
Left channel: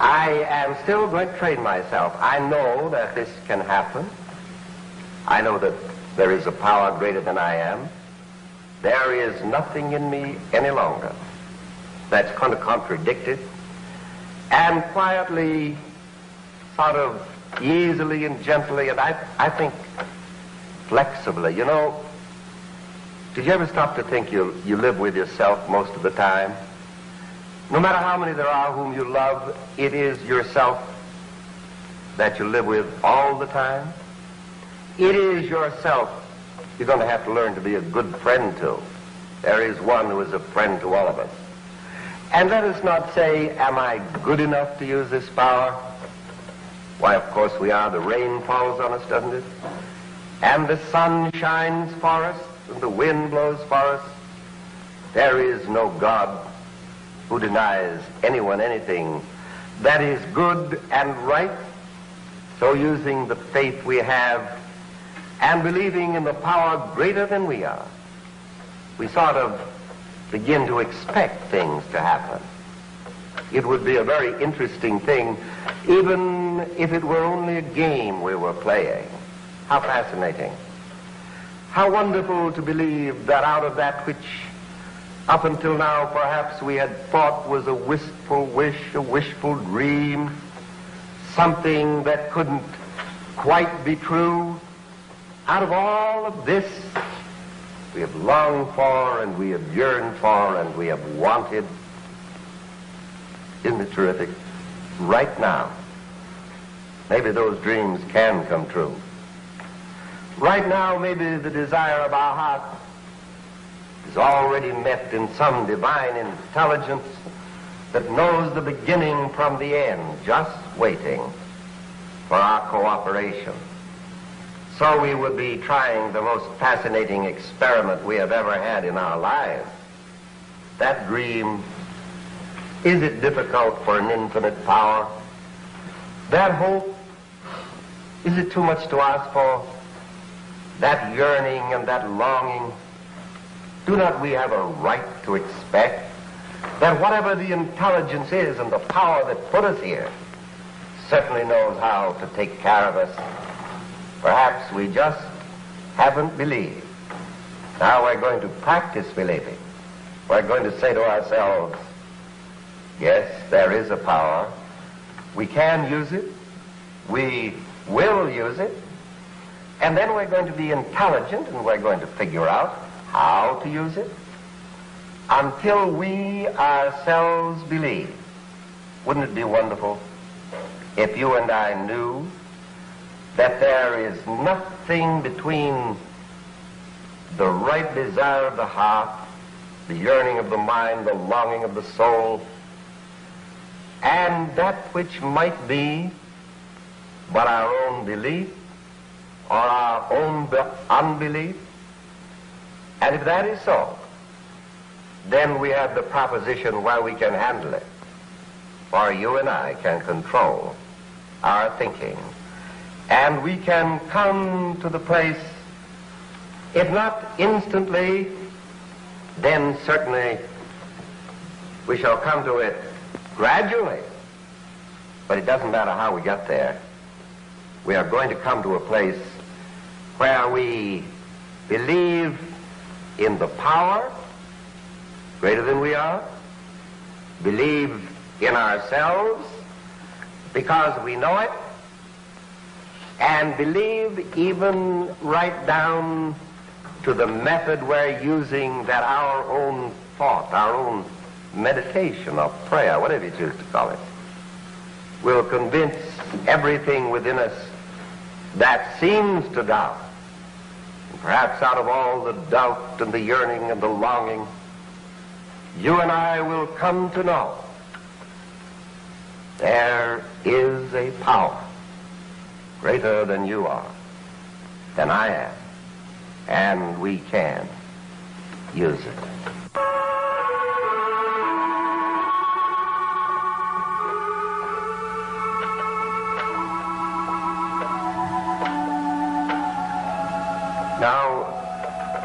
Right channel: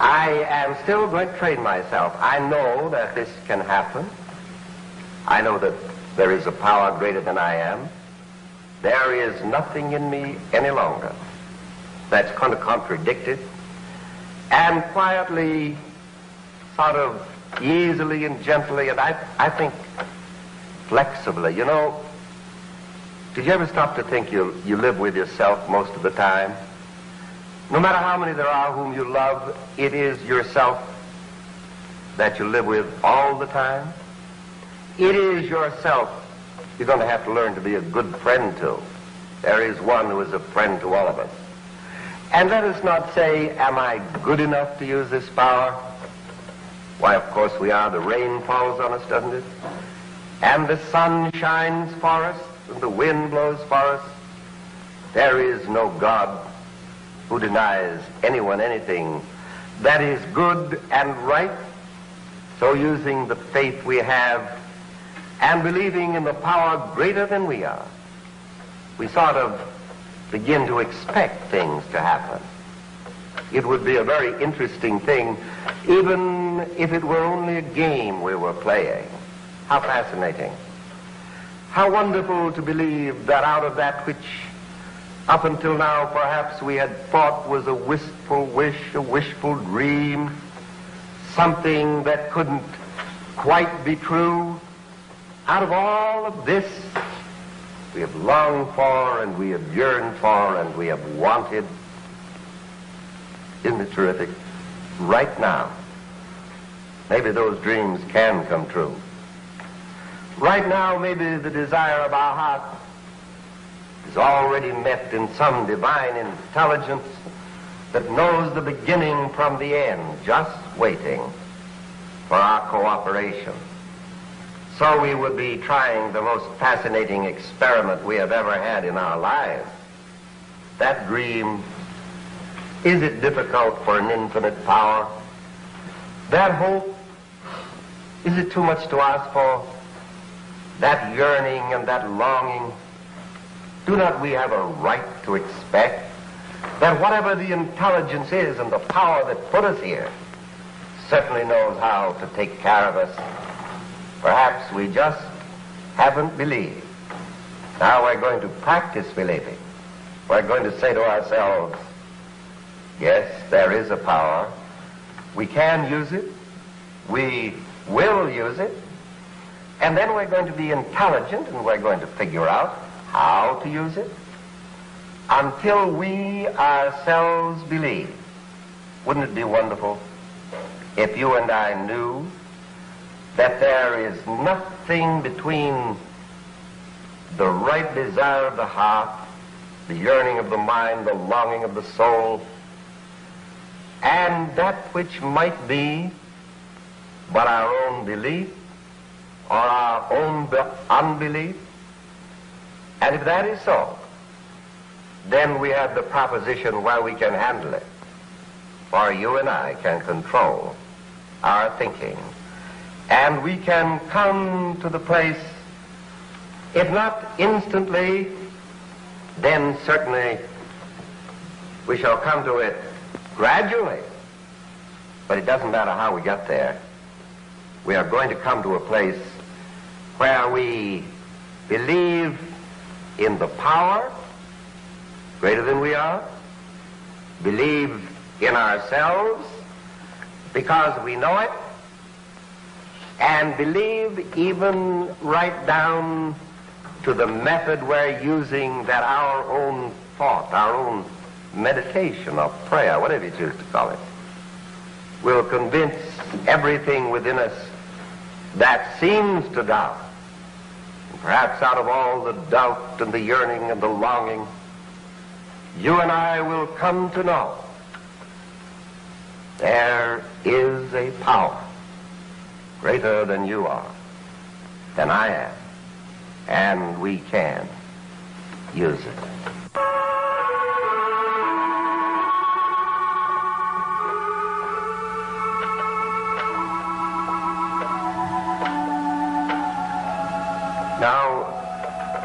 I am still going to train myself. I know that this can happen. I know that there is a power greater than I am. There is nothing in me any longer that's going to contradict it. And quietly, sort of easily and gently, and I think flexibly, you know, did you ever stop to think you live with yourself most of the time? No matter how many there are whom you love, it is yourself that you live with all the time. It is yourself you're going to have to learn to be a good friend to. There is one who is a friend to all of us. And let us not say, am I good enough to use this power? Why, of course we are. The rain falls on us, doesn't it? And the sun shines for us, and the wind blows for us. There is no God who denies anyone anything that is good and right. So using the faith we have and believing in the power greater than we are, we sort of begin to expect things to happen. It would be a very interesting thing, even if it were only a game we were playing. How fascinating. How wonderful to believe that out of that which up until now perhaps we had thought was a wistful wish, a wishful dream, something that couldn't quite be true, out of all of this we have longed for and we have yearned for and we have wanted. Isn't it terrific? Right now, maybe those dreams can come true. Right now, maybe the desire of our heart is already met in some divine intelligence that knows the beginning from the end, just waiting for our cooperation. So we would be trying the most fascinating experiment we have ever had in our lives. That dream, is it difficult for an infinite power? That hope, is it too much to ask for? That yearning and that longing, do not we have a right to expect that whatever the intelligence is and the power that put us here certainly knows how to take care of us? Perhaps we just haven't believed. Now we're going to practice believing. We're going to say to ourselves, yes, there is a power. We can use it. We will use it. And then we're going to be intelligent and we're going to figure out how to use it until we ourselves believe. Wouldn't it be wonderful if you and I knew that there is nothing between the right desire of the heart, the yearning of the mind, the longing of the soul, and that which might be but our own belief or our own unbelief? And if that is so, then we have the proposition where we can handle it. For you and I can control our thinking. And we can come to the place, if not instantly, then certainly we shall come to it gradually. But it doesn't matter how we get there. We are going to come to a place where we believe in the power greater than we are, believe in ourselves because we know it, and believe even right down to the method we're using, that our own thought, our own meditation or prayer, whatever you choose to call it, will convince everything within us that seems to doubt. And perhaps out of all the doubt and the yearning and the longing, you and I will come to know there is a power greater than you are, than I am, and we can use it. Now,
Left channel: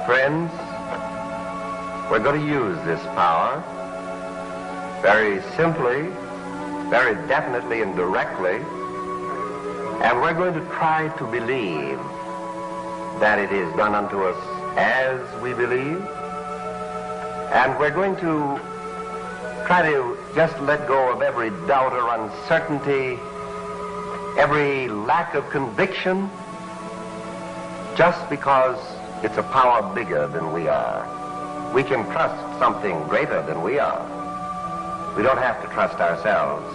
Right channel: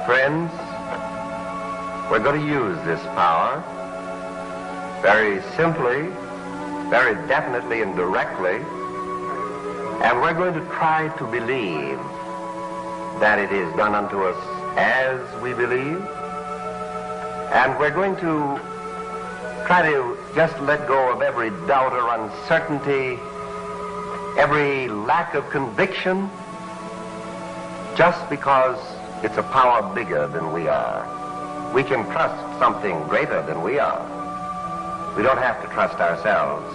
friends, we're going to use this power very simply, very definitely and directly, and we're going to try to believe that it is done unto us as we believe, and we're going to try to just let go of every doubt or uncertainty, every lack of conviction, just because it's a power bigger than we are. We can trust something greater than we are. We don't have to trust ourselves.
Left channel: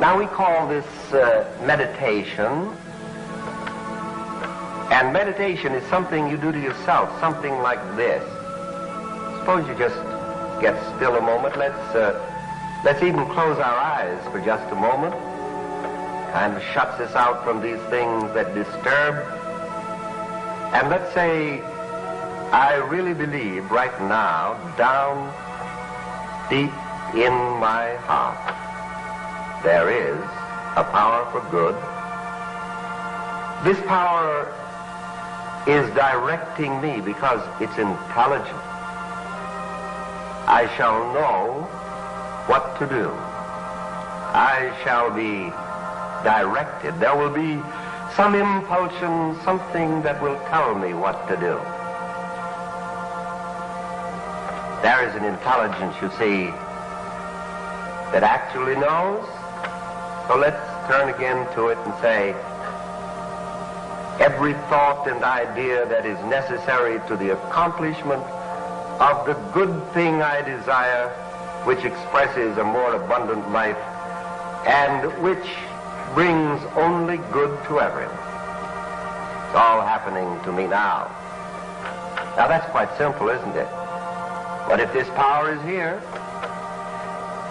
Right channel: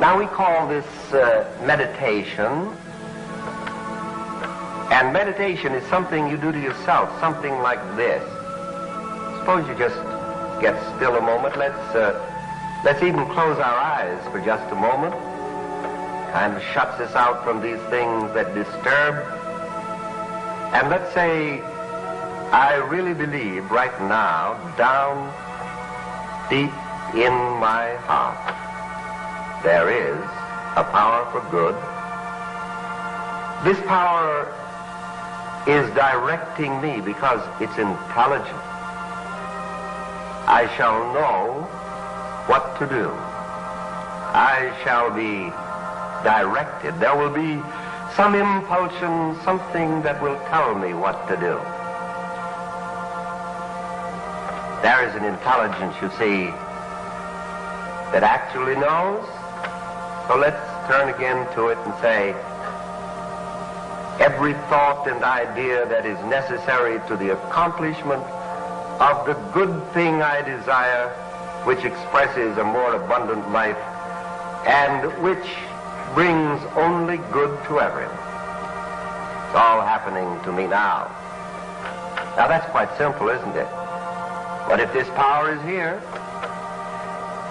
Now we call this meditation, and meditation is something you do to yourself, something like this. Suppose you just get still a moment. Let's even close our eyes for just a moment. Kind of shuts us out from these things that disturb. And let's say, I really believe right now, down deep in my heart there is a power for good. This power is directing me because it's intelligent. I shall know what to do. I shall be directed. There will be some impulsion, something that will tell me what to do. There is an intelligence, you see, that actually knows. So let's turn again to it and say, every thought and idea that is necessary to the accomplishment of the good thing I desire, which expresses a more abundant life and which brings only good to everyone. It's all happening to me now. Now that's quite simple, isn't it? But if this power is here,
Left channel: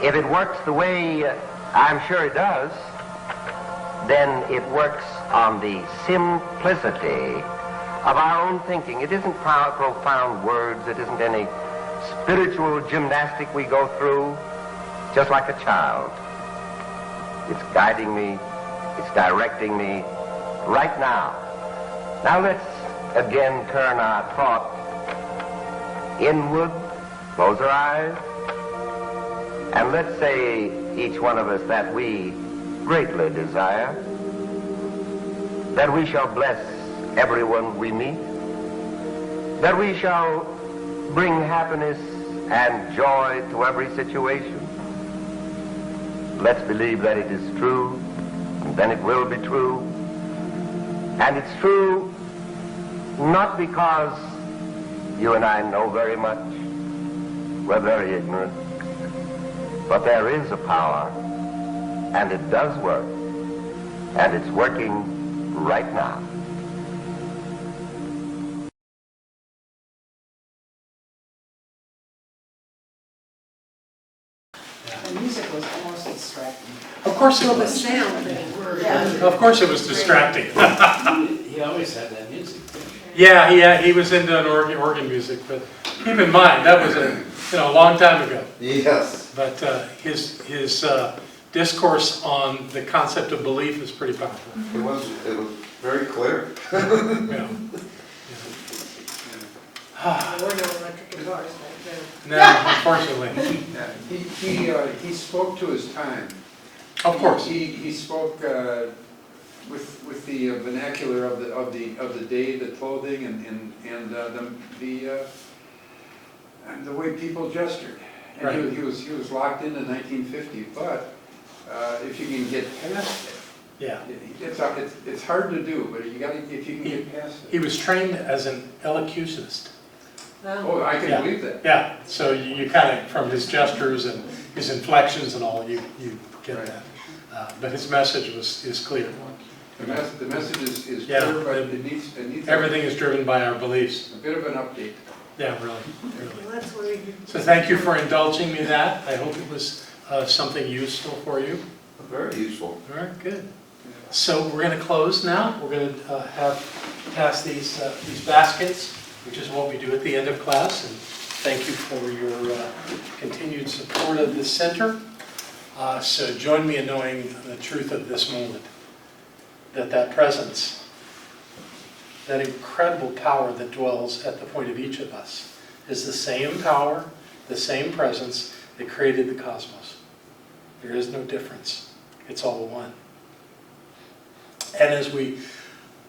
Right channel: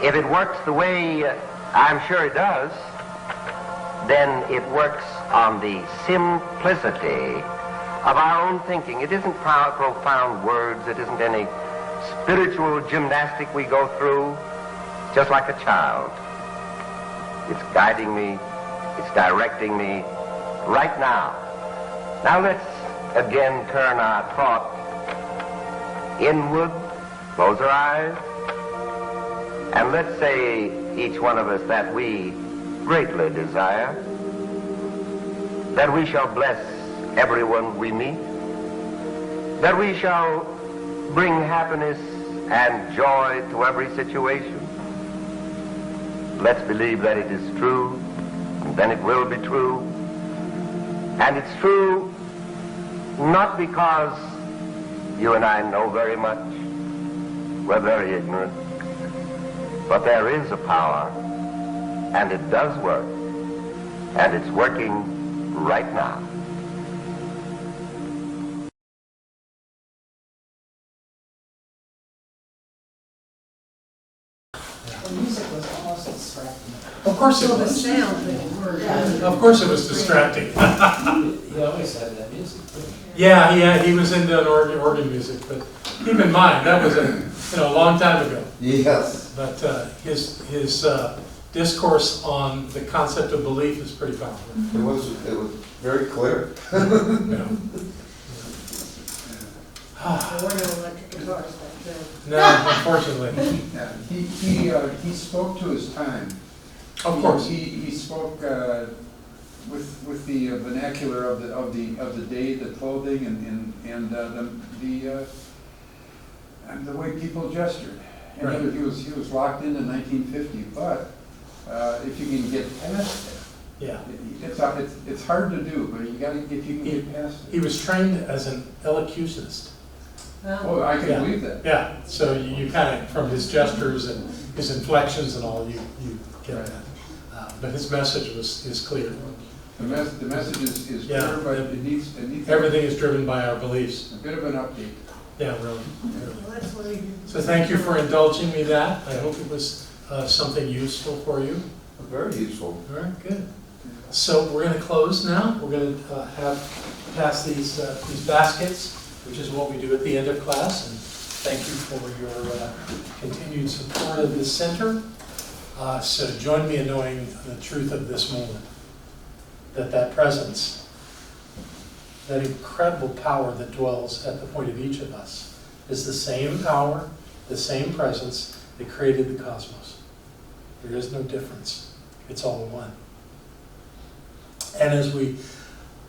if it works the way I'm sure it does, then it works on the simplicity of our own thinking. It isn't profound words. It isn't any spiritual gymnastic we go through. Just like a child. It's guiding me. It's directing me right now. Now let's again turn our thought inward, close our eyes, and let's say, each one of us, that we greatly desire that we shall bless everyone we meet, that we shall bring happiness and joy to every situation. Let's believe that it is true, and then it will be true. And it's true not because you and I know very much. We're very ignorant. But there is a power, and it does work, and it's working right now. The music was almost distracting. Of course it So the was. sound thing worked. Of course it was distracting. He always had that music. Yeah, he was into an organ music, but keep in mind, that was a long time ago. Yes. But his discourse on the concept of belief is pretty powerful. It was very clear. Yeah. There were no electric guitars back then. No, unfortunately. Yeah, he spoke to his time. Of course. He spoke with the vernacular of the day, the clothing, and the way people gestured. And Right. he was locked into 1950. But if you can get past Yeah. it, it's hard to do. But if you can get past He it. was trained as an elocutionist. Oh, I can Yeah. believe that. Yeah, so you kind of, from his gestures and his inflections and all, you get Right. that. But his message is clear. The message is Yeah. clear, but it needs Everything is driven by our beliefs. a bit of an update. Yeah, really. Well, that's where you. So thank you for indulging me that. I hope it was something useful for you. Very useful. All right, good. So we're going to close now. We're going to pass these baskets, which is what we do at the end of class. And thank you for your continued support of this center. So join me in knowing the truth of this moment, that presence, that incredible power that dwells at the point of each of us, is the same power, the same presence that created the cosmos. There is no difference. It's all one. And as we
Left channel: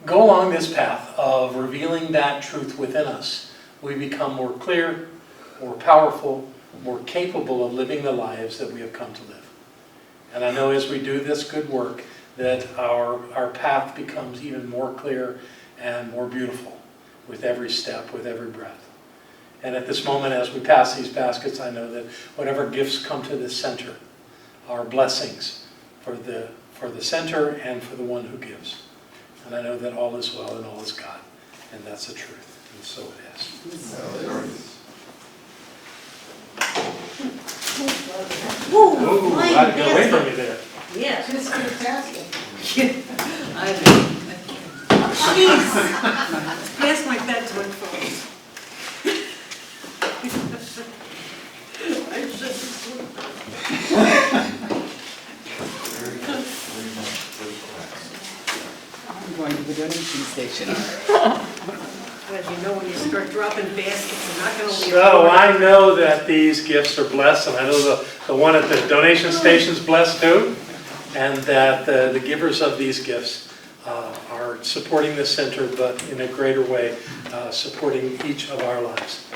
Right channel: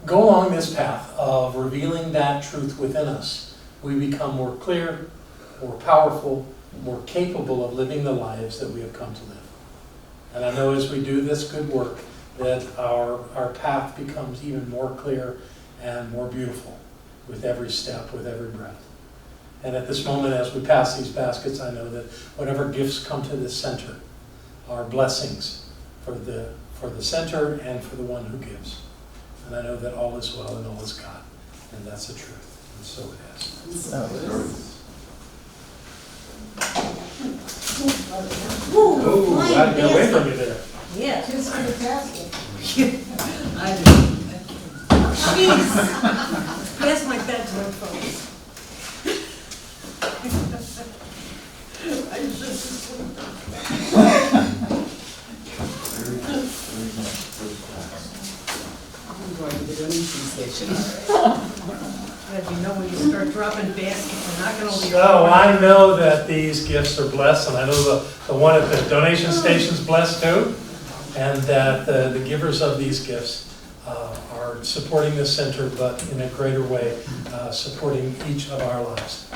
go along this path of revealing that truth within us, we become more clear, more powerful, more capable of living the lives that we have come to live. And I know as we do this good work that our path becomes even more clear and more beautiful with every step, with every breath. And at this moment, as we pass these baskets, I know that whatever gifts come to this center are blessings for the center and for the one who gives. And I know that all is well and all is God. And that's the truth. And so it is. Ooh, I got away from you there. Yeah, just fantastic. I know. Jeez. Pass my bedtime, folks. I should be sleeping. donation station. But you know, when you start dropping baskets, you're not gonna leave. So I know that these gifts are blessed, and I know the one at the donation station is blessed too, and that the givers of these gifts are supporting the center, but in a greater way, supporting each of our lives,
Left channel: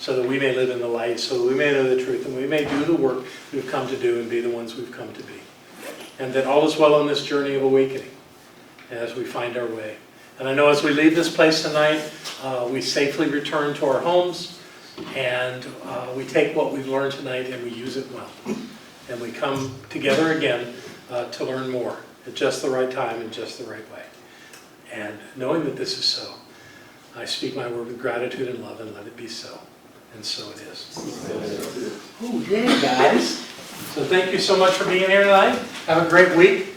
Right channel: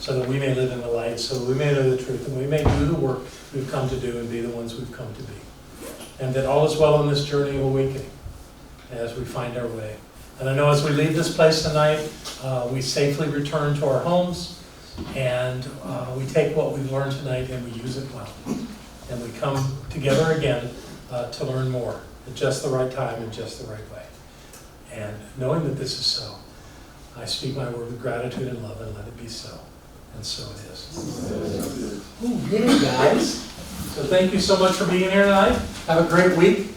so that we may live in the light, so that we may know the truth, and we may do the work we've come to do and be the ones we've come to be. And that all is well on this journey of awakening as we find our way. And I know as we leave this place tonight, we safely return to our homes, and we take what we've learned tonight and we use it well. And we come together again to learn more at just the right time and just the right way. And knowing that this is so, I speak my word with gratitude and love, and let it be so. And so it is. Oh, yeah, guys. So thank you so much for being here tonight. Have a great week.